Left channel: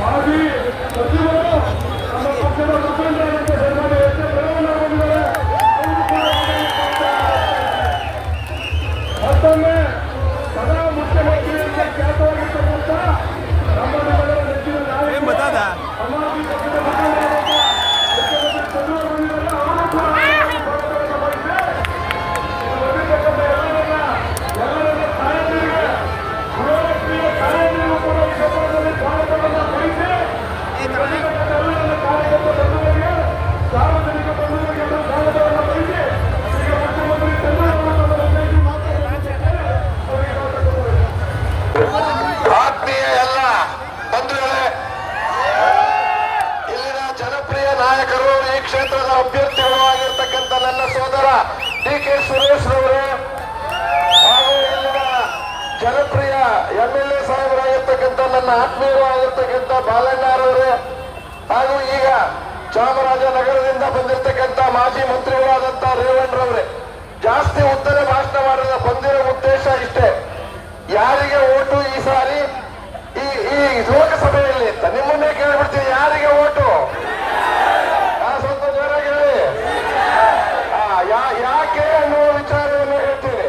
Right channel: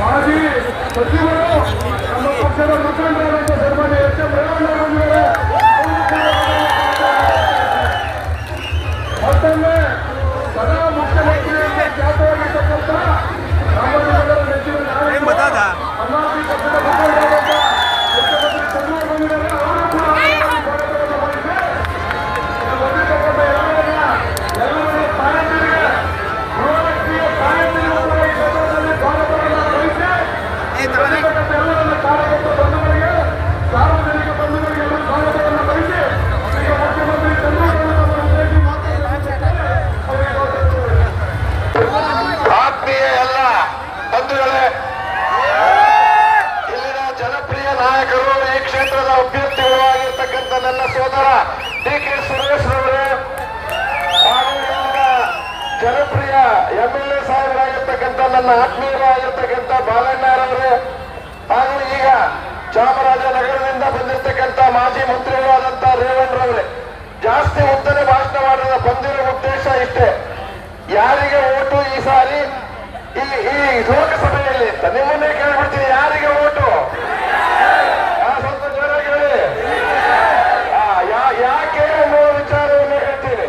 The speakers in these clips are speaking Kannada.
ಮಾಜಿ ಸಚಿವರು ನಮ್ಮ ಪಕ್ಷದ ಮುಖಂಡರಾದಂಥ ಸನ್ಮಾನ್ಯ ಎಚ್ ಎಂ ರೇವಣ್ಣ ಬಂದಿದ್ದಾರೆ. ಮತ್ತೊಮ್ಮೆ ಸದಾ ಮುಖ್ಯಮಂತ್ರಿಯಲ್ಲಿ ಖ್ಯಾತವಾಗಿರ್ತಕ್ಕಂಥ ನಮ್ಮ ನಗರ ನೆಚ್ಚಿನ ನಾಯಕ ಅನ್ನಾಸಿ ಪಕ್ಷದ ಮುಖಂಡರಾದಂಥ ಮುಖ್ಯಮಂತ್ರಿ ಚಂದ್ರಬಾಬು ಬಂದಿದ್ದಾರೆ. ಅವರು ಕೂಡ ಸ್ವಾಗತವನ್ನು ಬಯಸಿ ಬಂದಿರ್ತಕ್ಕಂಥ ಎಲ್ಲರನ್ನ ತಾಯಂದಿರಿಗೆ ಗೃಹಲಕ್ಷ್ಮಿಯ ತಾಯಂದಿರಿಗೂ ಕೂಡ ಈ ಸಂದರ್ಭದಲ್ಲಿ ಸ್ವಾಗತವನ್ನು ಬಯಸಿ ಬಂದಿರ್ತಕ್ಕಂಥ ಎಲ್ಲರನ್ನ ಕಾರ್ಯಕರ್ತ ಬಂಧುಗಳಿಗೆ ಸಾರ್ವಜನಿಕ ಬಂಧುಗಳಿಗೆಲ್ಲ ಸ್ವಾಗತವನ್ನು ಬಯಸಿ ಈಗ ಮುಖ್ಯಮಂತ್ರಿ ಚಂದ್ರಬಾಬು ಅವರ ಉದ್ದೇಶಿ ಮಾತನಾಡುತ್ತಿದ್ದಾರೆ. ಆತ್ಮೀಯ ಎಲ್ಲ ಬಂಧುಗಳೇ, ಇಲ್ಲಿನ ಜನಪ್ರಿಯ ನಾಯಕರು, ಈ ಕ್ಷೇತ್ರದ ಅಭ್ಯರ್ಥಿಗಳು ಆಗಿರ್ತಕ್ಕಂಥ ನನ್ನ ಸೋದರ ಡಿ ಕೆ ಸುರೇಶ್ ಅವರು ಹಾಗೂ ಜನಪ್ರಿಯ MLA ಸಾಹೇಬರಾಗಿರ್ತಕ್ಕಂಥ ನನ್ನ ಆತ್ಮೀಯರು ಆಗಿರ್ತಕ್ಕಂಥ ಬಾಲಣ್ಣರವರೇ ಹಾಗೂ ಈಗ ಚಾಮರಾಜನಗರದಿಂದ ಬಂದಿರತಕ್ಕಂಥ ಮಾಜಿ ಮಂತ್ರಿಗಳಾದಂಥ ರೇವಣ್ಣರವರೇ, ಜಾಸ್ತಿ ಉತ್ತಮ ಭಾಷಣ ಮಾಡಿದ ಬಂದಿರೋ ಉದ್ದೇಶ ಇಷ್ಟೇ, ಯಾರಿಗೆ ಓಟು ಈ ಸಾರಿ ಈ ಲೋಕಸಭೆಯಲ್ಲಿ ಅಂತ ನಿಮ್ಮನ್ನೇ ಕೇಳ್ಬಿಡ್ತೀನಿ, ಯಾರಿಗೆ ಓಟು? ಸ್ವಲ್ಪ ಜೋರಾಗಿ ಹೇಳಿ. ಯಾಕೆ ಅನ್ನುವ ವಿಚಾರವನ್ನು ಹೇಳ್ತೀನಿ.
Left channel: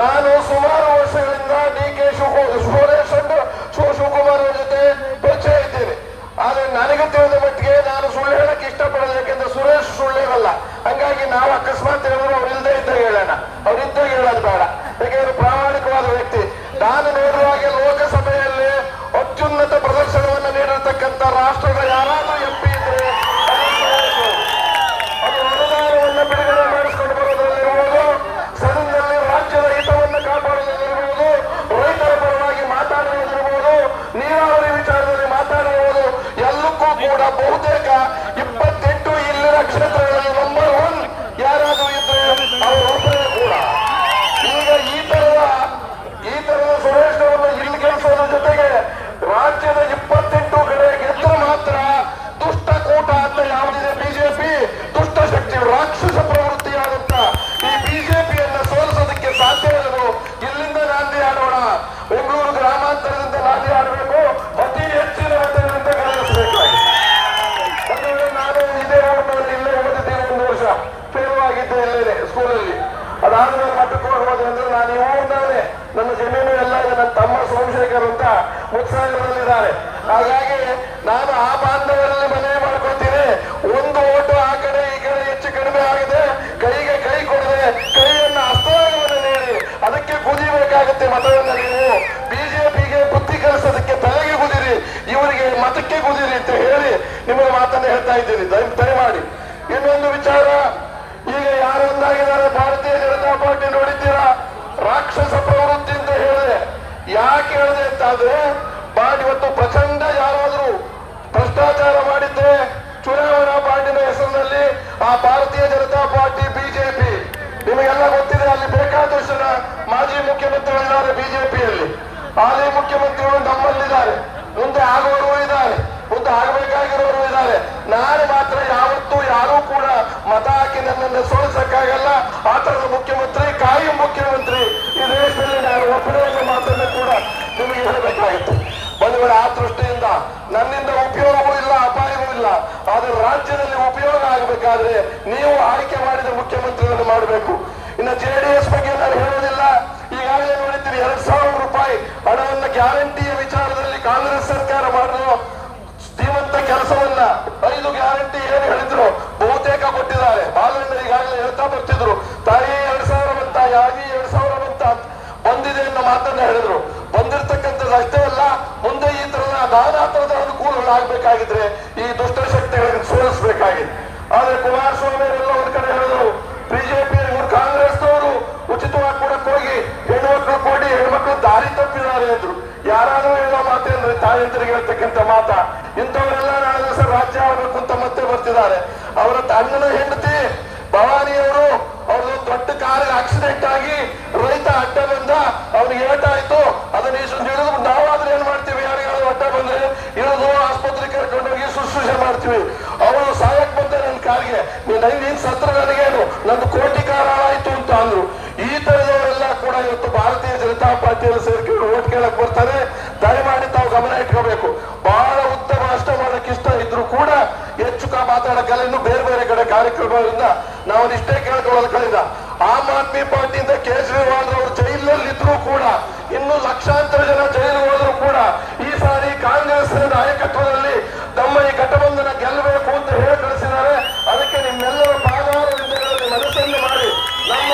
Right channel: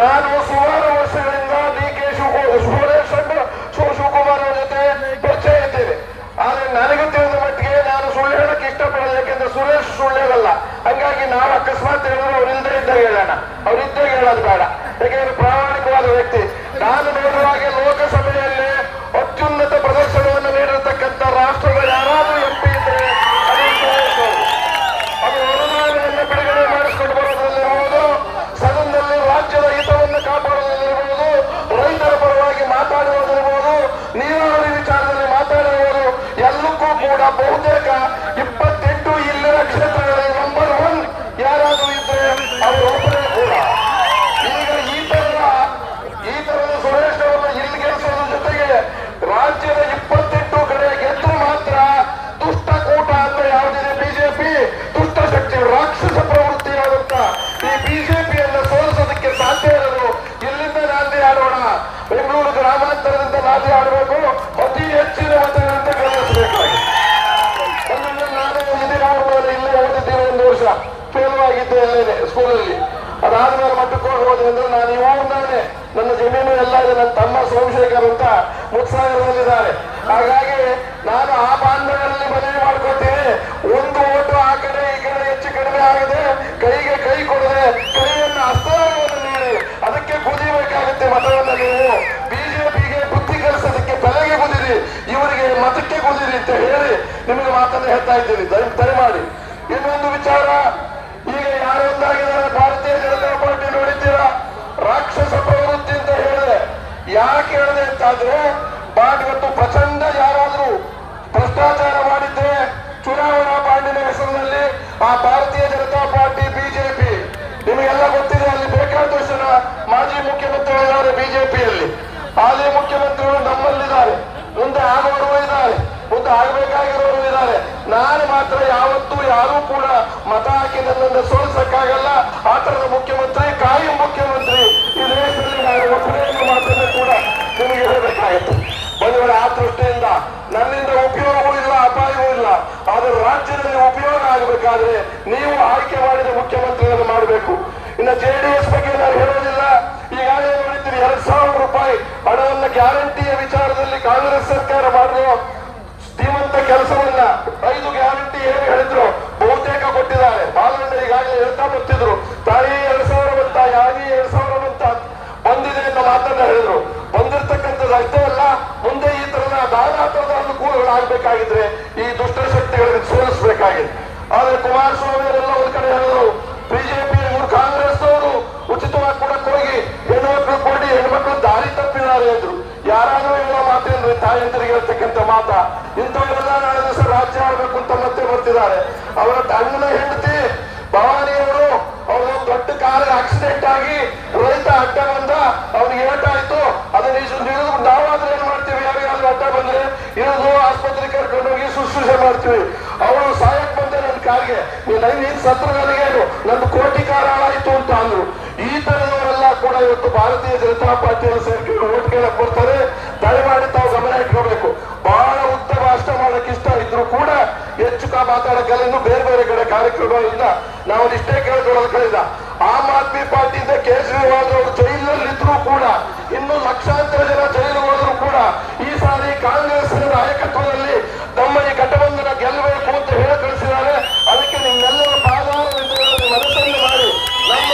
ನಾನು ಸುಮಾರು ವರ್ಷಗಳಿಂದ ಡಿ ಕೆ ಶಿವಕುಮಾರ್ ಜೊತೆ ಪರಿಚಯ ಇದ್ದೇನೆ. ಆದ್ರೆ ನನಗೆ ತಿಳಿದ ಮಟ್ಟಿಗೆ ನಾನು ಸುಳ್ಳು ಹೇಳಕ್ಕೆ ಇಷ್ಟಪಡೋದು, ಯಾಕೆಂದ್ರೆ ಸುರೇಶ್ ಸುಳ್ಳು ಹೇಳಲ್ಲ. ಹಂಗಾಗಿ ನಾವು ಅಕಸ್ಮಾತ್ ಹೇಳಿದ್ರು ಅವ್ರಿಲ್ದೇ ಇದ್ದಾಗ ಹೇಳೋಣ, ಅವ್ರಿದ್ದಾಗ ಹೇಳೋದು ಬೇಡ. ಅದಾದ್ಮೇಲೆ ಮಠಕ್ಕೆ ಹೋಗೋದ್ರಿಂದ ನಾನು ಇವಾಗಲೇ ನನ್ನ ಜಮೀನು ಎಲ್ಲ ಇದೆ. ನನ್ನ ತಮ್ಮ ಸೋಮಶೇಖರ್ ಅಂತ ಮುತ್ಸಾಗರದಲ್ಲಿದ್ದಾರೆ. ಹಾಗಾಗಿ ನಾನು ಆ ಬಾಂಧವರಲ್ಲಿ ಮನವಿ ಮಾಡ್ಕೊತೀನಿ, ಒಂದು ಓಟು ಆ ಕಡೆ ಈ ಕಡೆ ಹೆಚ್ಚು ಕಡಿಮೆ ಆಗಿದೆ, ಕೈಗೆ ಕೈ ಕೊಡದೆ ಕೈಯನ್ನು ಹಸ್ತವನ್ನು ನೀಡಿ ಅದಕ್ಕೆ ಕುದಿಬೇಕಾಗುತ್ತೆ ಮತವನ್ನು. ನೀವು ಬಿಜೆಪಿಗೆ ಬುದ್ಧಿ ಕಲಿಸೋದಕ್ಕೆ ತಲೆಗೆ ಕುದಿರಿ, ಇವರಿಗೆ ಮತಕ್ಕೆ ಕುದಿರಿ ಅಂತ ಹೇಳಿ ನಿಮಗೆ ಮಾತನ್ನು ಹೇಳ್ತಾ ಇದ್ದೀನಿ. ದಯಮಾಡಿ ಇನ್ನೊಂದು ವಿಚಾರ, ಈಗ ಯಾರೊಂದಾಗಿದ್ದಾರೆ ಭಾರತೀಯ ಜನತಾ ಪಾರ್ಟಿ ನೋಡಿದ್ದೀರಾ, ರಾಕ್ಷಸ ಪ್ರವೃತ್ತಿ ಅಂತ ಹೇಳಿದೆ. ಯಾಕೆ ಹೇಳಿದೆ ಅಂತಂದ್ರೆ ಇವತ್ತು ಪ್ರಚಂಡ ಯಾರಾದ್ರೂ ಭ್ರಷ್ಟಾಚಾರ ಮಾಡಿದ್ರೆ ಚುನಾವಣಾ ಬಾಂಡಿನ ಹೆಸರಿನಲ್ಲಿ ಆ ಭಾರತೀಯ ಜನತಾ ಪಾರ್ಟಿ ಬಿಜೆಪಿ ನಿಮಗೆಲ್ಲ ಗೊತ್ತಿದೆ. ಅಲ್ಲಿ ಬೇಕಾದಷ್ಟು ಜನ ಮಾಜಿ ಮುಖ್ಯಮಂತ್ರಿಗಳಿದ್ದಾರೆ ಬಿಜೆಪಿಯಲ್ಲಿ, ಹಾಲಿ ಮುಖ್ಯಮಂತ್ರಿಗಳು ನಮ್ಮಲ್ಲಿದ್ದಾರೆ, ಮುಂದೆ ಆಗೋರು ಇದ್ದಾರೆ, ಮುಂದೆ ಆಗಬೇಕಾಗಿರೋರು ಇದ್ದಾರೆ. ನಾನು ಮಾತ್ರ ಯಾವತ್ತೂ ಯಾರೂ ಕೂಡ ಮತ ಹಾಕಿ ನನ್ನನ್ನು ಸೋಲಿಸಕ್ಕಾಗಲ್ಲ. ಆ ತರದ ಮುಖ್ಯಮಂತ್ರಿ, ಕಾಯಂ ಮುಖ್ಯಮಂತ್ರಿ ಈ ದೇಶದಲ್ಲಿ ನಾನು ಒಬ್ಬರನ್ನು ಮಾತನ್ನು ಕೂಡ ನಿಮಗೆ ಹೇಳಬೇಕಾಗಿತ್ತು. ಬಂಧುಗಳೇ, ಆ ದೃಷ್ಟಿಯಿಂದ ನನ್ನಿಂದ ಉಪಯೋಗವೂ ಇಲ್ಲ, ಅಪಾಯವೂ ಇಲ್ಲ. ಆದರೆ ರಾಜ್ಯದಲ್ಲಿ ಉಪಯೋಗ ಆಗಬೇಕಾದ್ರೆ ನೀವು ಆಯ್ಕೆ ಮಾಡಿದ ಮುಖ್ಯಮಂತ್ರಿಗಳನ್ನು ಮಾಡಬೇಕು. ಇನ್ನು ಜೆಡಿಎಸ್ ಬಗ್ಗೆ ನಾನು ಹೇಳೋದಿಲ್ಲ. ಈಗಾಗಲೇ ನೋಡಿದ್ದೀನಿ 2,000 ರೂಪಾಯಿ ಹಣವನ್ನು ಗ್ಯಾರಂಟಿಯ ವಿಚಾರದಲ್ಲಿ ಕಾಂಗ್ರೆಸ್ ಸರ್ಕಾರ ಮಾಡಿದ್ರು ಶ್ರೀಮಂತ ಕೆಲಸವನ್ನ 5 ಗ್ಯಾರಂಟಿ ಏನು ಹೇಳಿದ್ರು ಬಹುತೇಕ ಕೊಟ್ಟಿದ್ದಾರೆ. ಬಾಲಗಂಡ ಈಗಾಗಲೇ ಹೇಳ್ತಾ ಬರ್ತಿದ್ರು, ತಾಯಿ 2,000 ಬಂತ, ಯಾವಿ 2,000 ಬಂತ ಬಂದಿದೆ ಅನ್ನೋ ಮಾತನ್ನ ಹೇಳಿದ್ರು. ಬಂದಿರ್ತಕ್ಕಂಥದ್ದು ಅಷ್ಟೇ ಅಲ್ಲ, ಮುಂದೆ ಈ ತರದ ನಾನಾ ತರದ ಅನುಕೂಲಗಳಾಗಬೇಕಾಗಿದ್ರೆ ಈ ದುಷ್ಟಶಕ್ತಿಗಳನ್ನು ಸೋಲಿಸಬೇಕಾಗಿದೆ. ಆದ್ರೆ ಕುಮಾರಸ್ವಾಮಿ ಎಲ್ಲ ಒಂದ್ ಕಡೆ ಹೇಳಿದ್ರು, ಬಿಜೆಪಿ ಕಾಂಗ್ರೆಸ್ನವರು ಉಚಿತವಾಗಿ ಕೊಡಕ್ಕೆ ಹೋಗಿ ಹೆಣ್ಮಕ್ಳು ಕೊಡಿ, ಹೆಣ್ಮಕ್ಳು ದಾರಿ ತಪ್ಪಿದ್ದಾರೆ ಅಂದ್ರು. ಯಾರಾದ್ರೂ ಇಲ್ಲ ಮಾತೇನ್ರೆ ತಾಯಂತರಿಗೆ ಹೇಳ್ತಕ್ಕಂಥ ಮಾತ. ಇಂಥವರೆಲ್ಲ ನಾಳೆ ದಿವಸ ರಾಜ್ಯ ಆಡಬೇಕು ಅಂತ ಮತ್ತೆ ಬರ್ತಿದ್ದಾರೆ. ಅವರ ಅಣ್ಣನ ಹೆಂಡತಿ ಭವಾನಿಯವರು ಅವರು ದೊಡ್ಡ ಕಾರ್ ಆಕ್ಸಿಡೆಂಟ್ ಆಗಿ ರೈತ ಅಡ್ಡ ಬಂದ, ಅವ್ನಿಗೆ ಏಟಾಯ್ತು. ಅದನ್ನ ಇಳಿದು ನಾವಾದ್ರೆ ಏನ್ ಮಾಡ್ತೀವಿ, ಯಾರಿಗಾದ್ರೂ ಅಡ್ಡ ಬಂದ್ರೆ ಇಳಿದು ಆಸ್ಪತ್ರೆಗೆ ಕರ್ಕೊಂಡು ಹೋಗಿ ಶುಶ್ರೂಷೆ ಮಾಡ್ತೀವಿ. ಅವರು ಸಾಯಕ್ ಬಂದ್ರೆ ನನ್ನ ಕಾರ್ಗೆ ನೀನ್ ಸತ್ರಗಾರಿಗೇನು ನಂದು ಕೋಟಿ ಕಾಲ ಆಯ್ತು ಅಂತ ಅಂದ್ರು. ಈ ತರದವರೆಲ್ಲ ಕೂಡ ಇವತ್ತು ಭಾರತೀಯ ಜನತಾ ಪಾರ್ಟಿಯಲ್ಲಿ ಸೇರ್ಕೊಂಡು ಓಟ್ ಕೇಳಕ್ ಬರ್ತಾರೆ. ದಯಮಾಡಿ ತಾವು ಗಮನ ಇಟ್ಕೋಬೇಕು. ಬಹಳ ಉತ್ತರ ರಾಷ್ಟ್ರ ಮಾಡಕ್ ಇಷ್ಟ ಇದ್ರು ಕೂಡ ಹೆಚ್ಚು ಮಾತಾಡಕ್ಕಲ್ಲ. ಬೇರೆ ಬೇರೆ ಕಡೆ ಕಾರ್ಯಕ್ರಮಗಳಿಂದ ನಾವು ಇಷ್ಟೇ ಕೇಳ್ಕೊಳ್ಳೋದು ಕಳೆದ. ಆಮ್ ಆದ್ಮಿ ಪಾರ್ಟಿಯಿಂದ ಕೇಜ್ರಿವಾಲ್ ಅವರು ಜೈಲಿನಲ್ಲಿ ಇದ್ರು ಕೂಡ, ಇನ್ನು ಲಕ್ಷಾಂತರ ಜನ ಜೈಲು ಹೋದ್ರು ಕೂಡ ಈ ಸಾರಿ ಕಾಂಗ್ರೆಸ್ ನಾಯಕತ್ವದಲ್ಲಿ ನಮ್ಮ ಈ ಘಟಬಂಧನ ಗೆಲ್ಲಬೇಕು ಅಂತ ಹೇಳಿ ಕಳಿಸಿದ್ದಾರೆ. ಅದಕ್ಕೆ ನಿಮ್ಮೆಲ್ಲರ ಪಾದಾರವಿಂದ ಮನಸ್ಸನ್ನು ಮಾಡಿ ನಮ್ಮ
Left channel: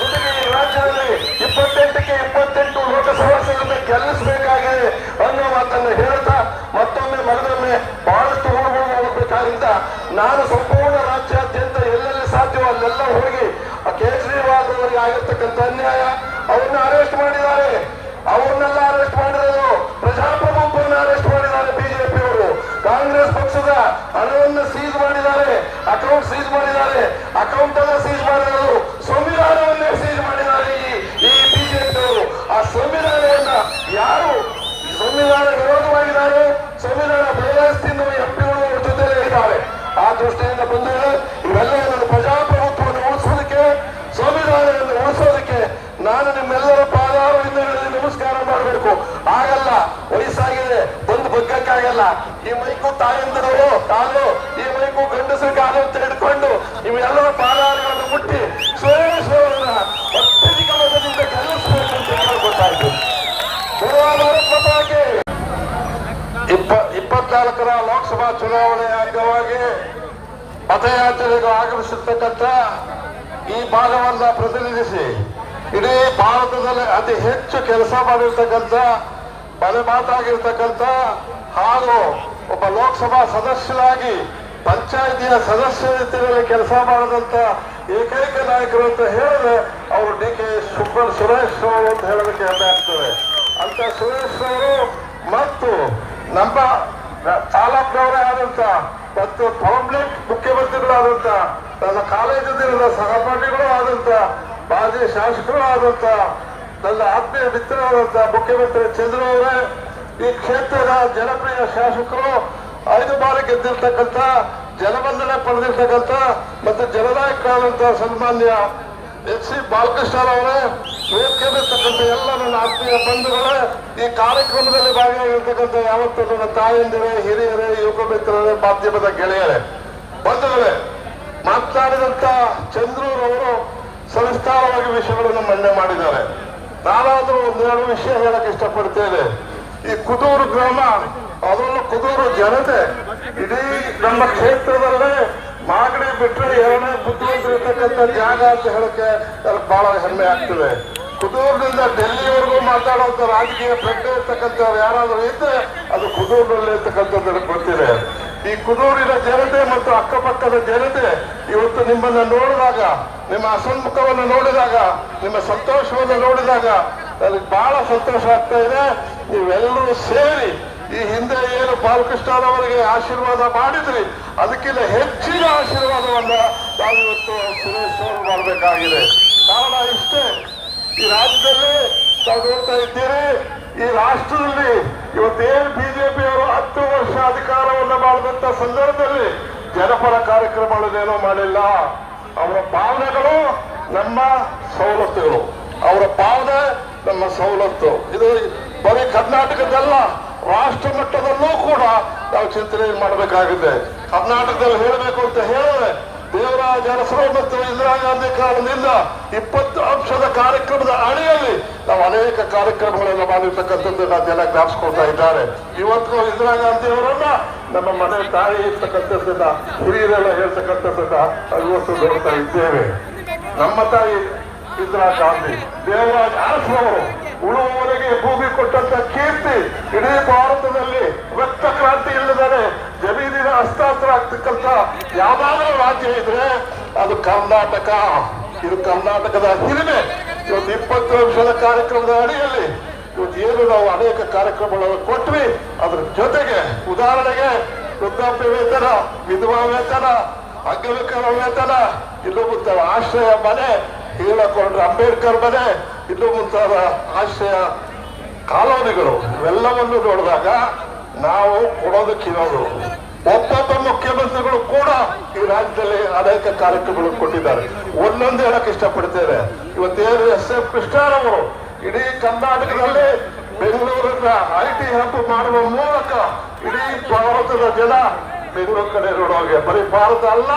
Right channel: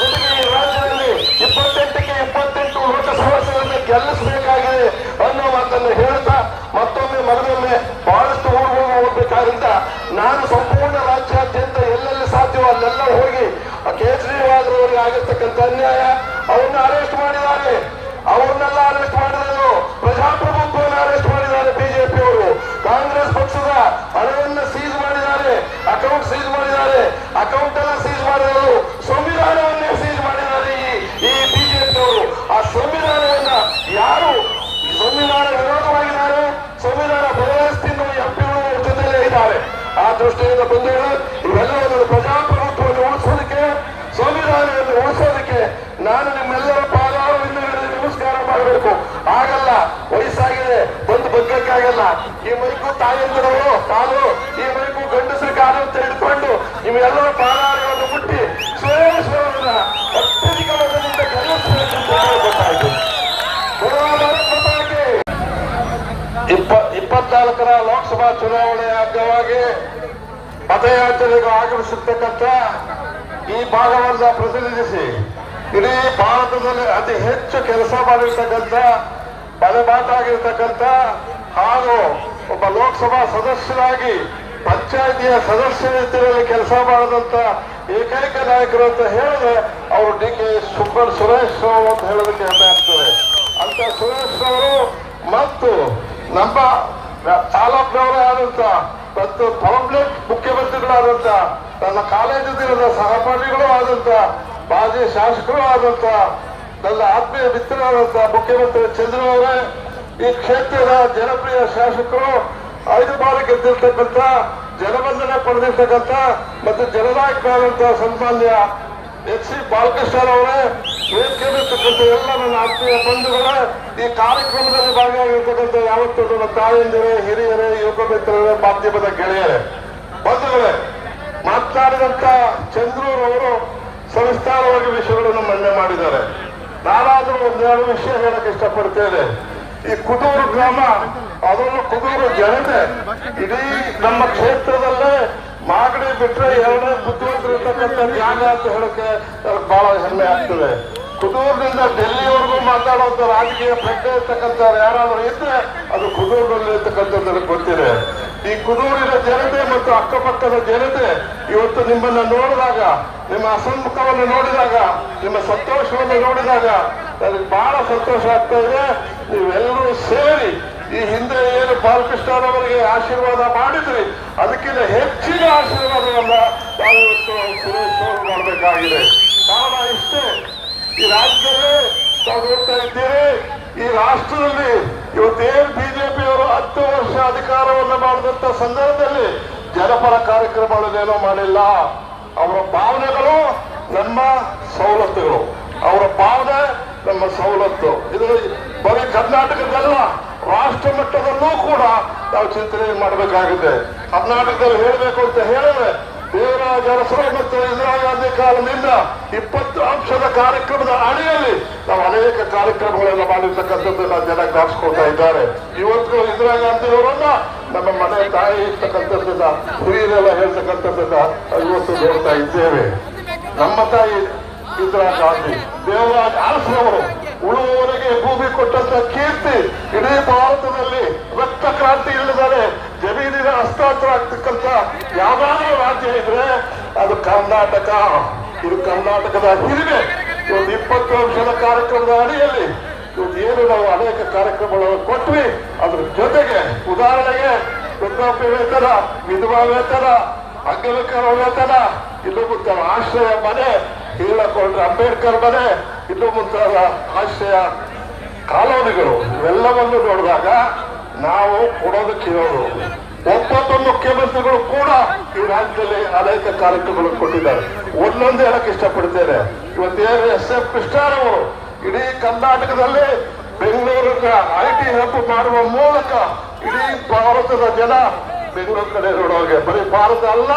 ಜೊತೆಗೆ ಈ ರಾಜ್ಯದಲ್ಲಿ 28ಕ್ಕೆ 28 ಲೋಕಸಭಾ ಸೀಟನ್ನು ಗೆಲ್ಲಿಸಬೇಕಾಗಿದೆ ಅನ್ನೋ ಮಾತನ್ನು ಹೇಳ್ತಾ ಮತ್ತೊಮ್ಮೆ ಮಗದೊಮ್ಮೆ ಬಹಳಷ್ಟು ಹುಡುಗರು ಹೋಗಬೇಕಾದ್ರಿಂದ ನಾನು ಸಂಪೂರ್ಣ ರಾಜ್ಯಾದ್ಯಂತ ಎಲ್ಲೆಲ್ಲಿ ಸಾಧ್ಯವೋ ಅಲ್ಲೆಲ್ಲ ಹೋಗಿ ಕೇಜ್ರಿವಾಲ್ ಅವರಿಗೆ ಆಗಿರ್ತಕ್ಕಂಥ ಅನ್ಯಾಯ, ಅವ್ರನ್ನ ಅರೆಸ್ಟ್ ಮಾಡಿದ್ದಾರೆ. ಅವ್ರನ್ನೆಲ್ಲ ಅರೆಸ್ಟ್ ಮಾಡಿರೋದು ಪ್ರಜಾಪ್ರಭುತ್ವವನ್ನು ಅರೆಸ್ಟ್ ಮಾಡಿದ್ದಾರೆ ಬಿಜೆಪಿ ಅವರು. ಕಾಂಗ್ರೆಸ್ ಪಕ್ಷದ ಹಣವನ್ನು ಸೀಜ್ ಮಾಡಿದ್ದಾರೆ, ಅಕೌಂಟ್ ಸೀಜ್ ಮಾಡಿದ್ದಾರೆ. ಅಕೌಂಟ್ ಎಲ್ಲ ಸೀಜ್ ಮಾಡಿರೋದು, ಸಂವಿಧಾನವನ್ನೇ ಸೀಜ್ ಮಾಡಿದ್ದಾರೆ ಈ ಬಿಜೆಪಿ ಅವರು. ಆ ಸಂವಿಧಾನವನ್ನ ಯಾರು ಸಂವಿಧಾನ ವಿರೋಧವಾಗಿದ್ದಾರೆ, ಸಂವಿಧಾನ ಬದಲಾಯಿಸ್ತಿದ್ದು ಎಂಪಿಗಳು ಅವ್ರ ಜೊತೆಲೇ ಇದ್ದಾರೆ. ಆ ದೃಷ್ಟಿಯಿಂದ ಬಂಧುಗಳು, ಇವೆಲ್ಲವನ್ನು ಪ್ರಜಾಪ್ರಭುತ್ವವನ್ನು ಉಳಿಸೋದಕ್ಕೆ, ಸಂವಿಧಾನವನ್ನು ಉಳಿಸೋದಕ್ಕೆ ನಾನು ನಿಮ್ಮೆಲ್ಲರ ಪಾದಾರದಿಂದ ನಮಸ್ಕಾರ ಮಾಡಬೇಕು. ಆಗಲ್ಲ, ವಯಸ್ಸಾಗಿದೆ, ಬಂದು ಬಗ್ಗಕ್ಕಾಗಲ್ಲ. ಈ ಮೈಕು ತಾಯಂದಿರು ಕಾಲು, ಈ ಮೈಕು ಗಂಡಸರ ಕಾಲು ಅಂತ ಹಿಡ್ಕೊಂಡು ನೀವೆಲ್ಲರೂ ಪಾದಾರಗಳನ್ನು ಮುಟ್ಟಿ ಸುರೇಶ್ವರನ್ನ ಅತ್ಯಧಿಕ ಮತದಿಂದ ಗೆಲ್ಲಿಸಬೇಕು ಅಂತ ಗೊತ್ತಾಯ್ತು. 24ರ ಲೋಕಸಭಾ ಚುನಾವಣೆ ಅಂಗವಾಗಿ ಮತಯಾತ್ರೆಗೆ ಆಗಮಿಸತಕ್ಕಂಥ ಈ ಭಾಗವನ್ನ ಪ್ರತಿನಿಧಿಸಿ ಇಡೀ ಭಾರತದಲ್ಲಿ ಅತಿ ಹೆಚ್ಚು ಕೆಲಸ ಮಾಡಿರ್ತಕ್ಕಂಥ ಬಲಮಾತಾಗಿರ್ತಕ್ಕಂಥ ಹಾಗೂ ಒಬ್ಬ ಲೋಕಸಭಾ ಸದಸ್ಯರಾಗಿ ಪಂಚಾಯಿತಿಯ ಸದಸ್ಯ ರೀತಿಯಲ್ಲಿ ಕೆಲಸ ಮಾಡಿದಂತ ಏಕೈಕ ನಾಯಕರು ಅಂತ ಹೇಳಿದ್ರೆ ಅವರು ಡಿ.ಕೆ. ಸುರೇಶ್ ಅವರು ಅಂತ ಹೇಳೋದಕ್ಕೆ ಹೆಮ್ಮೆ ಆಗ್ತದೆ. ಅಂತ ಸುರೇಶ್ ಅವರು ಮತ್ತು ನಮ್ಮ ತಾಲೂಕಿನವರೇ ಆದಂತ ಮತ್ತು ಪಬ್ಲಿಕ್ ಮುಖ್ಯಮಂತ್ರಿಗಳಾದಂತ ನನ್ನ ಕಾಲೇಜು ದಿನದ ಸಹಪಾಠಿಗಳು ಆದಂತ ಮಾಜಿ ಶಾಸಕರು ಆದಂತ ನನ್ನ ಆತ್ಮೀಯ ಮಿತ್ರರಾದಂತ ಮುಖ್ಯಮಂತ್ರಿ ಚಂದ್ರವರೇ, ಈ ಕ್ಷೇತ್ರದ ಜನಪ್ರಿಯ ಶಾಸಕರು, 5 ಬಾರಿ ಗೆದ್ದಿರ್ತಕ್ಕಂಥ, ಜನಬಂಧನೆ ಪಡೆದಿರ್ತಕ್ಕಂಥ ಮತ್ತು ಜನನಾಯಕರಾದಂಥ ಸನ್ಮಾನ್ಯ ಎಚ್.ಸಿ. ಬಾಲಕೃಷ್ಣರವರೇ, ವೇದಿಕೆಯಲ್ಲಿರ್ತಕ್ಕಂಥ ಎಲ್ಲ ನನ್ನ ಆತ್ಮೀಯ ಬಂಧುಗಳೇ, ಈ ಕಾರ್ಯಕ್ರಮದಲ್ಲಿ ಭಾಗಿಯಾಗಿರ್ತಕ್ಕಂಥ ಯಾವತ್ತೂ ನನ್ನ ತಾಯಿಂದಿರೇ, ಹಿರಿಯರೇ, ಯುವಕ ಮಿತ್ರರೇ, ಮಾಧ್ಯಮದ ಗೆಳೆಯರೇ, ಬಂಧುಗಳೇ, ಮಾತನಾಡಿದಂತ ಚಂದ್ರೂರವರು ಸವಿಸ್ತಾರವಾಗಿ ವಿಷಯಗಳನ್ನು ಮಂಡನೆ ಮಾಡಿದ್ದಾರೆ. ನಾನಾದರೂ ಒಂದೆರಡು ವಿಷಯ ಹೇಳಕ್ ಇಷ್ಟಪಡ್ತೇನೆ. ಈ ಕುದೂರು ಗ್ರಾಮ, ಅದನ್ನು ಕುದೂರು ಜನತೆ ಇಡೀ ನಮ್ಮ ಕ್ಷೇತ್ರದಲ್ಲೇ ಮಾಗಡಿ ಬಿಟ್ಟರೆ ಎರಡನೇ ಕುದೂರು ಇರ್ತಕ್ಕಂಥ ಜಾಗ ಅಂತ ಹೇಳಕ್ಕೆ ನನಗೆ ಬಹಳ ಹೆಮ್ಮೆ ಆಗ್ತದೆ. ಕುದೂರಿನಿಂದ ಡೆಲ್ಲಿವರೆಗೂ ಮಾತಾಡುವಂತ ರಾಜಕೀಯ ಪ್ರಜ್ಞೆ ಇರ್ತಕ್ಕಂಥವ್ರು ಯಾರಾದರೂ ಇದ್ರೆ ಅದು ಕುದೂರಿನಲ್ಲಿ ಇರ್ತಕ್ಕಂಥದ್ದು ನನಗೆ ಗೊತ್ತಿದೆ. ಈ ಕುದೂರಿನ ಜನತೆ ಮತ್ತು ಅಕ್ಕಪಕ್ಕದ ಜನತೆ ಇವತ್ತು ನಿಮ್ಮನ್ನ ನೋಡಿದಾಗ, ನಿಮ್ಮ ಅಸಂತೋಷವನ್ನು ನೋಡಿದಾಗ, ನಿಮ್ಮ ಸಂತೋಷವನ್ನು ನೋಡಿದಾಗ ನನಗೆ ಬಹಳ ಸಂತೋಷ ಆಗ್ತಾ ಇದೆ. ನೀವೆಲ್ಲರೂ ಸೇರಿ ಈ ಹಿಂದೆ ಏನು ಬಾಲಕೃಷ್ಣನವರಿಗೆ ಆಶೀರ್ವಾದ ಮಾಡಿದ್ರಿ ಅದಕ್ಕಿಂತ ಹೆಚ್ಚಿನ ಆಶೀರ್ವಾದವನ್ನ ನಾವು ಇವತ್ತು ಸುರೇಶ್ ಅವರು ಮಾಡಬೇಕಾಗಿದೆ. ಕಾರಣ ಇಷ್ಟೇ, ಈ ರಾಜ್ಯದಲ್ಲಿ ನಾವು ನೋಡ್ತಾ ಇದ್ದೇವೆ, ಈ ರಾಷ್ಟ್ರದಲ್ಲಿ ಇವತ್ತೇನು ಬಿಜೆಪಿಯವರು 10 ವರ್ಷ ಅಧಿಕಾರವನ್ನು ಮಾಡಿದಂತ ಸಂದರ್ಭದಲ್ಲಿ ಜನಪರ ಕಾರ್ಯಕ್ರಮಗಳನ್ನೇನೋ ಮಾಡಿಲ್ಲ. ಅವರ ಭಾವನೆಗಳು ನಮ್ಮ ಸವಲತ್ತುಗಳು, ಅವರ ಭಾವನೆ ನಮ್ಮ ಸವಲತ್ತು. ಇದು ಬರೀ ಕರ್ನಾಟಕದಲ್ಲ, ರಾಷ್ಟ್ರ ಮಟ್ಟದಲ್ಲೂ ಕೂಡ ನಾವು ಚಿಂತನೆ ಮಾಡಬೇಕಾಗಿದೆ. ಕರ್ನಾಟಕದಲ್ಲಿ ಹೇಳಬೇಕು ಅಂತ ಹೇಳಿದ್ರೆ ದೇವರಾಜ ಅರಸರು ಮತ್ತು ಇಂದಿರಾ ಗಾಂಧಿ ಕಾಲದಿಂದ 20 ಅಂಶದ ಕಾರ್ಯಕ್ರಮದ ಅಡಿಯಲ್ಲಿ ನಾವು ಅನೇಕ ಕಾರ್ಯಕ್ರಮಗಳೆಲ್ಲ ಮಾಡಿರ್ತಕ್ಕಂಥದ್ದನ್ನ ಜನ ಜ್ಞಾಪಿಸ್ಕೊಳ್ತಾ ಇದ್ದಾರೆ. ಇವತ್ತು ಇಂದಿರಾ ಗಾಂಧಿ ಅವರನ್ನ ನಮ್ಮ ಮನೆ ತಾಯಿ ಇರ್ತಕ್ಕಂಥದ್ದನ್ನ ಹಿರಿಯರೆಲ್ಲ ಹೇಳ್ತಕ್ಕಂಥದ್ದನ್ನ ಇವತ್ತು ನೋಡ್ತಾ ಇದ್ದೇವೆ. ನಮ್ಮ ತಾಯಿ ಇಂದಿರಾ ಗಾಂಧಿ, ದೇವರಾಜ ಅರಸರವರು ಉಳುವವರಿಗೆ ಭೂಮಿ ಕೊಟ್ಟಂತ ಕೀರ್ತಿ ಇಡೀ ಭಾರತದಲ್ಲಿ ರಕ್ತ ಕ್ರಾಂತಿ ಇಲ್ಲದರೆ ಜಮೀನಿನ ಹಸ್ತಾಂತರ ಆಗ್ತಕ್ಕಂಥ ಯಾವ್ದಾದ್ರೂ ರಾಜ್ಯ ಇದ್ರೆ ಅದು ಕರ್ನಾಟಕ. ಇದು ಕರ್ನಾಟಕದ ಹಿರಿಮೆ. ಇವತ್ತು 20 ವರ್ಷದ ಕಾರ್ಯಕ್ರಮದ ಅಡಿಯಲ್ಲಿ ಇವತ್ತು ಏನು ನಾವು ಅನೇಕ ಕಾರ್ಯಕ್ರಮಗಳನ್ನು ಕೊಟ್ವಿ. ಅದ್ರ ಜೊತೆಗೆ ಉದಾಹರಣೆಗೆ ವೃದ್ಧಾಪ್ಯ ವೇತನ, ವಿಧವಾ ವೇತನ, ಅಂಗವಿಕಲ ವೇತನ, ಇಲ್ಲೂ ಮುಂತಾದ ಆಶ್ರಯ ಮನೆ, ಹೇಳಕೊಂಡ್ರೆ ಅಂಬೇಡ್ಕರ್ ಮನೆ, ಇಲ್ಲೂ ಮುಂತಾದ ಆಶ್ರಯ ಕಾಲೋನಿಗಳು ಎಲ್ಲವನ್ನು ನೋಡಿದಾಗ ನಾವು ಕೊಡೋದಕ್ಕಿರೋದು. ಒಬ್ಬೊಬ್ಬ ಮುಖ್ಯಮಂತ್ರಿಗಳು ಕೂಡ ಈ ರಾಜ್ಯದಲ್ಲಿ ಅನೇಕ ಕಾರ್ಯಕ್ರಮಗಳನ್ನು ಕೊಟ್ಟಿದ್ದಾರೆ. ಒಂದೊಂದು ಹೇಳಕ್ ಇಷ್ಟಪಡ್ತೇನೆ. ಇವತ್ತೇನು SF ಕೃಷ್ಣರವರು ಇಡೀ ಕರ್ನಾಟಕದಲ್ಲಿ ಬೆಂಗಳೂರನ್ನ IT ಹಬ್ ಮಾಡುವ ಮೂಲಕ ಇಡೀ ಭಾರತದ ಜನ ಬೆಂಗಳೂರು ಕಡೆ ನೋಡೋಗೆ, ಬರೀ ಭಾರತ ಅಲ್ಲ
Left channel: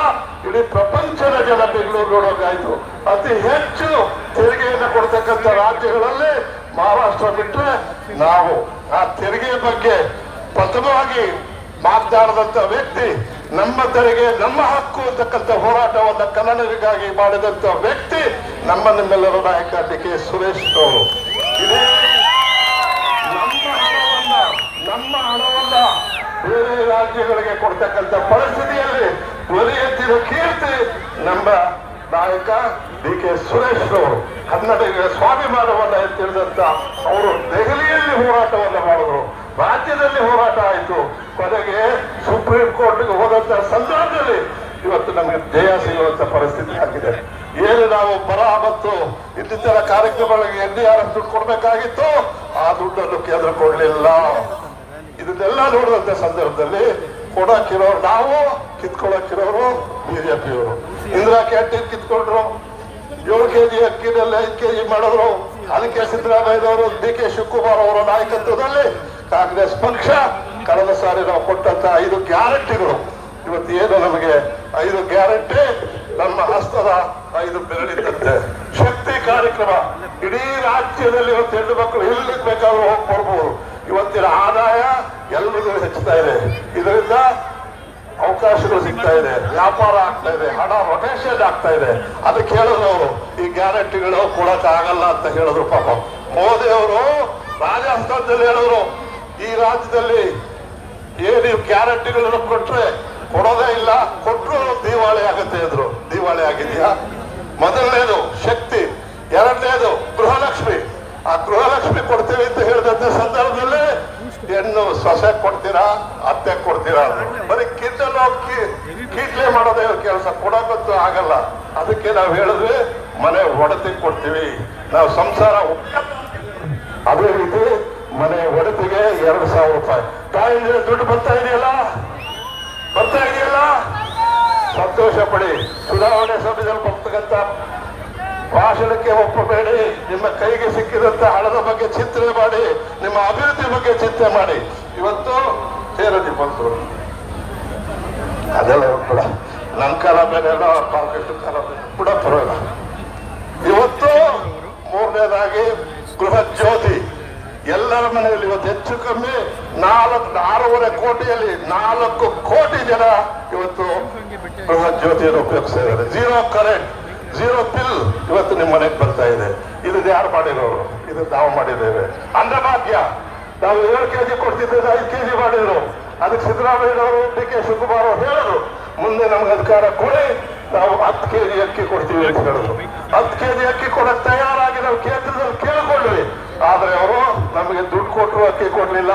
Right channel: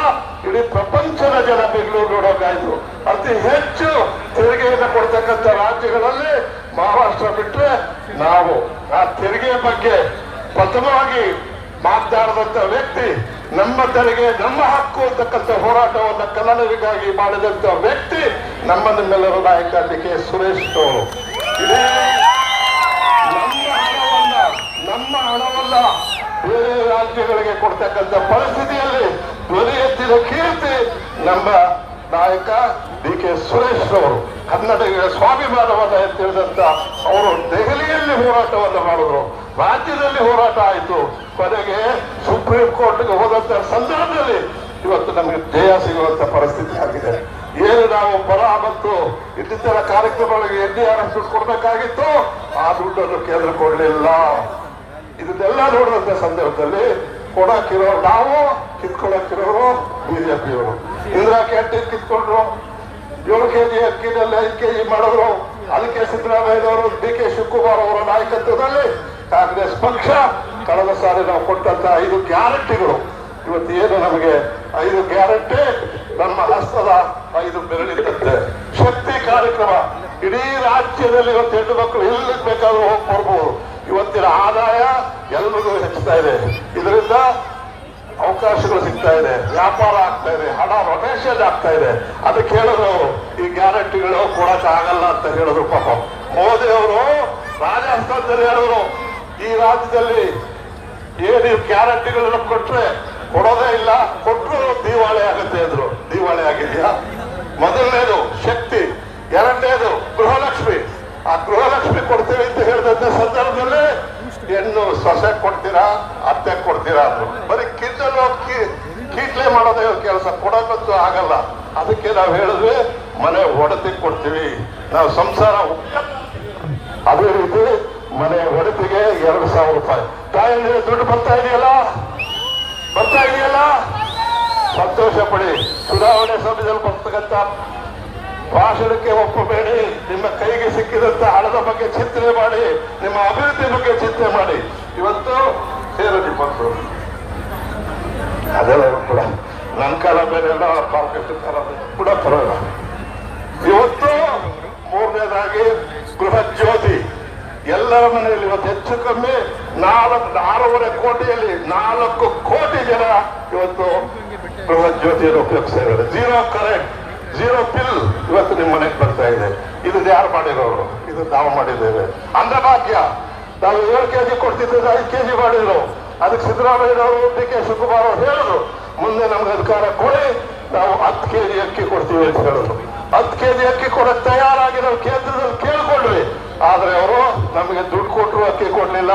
ಇಡೀ ಪ್ರಪಂಚದ ಜನ ಬೆಂಗಳೂರು ನೋಡೋಕಾಯ್ತು. ಅತಿ ಹೆಚ್ಚು ತೆರಿಗೆಯನ್ನು ಕೊಡ್ತಕ್ಕಂಥ ರಾಜ್ಯಗಳಲ್ಲಿ ಮಹಾರಾಷ್ಟ್ರ ಬಿಟ್ಟರೆ ನಾವು ಆ ತೆರಿಗೆಯ ಬಗ್ಗೆ ಪ್ರಥಮವಾಗಿ ಮಾತನಾಡಿದಂತ ವ್ಯಕ್ತಿ, ನಮ್ಮ ತೆರಿಗೆ ನಮ್ಮ ಹಕ್ಕು ಅಂತಕ್ಕಂಥ ಹೋರಾಟವನ್ನು ಕನ್ನಡಿಗರಿಗಾಗಿ ಮಾಡಿದಂತ ವ್ಯಕ್ತಿ ನಮ್ಮ ನಿಮ್ಮೆಲ್ಲರ ನಾಯಕ DK ಸುರೇಶ್ ಅವರು. ಇಡೀ ನಮ್ಮ ಹಣವನ್ನ ಬೇರೆ ರಾಜ್ಯಗಳಿಗೆ ಕೊಡ್ತಕ್ಕಂಥ ಪರಿಸ್ಥಿತಿಯಲ್ಲಿ ಧ್ವನಿ ಎತ್ತಿದ ಕೀರ್ತಿ ನಮ್ಮ ನಾಯಕ DK ಸುರೇಶ್ ಅವರು. ಕನ್ನಡಿಗರ ಸ್ವಾಭಿಮಾನವನ್ನ ಎತ್ತಿದಂತ ಅವರು ದೆಹಲಿಯಲ್ಲಿ ಹೋರಾಟವನ್ನು ಮಾಡಿದ್ರು, ರಾಜ್ಯದಲ್ಲಿ ಹೋರಾಟ ಆಯಿತು, ಕೊನೆಗೆ ಸುಪ್ರೀಂ ಕೋರ್ಟ್ಗೆ ಹೋದಂತ ಸಂದರ್ಭದಲ್ಲಿ ಇವತ್ತು ನಮಗೆ ಜಯ ಸಿಗುವಂತ ಪರಿಸ್ಥಿತಿ ಆಗಿದೆ. ಏನು ನಾವು ಬರ ಮತ್ತು ಇನ್ನಿತರ ಕಾರ್ಯಕ್ರಮಗಳಿಗೆ NDRF ದುಡ್ಡು ಕೊಡಬೇಕಾಗಿತ್ತು, ಆ ದುಡ್ಡನ್ನು ಕೇಂದ್ರ ಕೊಡಲಿಲ್ಲ. ಇದನ್ನೆಲ್ಲ ನೋಡುವಂತ ಸಂದರ್ಭದಲ್ಲಿ ಕೊಡಕ್ಕಿರೋರು ನಾವು, ಕಿತ್ಕೊಳ್ಳಕ್ಕಿರೋರು ಬಿಜೆಪಿಯವರು. ಇಂದಿರಾ ಕ್ಯಾಂಟೀನ್ ಕಿತ್ಕೊಂಡ್ರು, 7 kg ಅಕ್ಕಿನಲ್ಲಿ 5 kg ಮಾಡಿದ್ರು. ಅದಕ್ಕೆ ಸಿದ್ದರಾಮಯ್ಯನವರು, DK ಶಿವಕುಮಾರ್ ಅವರ ನಾಯಕತ್ವದಲ್ಲಿ ಕಾಂಗ್ರೆಸ್ ಪಕ್ಷ ಕಳೆದ ಸಾರಿ ನಾವು ಕೊಟ್ಟಂತ 5 ಗ್ಯಾರಂಟಿಗಳು ಇವತ್ತು ಏನು ನಮಗೆ 5 ಗ್ಯಾರಂಟಿ ನಮ್ಮ ಹಸ್ತದ 5 ಬೆರಳಿದ್ದಂತೆ. ಶಕ್ತಿ ಕಾರ್ಯಕ್ರಮ ಇಡೀ ರಾಜ್ಯದಲ್ಲಿ ಇವತ್ತು ಹೆಣ್ಣು ಮಕ್ಕಳು ಎಲ್ಲಿ ಬೇಕಾದ್ರೂ ಹೋಗ್ಬೋದು. ಇವತ್ತಿನ ಆದಾಯ ಎಲ್ರಿಗೂ ಹೆಚ್ಚುತ್ತಾ ಇದೆ, ಇದರಿಂದ ಅವಕಾಶಗಳು ಸಿಗ್ತಾ ಇದೆ, ವ್ಯಾಪಾರ ಆಗ್ತಾ ಇದೆ, ಹಣ ರೊಟೇಷನ್ ಆಗ್ತಾ ಇದೆ. ಅದಕ್ಕೆ ಹೇಳಿದ್ರು ಈ ಗ್ಯಾರಂಟಿಗಳು ಕೊಡಕ್ ಆಗಲ್ಲ ಅಂತ ಹೇಳಿದ್ರು. ಪಾಪ ಮೋದಿ ಅವರು ರಾಜಸ್ಥಾನದಲ್ಲಿ ಹೇಳಿದ್ರು, ಈ ರಾಜ್ಯದಲ್ಲಿ ಏನು ಗ್ಯಾರಂಟಿಗಳನ್ನು ಕೊಟ್ರೆ ಕೊಡೋದೇ ಇಲ್ಲ, ಕೊಟ್ಟರು ದಿವಾಳಿ ಆಗುತ್ತೆ ಇದ್ರು. ದಿವಾಳಿ ಆಗಿದ್ಯಾ? ಮೊದಲನೇದು ಶಕ್ತಿ, ಎರಡನೇದು ಗೃಹಲಕ್ಷ್ಮಿ. ಆ ಗೃಹಲಕ್ಷ್ಮಿ ಕೊಡ್ತೀವಿ ಅಂತ ಹೇಳಿದಂತ ಸಂದರ್ಭದಲ್ಲಿ ಹೆಣ್ಣು ಸೊಸೆ ಕೊಡ್ತೀರಾ, ಅತ್ತೆ ಕೊಡ್ತೀರಾ, ಬರೀ ಕಿದ್ದಲ್ಲ ಕೀಟ್ಲೆ ಮಾಡೋದೇ ಕೆಲಸ, ಕೊಡಕ್ಕಂತೂ ಆಗಲ್ಲ. ಅದಕ್ಕೆ ನಾವು ಹೇಳಿದ್ವಿ ಮನೆ ಒಡತಿ ಕೊಡ್ತೀವಿ, ನಾವು ಸಂಸಾರ. ಅದೇ ರೀತಿ ಮನೆ ಒಡತಿಗೆ 2,000 ರೂಪಾಯಿ ತಾಯಿಗೆ ದುಡ್ಡು ಬರ್ತಾ ಇದೆಯಲ್ಲ, ಸಂತೋಷ ಪಡಿ. ಚುನಾವಣೆ ಸಮಯದಲ್ಲಿ ಬರ್ತಕ್ಕಂಥ ಭಾಷಣಕ್ಕೆ ಒಪ್ಪಬೇಡಿ. ನಿಮ್ಮ ಕೈಗೆ ಸಿಕ್ಕಿದಂತ ಹಣದ ಬಗ್ಗೆ ಚಿಂತನೆ ಮಾಡಿ, ನಿಮ್ಮ ಅಭಿವೃದ್ಧಿ ಬಗ್ಗೆ ಚಿಂತನೆ ಮಾಡಿ. ಇವತ್ತು ಸೇರೋದಿ ಬಂತು ಅದೆಲ್ಲ ಕೂಡ ನನ್ನ ಕಾಲ ಮೇಲೆ ಎಲ್ಲ ಕೂಡ ಬರೋಲ್ಲ. ಮನೆಯಲ್ಲಿ ಇವತ್ತು ಹೆಚ್ಚು ಕಮ್ಮಿ 6.5 ಕೋಟಿಯಲ್ಲಿ 4 ಕೋಟಿ ಜನ ಇವತ್ತು ಬೃಹತ್ ಜ್ಯೋತಿಯನ್ನು ಉಪಯೋಗಿಸ್ತಾ ಇದ್ದಾರೆ. ಝೀರೋ ಕರೆಂಟ್, ಝೀರೋ ಬಿಲ್ ಇವತ್ತು ನಿಮ್ಮ ಮನೆಗೆ ಬರ್ತಾ ಇದೆ. ಇದು ಯಾರು ಮಾಡಿರೋರು? ಇದು ನಾವು ಮಾಡಿದ್ದೇವೆ. ಅನ್ನಭಾಗ್ಯ ನಾವು 7 ಕೆಜಿ ಕೊಡ್ತಿದ್ದೇವೆ, 5 ಕೆಜಿ ಮಾಡಿದ್ರು. ಅದಕ್ಕೆ ಸಿದ್ದರಾಮಯ್ಯನವರು, ಡಿ.ಕೆ. ಶಿವಕುಮಾರ್ ಅವರು ಹೇಳಿದ್ರು, ಮುಂದೆ ನಮ್ಗೆ ಅಧಿಕಾರ ಕೊಡಿ, ನಾವು 10 ಕೆಜಿ ಅಕ್ಕಿ ಕೊಡ್ತೀವಿ ಅಂತ ಹೇಳಿದ್ರು. 10 ಕೆಜಿ ಅಕ್ಕಿ ಕೊಡಕ್ಕೆ ತಯಾರಾಗಿ ನಾವು ಕೇಂದ್ರದಲ್ಲಿ ಕೇಳಿಕೊಂಡ್ವಿ. ಆದ್ರೆ ಅವರು ನಮಗೆ ದುಡ್ಡು ಕೊಟ್ಟರು, ಅಕ್ಕಿ ಕೊಡ್ಲಿಲ್ಲ.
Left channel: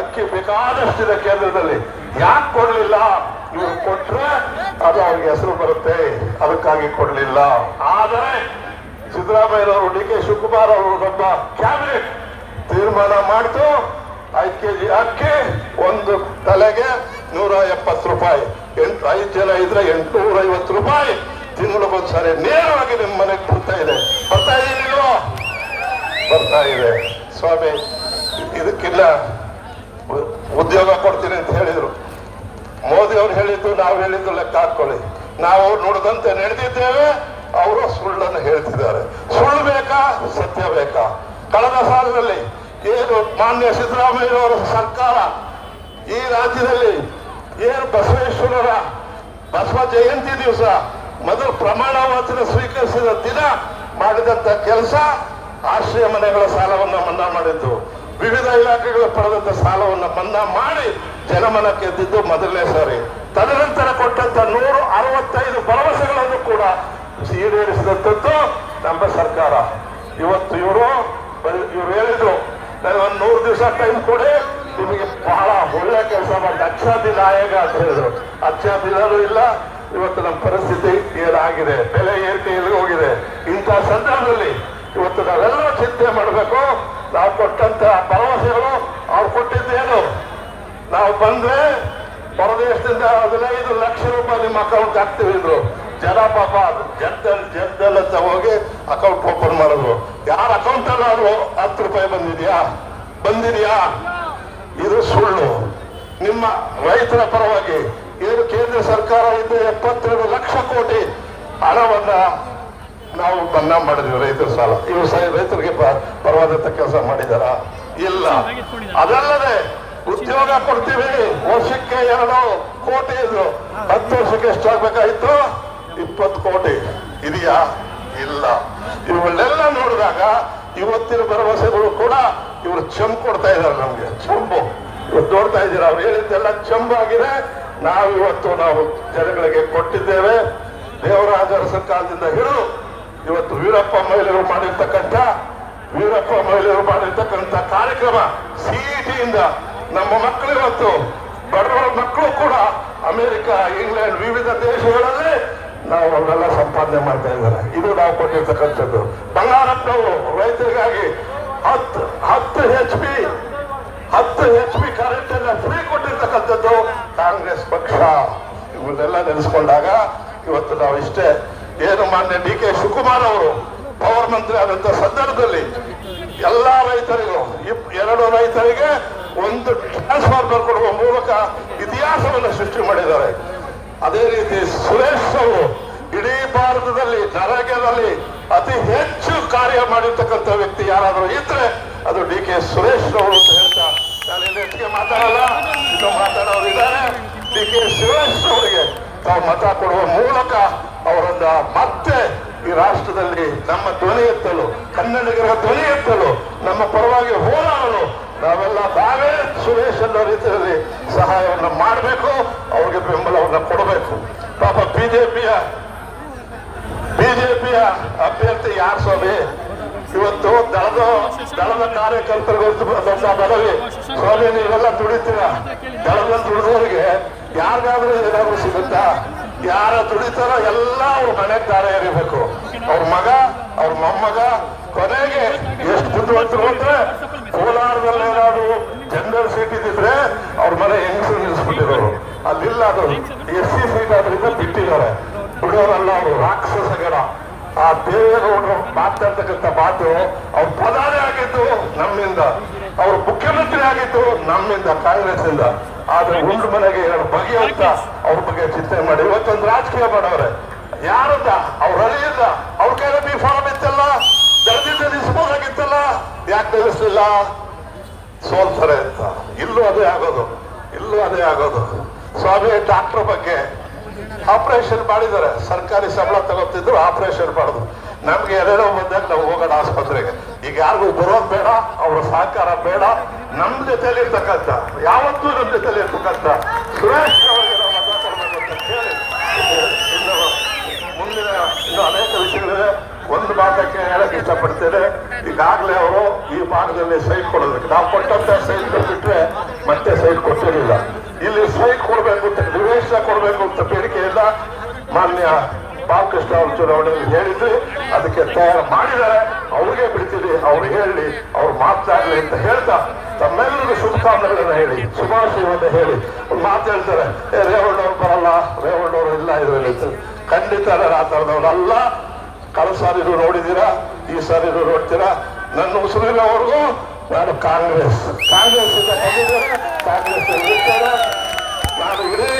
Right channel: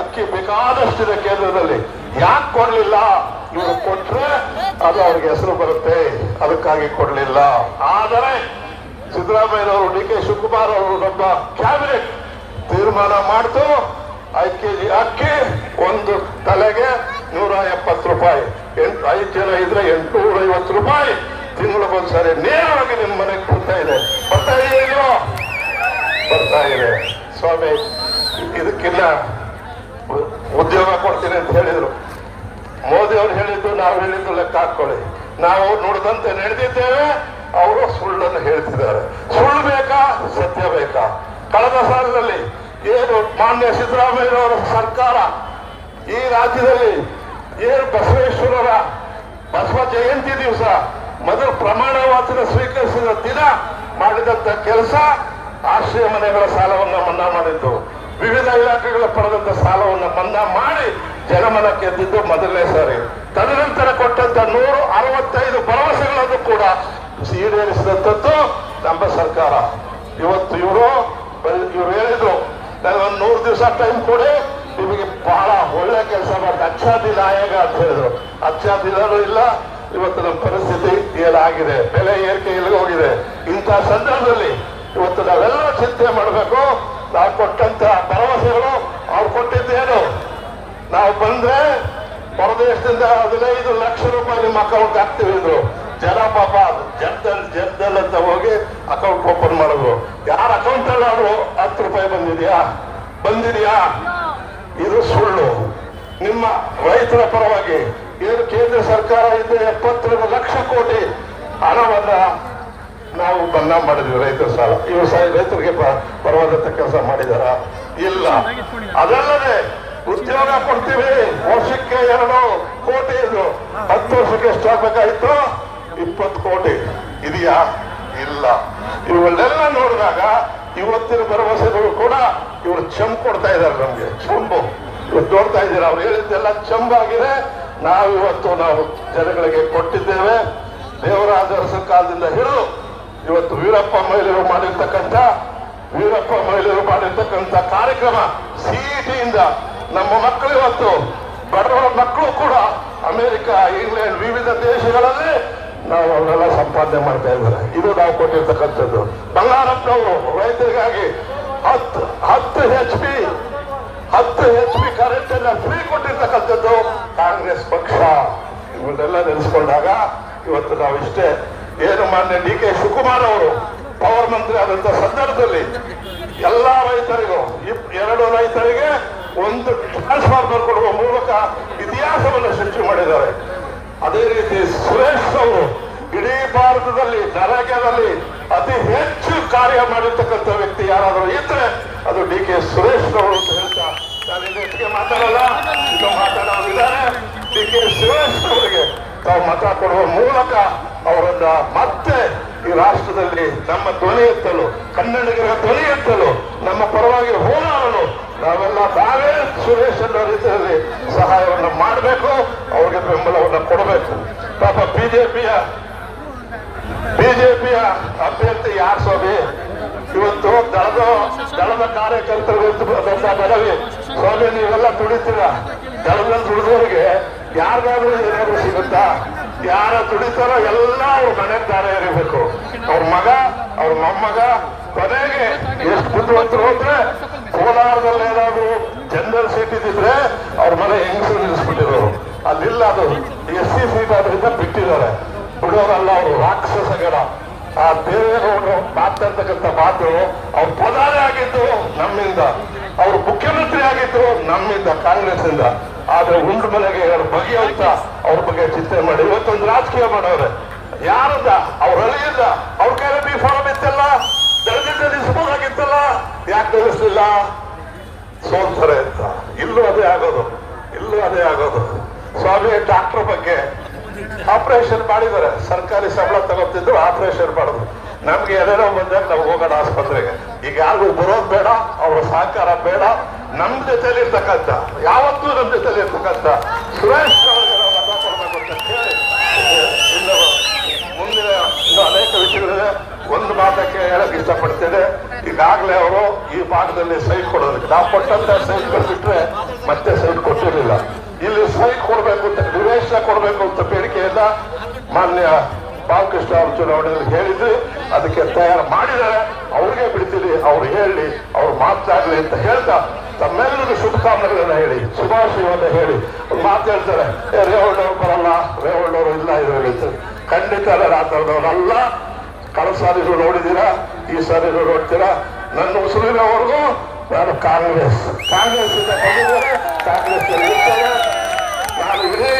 ಅಕ್ಕಿ ಬೇಕಾದಷ್ಟಿದೆ ಕೇಂದ್ರದಲ್ಲಿ, ಯಾಕೆ ಕೊಡ್ಲಿಲ್ಲ? ಇವರು ಕೊಟ್ರೆ ಅದು ಅವ್ರಿಗೆ ಹೆಸರು ಬರುತ್ತೆ, ಅದಕ್ಕಾಗಿ ಕೊಡ್ಲಿಲ್ಲ. ಆದರೆ ಸಿದ್ದರಾಮಯ್ಯನವರು, ಡಿ.ಕೆ. ಶಿವಕುಮಾರ್ ಅವರು ದೊಡ್ಡ ಕ್ಯಾಬಿನೆಟ್ ತೀರ್ಮಾನ ಮಾಡ್ತು, 5 ಕೆಜಿ ಅಕ್ಕಿ ಒಂದು ತಲೆಗೆ 170 ರೂಪಾಯಿ, 5 ಜನ ಇದ್ರೆ 850 ರೂಪಾಯಿ ತಿಂಗಳಿಗೊಂದ್ಸರಿ ನೇರವಾಗಿ ನಿಮ್ಮ ಮನೆಗೆ ಬರ್ತಾ ಇದೆ. ಬರ್ತಾ ಇದೆ ಸ್ವಾಮಿ. ಇದಕ್ಕಿಲ್ಲ ಉದ್ಯೋಗ ಕೊಡ್ತೀನಿ ಅಂತ ಹೇಳಿದ್ರು. ಮೋದಿ ಅವರು ಹೇಳಿದ್ದು, ನಾವು ಹೇಳಿದ್ದು ಲೆಕ್ಕ ಹಾಕೊಳ್ಳಿ. ನಾವು ನುಡಿದಂತೆ ನಡೆದಿದ್ದೇವೆ, ಅವರು ಸುಳ್ಳನ್ನು ಹೇಳ್ತಿದ್ದಾರೆ. ಸುಳ್ಳು ಬೇಕಾ, ಸತ್ಯ ಬೇಕಾ? ಕಳೆದ ಸಾಲಿನಲ್ಲಿ ಏನು ಮಾನ್ಯ ಸಿದ್ದರಾಮಯ್ಯನವರ ಸರ್ಕಾರ ಈ ರಾಜ್ಯದಲ್ಲಿ ಏನು ಬಸವ ಜಯಂತಿ ದಿವಸ ಮೊದಲು ಪ್ರಮಾಣ ವಚನ ಸ್ವೀಕರಿಸಿದ ದಿನ ಮಾಡಿದಂತ ಕೆಲಸ, ಆಶ್ರಯ ಮನೆಗಳ ಸಾಲವನ್ನ ಮನ್ನಾ ಮಾಡಿದ್ದು, ವಿವಿಧ ಇಲಾಖೆಗಳ ಪಡೆದಂತ ಸಾಲವನ್ನ ಮನ್ನಾ ಮಾಡಿ ಜನಮನ ಗೆದ್ದಿದ್ದು ಮೊದಲನೇ ಸಾರಿ. ತದನಂತರ ಕೊಟ್ಟಂತ 165 ಭರವಸೆಗಳನ್ನು ಕೂಡ ಈಡೇರಿಸಿದಂಥದ್ದು ನಮ್ಮ ಸರ್ಕಾರ. ಇವತ್ತು ಇವರು ಹೇಳಿದ್ರು, ನನಗೊಂದು 100 ದಿವಸ ಟೈಮ್ ಕೊಡಿ, ನಿಮಗೆ ಬಹಳ ಒಳ್ಳೆ ಕೆಲಸ ಮಾಡಿ ಅಚ್ಚಾ ದಿನ ಆಯೋಗ ಅಂತ ಹೇಳಿದ್ರು. ಅಚ್ಚಾ ದಿನನೂ ಇಲ್ಲ. ಇವತ್ತು ನಮ್ಮ ಪರಿಸ್ಥಿತಿ ಏನಾಗಿದೆ, ಬೆಲೆ ಏರಿಕೆ ಎಲ್ಲಿಗೆ ಹೋಗಿದೆ. ಇಂಥ ಸಂದರ್ಭದಲ್ಲಿ ಇವತ್ತು ನಾವೆಲ್ಲ ಚಿಂತೆ ಮಾಡಬೇಕು. ನಾವು ಕೊಟ್ಟಂತ ಭರವಸೆಗಳು, ಅವ್ರು ಕೊಟ್ಟಿದ್ದೇನು? ನಾವು ಬಂದ್ರೆ ಹೊರದೇಶದಿಂದ 15 ಲಕ್ಷ ರೂಪಾಯಿ ನಿಮ್ಮ ಅಕೌಂಟ್ ಹಾಕ್ತೀವಿ ಅಂದ್ರು. ಜನ ಪಾಪ ಜರ್ದಲ್ ಅಂತ ಹೋಗಿ ಅಕೌಂಟ್ ಓಪನ್ ಮಾಡಿದ್ರು. ಯಾರ ಅಕೌಂಟ್ ಅಲ್ಲ ಅದು 10 ರೂಪಾಯಿ ಬಂದಿದೆಯಾ? ಇದು ಸುಳ್ಳು. ನಿಮ್ಮ ರೈತರ ಪರವಾಗಿ ಏನು ಕೇಂದ್ರ ಸರ್ಕಾರ ಇದ್ದು 72 ಲಕ್ಷ ಕೋಟಿ ಹಣವನ್ನ ನಾವು ಮನ್ನಾ ಮಾಡಿದ್ವಿ. ರೈತರ ಸಾಲ ಇವರು ರೈತರಿಗೆ ಪರವಾದಂತ ಕೆಲಸ ಮಾಡಿದಾರ? ಇಲ್ಲ. ಅದಲ್ಲದೆ ಉದ್ಯೋಗ ಕೊಡ್ತೀವಿ, ವರ್ಷಕ್ಕೆ 2 ಕೋಟಿ ಇದ್ರು. 10 ವರ್ಷಕ್ಕೆ ಎಷ್ಟಾಗಬೇಕಾಗಿತ್ತು? 20 ಕೋಟಿ ಇದೆಯಾ? ಇಲ್ಲ. ಇವುಗಳನ್ನೆಲ್ಲ ನೋಡಿದಾಗ ಇವತ್ತಿನ ಭರವಸೆಗಳು ಕೂಡ ಇವರು ಚಂಬು ಕೊಡ್ತಾ ಇದ್ದಾರೆ ನಮ್ಗೆ. ಚಂಬು ಇವತ್ತು ನೋಡ್ತಾ ಇದ್ದೀರಾ, ಅವ್ರು ಹೇಳಿದ್ದೆಲ್ಲ ಚಂಬಾಗಿದೆ. ನಾವು ಜನಗಳಿಗೆ ಕೊಟ್ಟಿದ್ದೇವೆ. ದೇವರಾಜ ಅರಸ ಕಾಲದಿಂದ ಹಿಡಿದು ಇವತ್ತು ವೀರಪ್ಪ ಮೊಯ್ಲಿಯವರು ಮಾಡಿರ್ತಕ್ಕಂಥ ಕಾರ್ಯಕ್ರಮ, ಸಿಇಟಿಯಿಂದ ನಮ್ಮ ಮಕ್ಕಳು, ಇವತ್ತು ಬಡವರ ಮಕ್ಕಳು ಕೂಡ ಅಮೆರಿಕ, ಇಂಗ್ಲೆಂಡ್, ವಿವಿಧ ದೇಶಗಳಲ್ಲಿ ನಾವು ಅವರೆಲ್ಲ ಸಂಪಾದನೆ ಮಾಡ್ತಾ ಇದ್ದಾರೆ. ಇದು ನಾವು ಕೊಟ್ಟಿರ್ತಕ್ಕಂಥದ್ದು. ಬಂಗಾರಪ್ಪನವರು ರೈತರಿಗಾಗಿ 10 HP ಕರೆಂಟ್ ಎಲ್ಲ ಫ್ರೀ ಕೊಟ್ಟಿರ್ತಕ್ಕಂಥದ್ದು ಕಾಂಗ್ರೆಸ್ ಪಕ್ಷ. ಇವನ್ನೆಲ್ಲ ನೆನೆಸ್ಕೊಂಡಾಗ ಇವತ್ತು ನಾವು ಇಷ್ಟೇ ಏನು ಮಾನ್ಯ ಡಿ.ಕೆ. ಶಿವಕುಮಾರ್ ಅವರು ಪವರ್ ಮಂತ್ರಿ ಆದಂತ ಸಂದರ್ಭದಲ್ಲಿ ಎಲ್ಲಾ ರೈತರಿಗೂ 2 ರೈತರಿಗೆ 1 ಟ್ರಾನ್ಸ್ಫಾರ್ಮರ್ ಕೊಡುವ ಮೂಲಕ ಇತಿಹಾಸವನ್ನು ಸೃಷ್ಟಿ ಮಾಡಿದ್ದಾರೆ. ಅದೇ ರೀತಿ ಸುರೇಶ್ ಅವರು ಇಡೀ ಭಾರತದಲ್ಲಿ ನರೇಗಾದಲ್ಲಿ ಅತಿ ಹೆಚ್ಚು ಕಾರ್ಯ ಮಾಡಿರ್ತಕ್ಕಂಥ ವ್ಯಕ್ತಿ ಯಾರಾದರೂ ಇದ್ರೆ ಅದು ಡಿ.ಕೆ. ಸುರೇಶ್ ಅವರು ಅಂತ ಹೇಳ್ತಾ ನಾನು ಹೆಚ್ಚಿಗೆ ಮಾತಾಡಲ್ಲ. ಮಾತಾಡೋದಿದ್ದಾರೆ. ಡಿ.ಕೆ. ಸುರೇಶ್ ಅವರಿಗೆ ತಾವು ಮತ ಕೊಡುವ ಮೂಲಕ ಅವರನ್ನ ಮತ್ತೆ ಈ ರಾಷ್ಟ್ರದಲ್ಲಿ ನಮ್ಮ ಧ್ವನಿ ಎತ್ತಲು, ಕನ್ನಡಿಗರ ಧ್ವನಿ ಎತ್ತಲು, ನಮ್ಮ ಪರವಾಗಿ ಹೋರಾಡಲು ನಾವೇ ಸುರೇಶ್ ಅನ್ನೋ ರೀತಿಯಲ್ಲಿ ಸಹಾಯವನ್ನು ಮಾಡಬೇಕು, ಅವ್ರಿಗೆ ಬೆಂಬಲವನ್ನು ಕೊಡಬೇಕು. ಪಾಪ ಬಿಜೆಪಿಯ ಅಭ್ಯರ್ಥಿ ಯಾರು ಸ್ವಾಮಿ? ಇವತ್ತು ದಳದ ಕಾರ್ಯಕರ್ತರಿಗೆ ಮನವಿ, ಸ್ವಾಮಿ ನೀವೆಲ್ಲ ದುಡಿತೀರ, ದಳದಲ್ಲಿ ದುಡಿದವರಿಗೆ ಯಾರಿಗಾದ್ರೂ ಏನಾದ್ರು ಸಿಗುತ್ತಾ? ಯಾರ ದುಡಿತಾರೋ ಎಲ್ಲ ಅವ್ರ ಮನೆ ದಾರ ಎರಿಬೇಕು. ಅವ್ರ ಮಗ, ಅವ್ರ ಮೊಮ್ಮಗ ಕೊನೆಗೆ ಎಷ್ಟು ಬುದ್ಧಿವಂತರು ಅಂದ್ರೆ ಕೋಲಾರದಲ್ಲಿ ಏನಾದ್ರು ಜನರಲ್ ಸೀಟ್ ಇದ್ದಿದ್ರೆ ಅವ್ರ ಮನೆ ಹೆಂಗಸರು ನಿಲ್ಲಿಸ್ಬಿಟ್ಟಿದ್ರು. ಅದಿಲ್ಲ, ಅದು SC ಸೀಟ್ ಆದ್ರಿಂದ ಬಿಟ್ಟಿದ್ದಾರೆ. ಬಿಡೋರಲ್ಲ ಅವರು, ರಾಕ್ಷಸಗಳ. ಆ ದೇವೇಗೌಡರು ಮಾತಾಡ್ತಕ್ಕಂಥ ಮಾತು, ಅವ್ರ ಪ್ರಧಾನಿ ಆಗಿದ್ದು ನಮ್ಮಿಂದ, ಅವ್ರು ಮುಖ್ಯಮಂತ್ರಿ ಆಗಿದ್ದು ನಮ್ಮಿಂದ, ಕಾಂಗ್ರೆಸ್ ಇಂದ. ಆದ್ರೆ ಉಂಡು ಮನೆಗೆ ಬಗೆಯಂತ ಅವ್ರ ಬಗ್ಗೆ ಚಿಂತೆ ಮಾಡಿ ಇವತ್ತೊಂದು ರಾಜಕೀಯ ಮಾಡೋರೆ. ಯಾರದ? ಅವ್ರ ಅಲ್ಲಿಂದ ಅವ್ರ ಕೈಯಲ್ಲಿ ಫಾರಂ ಇತ್ತಲ್ಲ, ಜಲ್ದಿ ನಿಲ್ಲಿಸಬಹುದಾಗಿತ್ತಲ್ಲ, ಯಾಕೆ ನಿಲ್ಲಿಸಲಿಲ್ಲ? ಸೋಲ್ತಾರೆ ಅಂತ. ಇಲ್ಲೂ ಅದೇ ಆಗೋದು, ಇಲ್ಲೂ ಅದೇ ಆಗೋದು. ಸ್ವಾಮಿ ಡಾಕ್ಟರ್ ಬಗ್ಗೆ ಆಪರೇಷನ್ ಮಾಡಿದ್ದಾರೆ, ಸರ್ಕಾರಿ ಸಂಬಳ ತಗೋತಿದ್ರು, ಆಪರೇಷನ್ ಮಾಡಿದ್ರು. ನಮ್ಗೆ ಎದೇನೋ ಬಂದಾಗ ನಾವು ಹೋಗೋಣ ಆಸ್ಪತ್ರೆಗೆ. ಈಗ ಯಾರಿಗೂ ಬರೋದು ಬೇಡ, ಅವರ ಸಹಕಾರ ಬೇಡ. ನಮ್ ಜೊತೆಲಿ ಇರ್ತಕ್ಕಂಥ, ಯಾವತ್ತೂ ನಮ್ ಜೊತೆಲಿ ಇರ್ತಕ್ಕಂಥ ಸುರೇಶ್ ಅವರಿಗೆ ನಾವು ಮಾತಾಡ್ಬೇಕು ಅಂತ ಹೇಳಿ ಮುಂದಿನ ಇನ್ನು ಅನೇಕ ವಿಷಯಗಳಿದೆ. ಒಂದು ಮಾತಕ್ಕೆ ಹೇಳಕ್ ಇಷ್ಟಪಡ್ತೇನೆ. ಈಗಾಗಲೇ ಅವರು ಈ ಭಾಗದಲ್ಲಿ ಸೈಟ್ ಕೊಡೋದು, ನಾವು ಕೊಟ್ಟಂತ ಸೈಟ್ ಬಿಟ್ರೆ ಮತ್ತೆ ಸೈಟ್ ಕೊಟ್ಟಿರಲಿಲ್ಲ. ಇಲ್ಲಿ ಸೈಟ್ ಕೊಡಬೇಕು ಅಂತ, ನಿವೇಶನ ಕೊಡಬೇಕು ಅಂತ ಬೇಡಿಕೆಯನ್ನ ಮಾನ್ಯ ಬಾಲಕೃಷ್ಣ ಅವರು ಚುನಾವಣೆಯಲ್ಲಿ ಹೇಳಿದ್ರು. ಅದಕ್ಕೆ ತಯಾರು ಮಾಡಿದ್ದಾರೆ. ಅವ್ರಿಗೆ ಬಿಡ್ತೀವಿ, ಅವ್ರು ಹೇಳಿ, ಅವ್ರು ಮಾತಾಡಲಿ ಅಂತ ಹೇಳ್ತಾ ತಮ್ಮೆಲ್ಲರಿಗೂ ಶುಭಕಾಮನೆಗಳನ್ನ ಹೇಳಿ, ಶುಭಾಶಯವನ್ನು ಹೇಳಿ ಮಾತು ಹೇಳ್ತಾರೆ. ರೇವಣ್ಣವ್ರು ಬರಲ್ಲ, ರೇವಣ್ಣವರು ಇಲ್ಲ ಇರೋದು ಖಂಡಿತ ರಾತ್ರಿದವರಲ್ಲ. ಕಳೆದ ಸಾರಿಗೂ ನೋಡಿದ್ದೀರಾ, ಈ ಸಾರಿಗೂ ನೋಡ್ತೀರಾ. ನನ್ನ ಉಸಿರಿನವರೆಗೂ ನಾನು ಕಾಂಗ್ರೆಸ್ ಇಂದ ಬಂದಿದ್ದೇನೆ, ಕಾಂಗ್ರೆಸ್ ನಾನು ಇಡೀ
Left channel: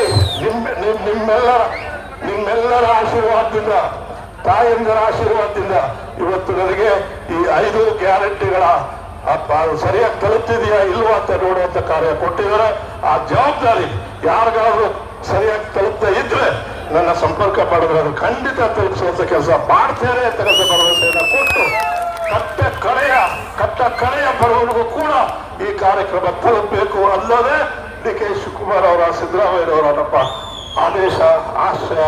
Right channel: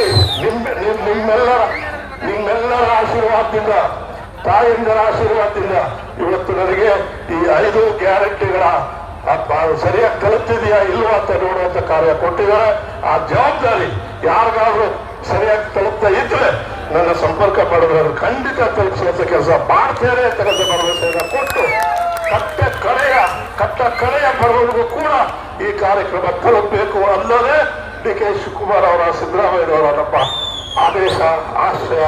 ನಿಮ್ಮೆಲ್ಲರ ಆಶೀರ್ವಾದದಿಂದ, ತಾಯಂದಿರ ಆಶೀರ್ವಾದದಿಂದ ಇವತ್ತು ನನಗೆ ಈ 5 ಗ್ಯಾರಂಟಿಗಳ ಸರಿಯಾಗಿ ತಲುಪ್ತಿದೆಯಾ ಇಲ್ವಾ ಅಂತ ನೋಡುವಂತ ಕಾರ್ಯ ಕೊಟ್ಟಿದ್ದಾರೆ. ಆ ಜವಾಬ್ದಾರಿ ಯಾರಿಗಾದ್ರೂ ಸರಿಯಾಗಿ ತಲುಪ್ತಾ ಇದ್ರೆ ನನ್ನ ಸಂಪರ್ಕ ಪಡೆದ್ರೆ ಖಂಡಿತ ತಲುಪಿಸುವಂತ ಕೆಲಸ ಮಾಡ್ತೇನೆ ಅಂತ ಭರವಸೆಯನ್ನು ಕೊಟ್ಟು ಕಟ್ಟ ಕಡೆಯ ಬಡವರಿಗೂ ಕೂಡ ಈ ಕಾರ್ಯಕ್ರಮ ತಲುಪಬೇಕು ಅನ್ನೋದೇ ಡಿ ಕೆ ಶಿವಕುಮಾರ್ ಅವರ, ಸಿದ್ದರಾಮಯ್ಯನವರ ನಮ್ಮ ಆದೇಶ, ಆಶಯ,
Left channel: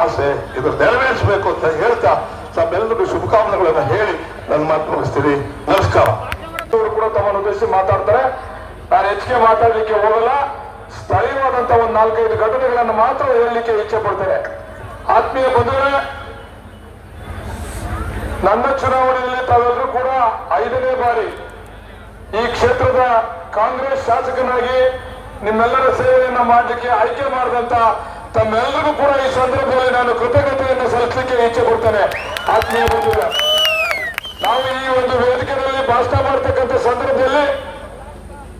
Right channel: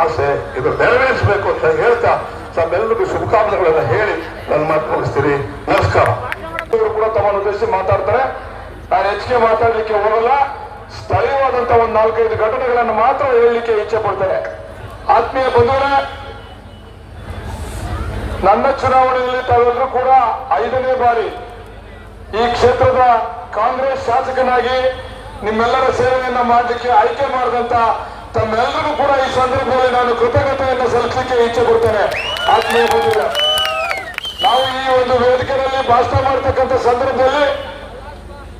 ಆಸೆ. ಇದು ನೆರವೇರಿಸಬೇಕು ಅಂತ ಹೇಳ್ತಾ ತಮ್ಮೆಲ್ಲರಿಗೂ ಶುಭಕಾಮನೆಗಳನ್ನ ಹೇಳಿ ನನ್ನ ಮಾತು ಮುಗಿಸ್ತೀನಿ. ನಮಸ್ಕಾರ. ಕೂಡ ತಮ್ಮನ್ನು ಉದ್ದೇಶಿಸಿ ಮಾತಾಡ್ತಾರೆ. ನಾನು ಹೆಚ್ಚಿಗೆ ಮಾತಾಡಲಿಕ್ಕೆ ಹೋಗಲ್ಲ. ಸ್ಥಳೀಯವಾದಂತ ಒಂದು 4-5 ಘಟನೆಗಳನ್ನು ಮಾತ್ರ ಹೇಳಲಿಕ್ಕೆ ಇಚ್ಛೆ ಪಡ್ತೇನೆ. ಆತ್ಮೀಯ ಬಂಧುಗಳೇ, ನನ್ನ ಚುನಾವಣೆಯಲ್ಲಿ ತಾವೆಲ್ಲರೂ ಕೂಡ 5ನೇ ಬಾರಿ ಈ ಕ್ಷೇತ್ರದ ಕಾಂಗ್ರೆಸ್ ಶಾಸಕನಾಗಿ ನಿಮ್ಮೆಲ್ಲರ ಸೇವೆಯನ್ನ ಮಾಡಲಿಕ್ಕೆ ಆಯ್ಕೆ ಮಾಡಿದಂತ ತಮ್ಮೆಲ್ಲರಿಗೂ ಕೂಡ ಈ ಸಂದರ್ಭದಲ್ಲಿ ನಾನು ಕೃತಜ್ಞತೆಯನ್ನು ಸಲ್ಲಿಸಲಿಕ್ಕೆ ಇಚ್ಛೆ ಪಡ್ತೇನೆ. ಆತ್ಮೀಯ ಬಂಧುಗಳೇ, ನಾವು ಈ ಒಂದು ವೇದಿಕೆಯಲ್ಲಿ ಭಾಷಣ ಮಾಡತಕ್ಕಂಥ ಸಂದರ್ಭದಲ್ಲಿ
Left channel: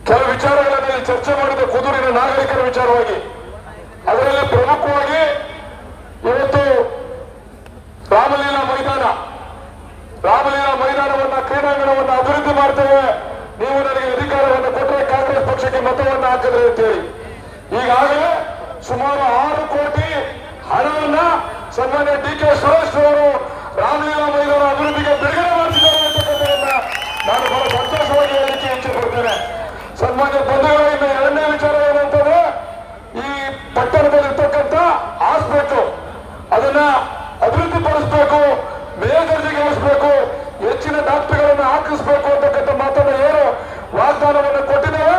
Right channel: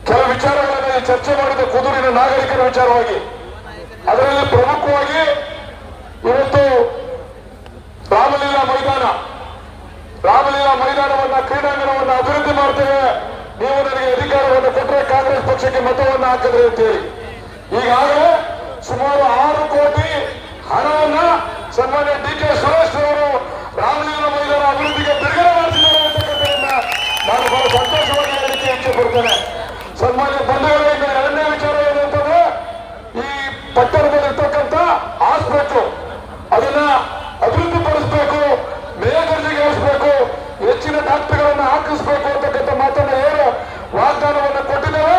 ಕೆಲವು ವಿಚಾರಗಳಲ್ಲಿ ಚರ್ಚೆ ಮಾಡಿದ ಕುದೂರಿನ ನಾಗರಿಕರ ವಿಚಾರವಾಗಿ, ಅದರಲ್ಲಿ ಪ್ರಮುಖವಾಗಿ ಇವತ್ತು ರಾಮಲೀಲಾ ಮೈದಾನವನ್ನ, ಕ್ರೀಡಾಂಗಣವನ್ನು ಅಭಿವೃದ್ಧಿ ಮಾಡ್ತೇವೆ, ನೀವು ನನಗೆ ಅಧಿಕಾರವನ್ನು ಕೊಟ್ಟರೆ ಕಾಂಗ್ರೆಸ್ ಪಕ್ಷಕ್ಕೆ ಮತವನ್ನು ಹಾಕಿದ್ರೆ ಅಂತೇಳಿ ಈಗಾಗಲೇ ಸುಮಾರು 6 ಕೋಟಿ ಹಣವನ್ನ ಸನ್ಮಾನ್ಯ ಡಿ ಕೆ ಸುರೇಶ್ ಅವರು ರಾಮಲೀಲಾ ಮೈದಾನ ಅಭಿವೃದ್ಧಿಗೆ ಬಿಡುಗಡೆ ಮಾಡಿದ್ದಾರೆ ಅಂತಕ್ಕಂಥದ್ದನ್ನ ನಾನು ಬಹಳ ಸಂತೋಷವಾಗಿ ಹೇಳಿಕೆ ಇಚ್ಛೆ ಪಡ್ತೇನೆ. ಸನ್ಮಾನ್ಯ ಬಂಧುಗಳಿಂದ 2ನೇ ವಿಚಾರ ಏನಂತಂದ್ರೆ, ಈ ಪಟ್ಟಣದಲ್ಲಿರ್ತಕ್ಕಂಥ ಹಾಸ್ಪಿಟಲ್ ಅದನ್ನ ಅಭಿವೃದ್ಧಿ ಪಡಿಸಬೇಕು, ಮೇಲ್ದರ್ಜೆಗೆ ಏರಿಸಬೇಕು, ಹೆಚ್ಚಿನ ಡಾಕ್ಟರ್ಗಳನ್ನ ಹಾಕಿಸಬೇಕು ಅಂತಕ್ಕಂಥ ಮಾತನ್ನ ಏನು ವಾಗ್ದಾನವನ್ನು ಕೊಟ್ಟಿದ್ದೇವೆ.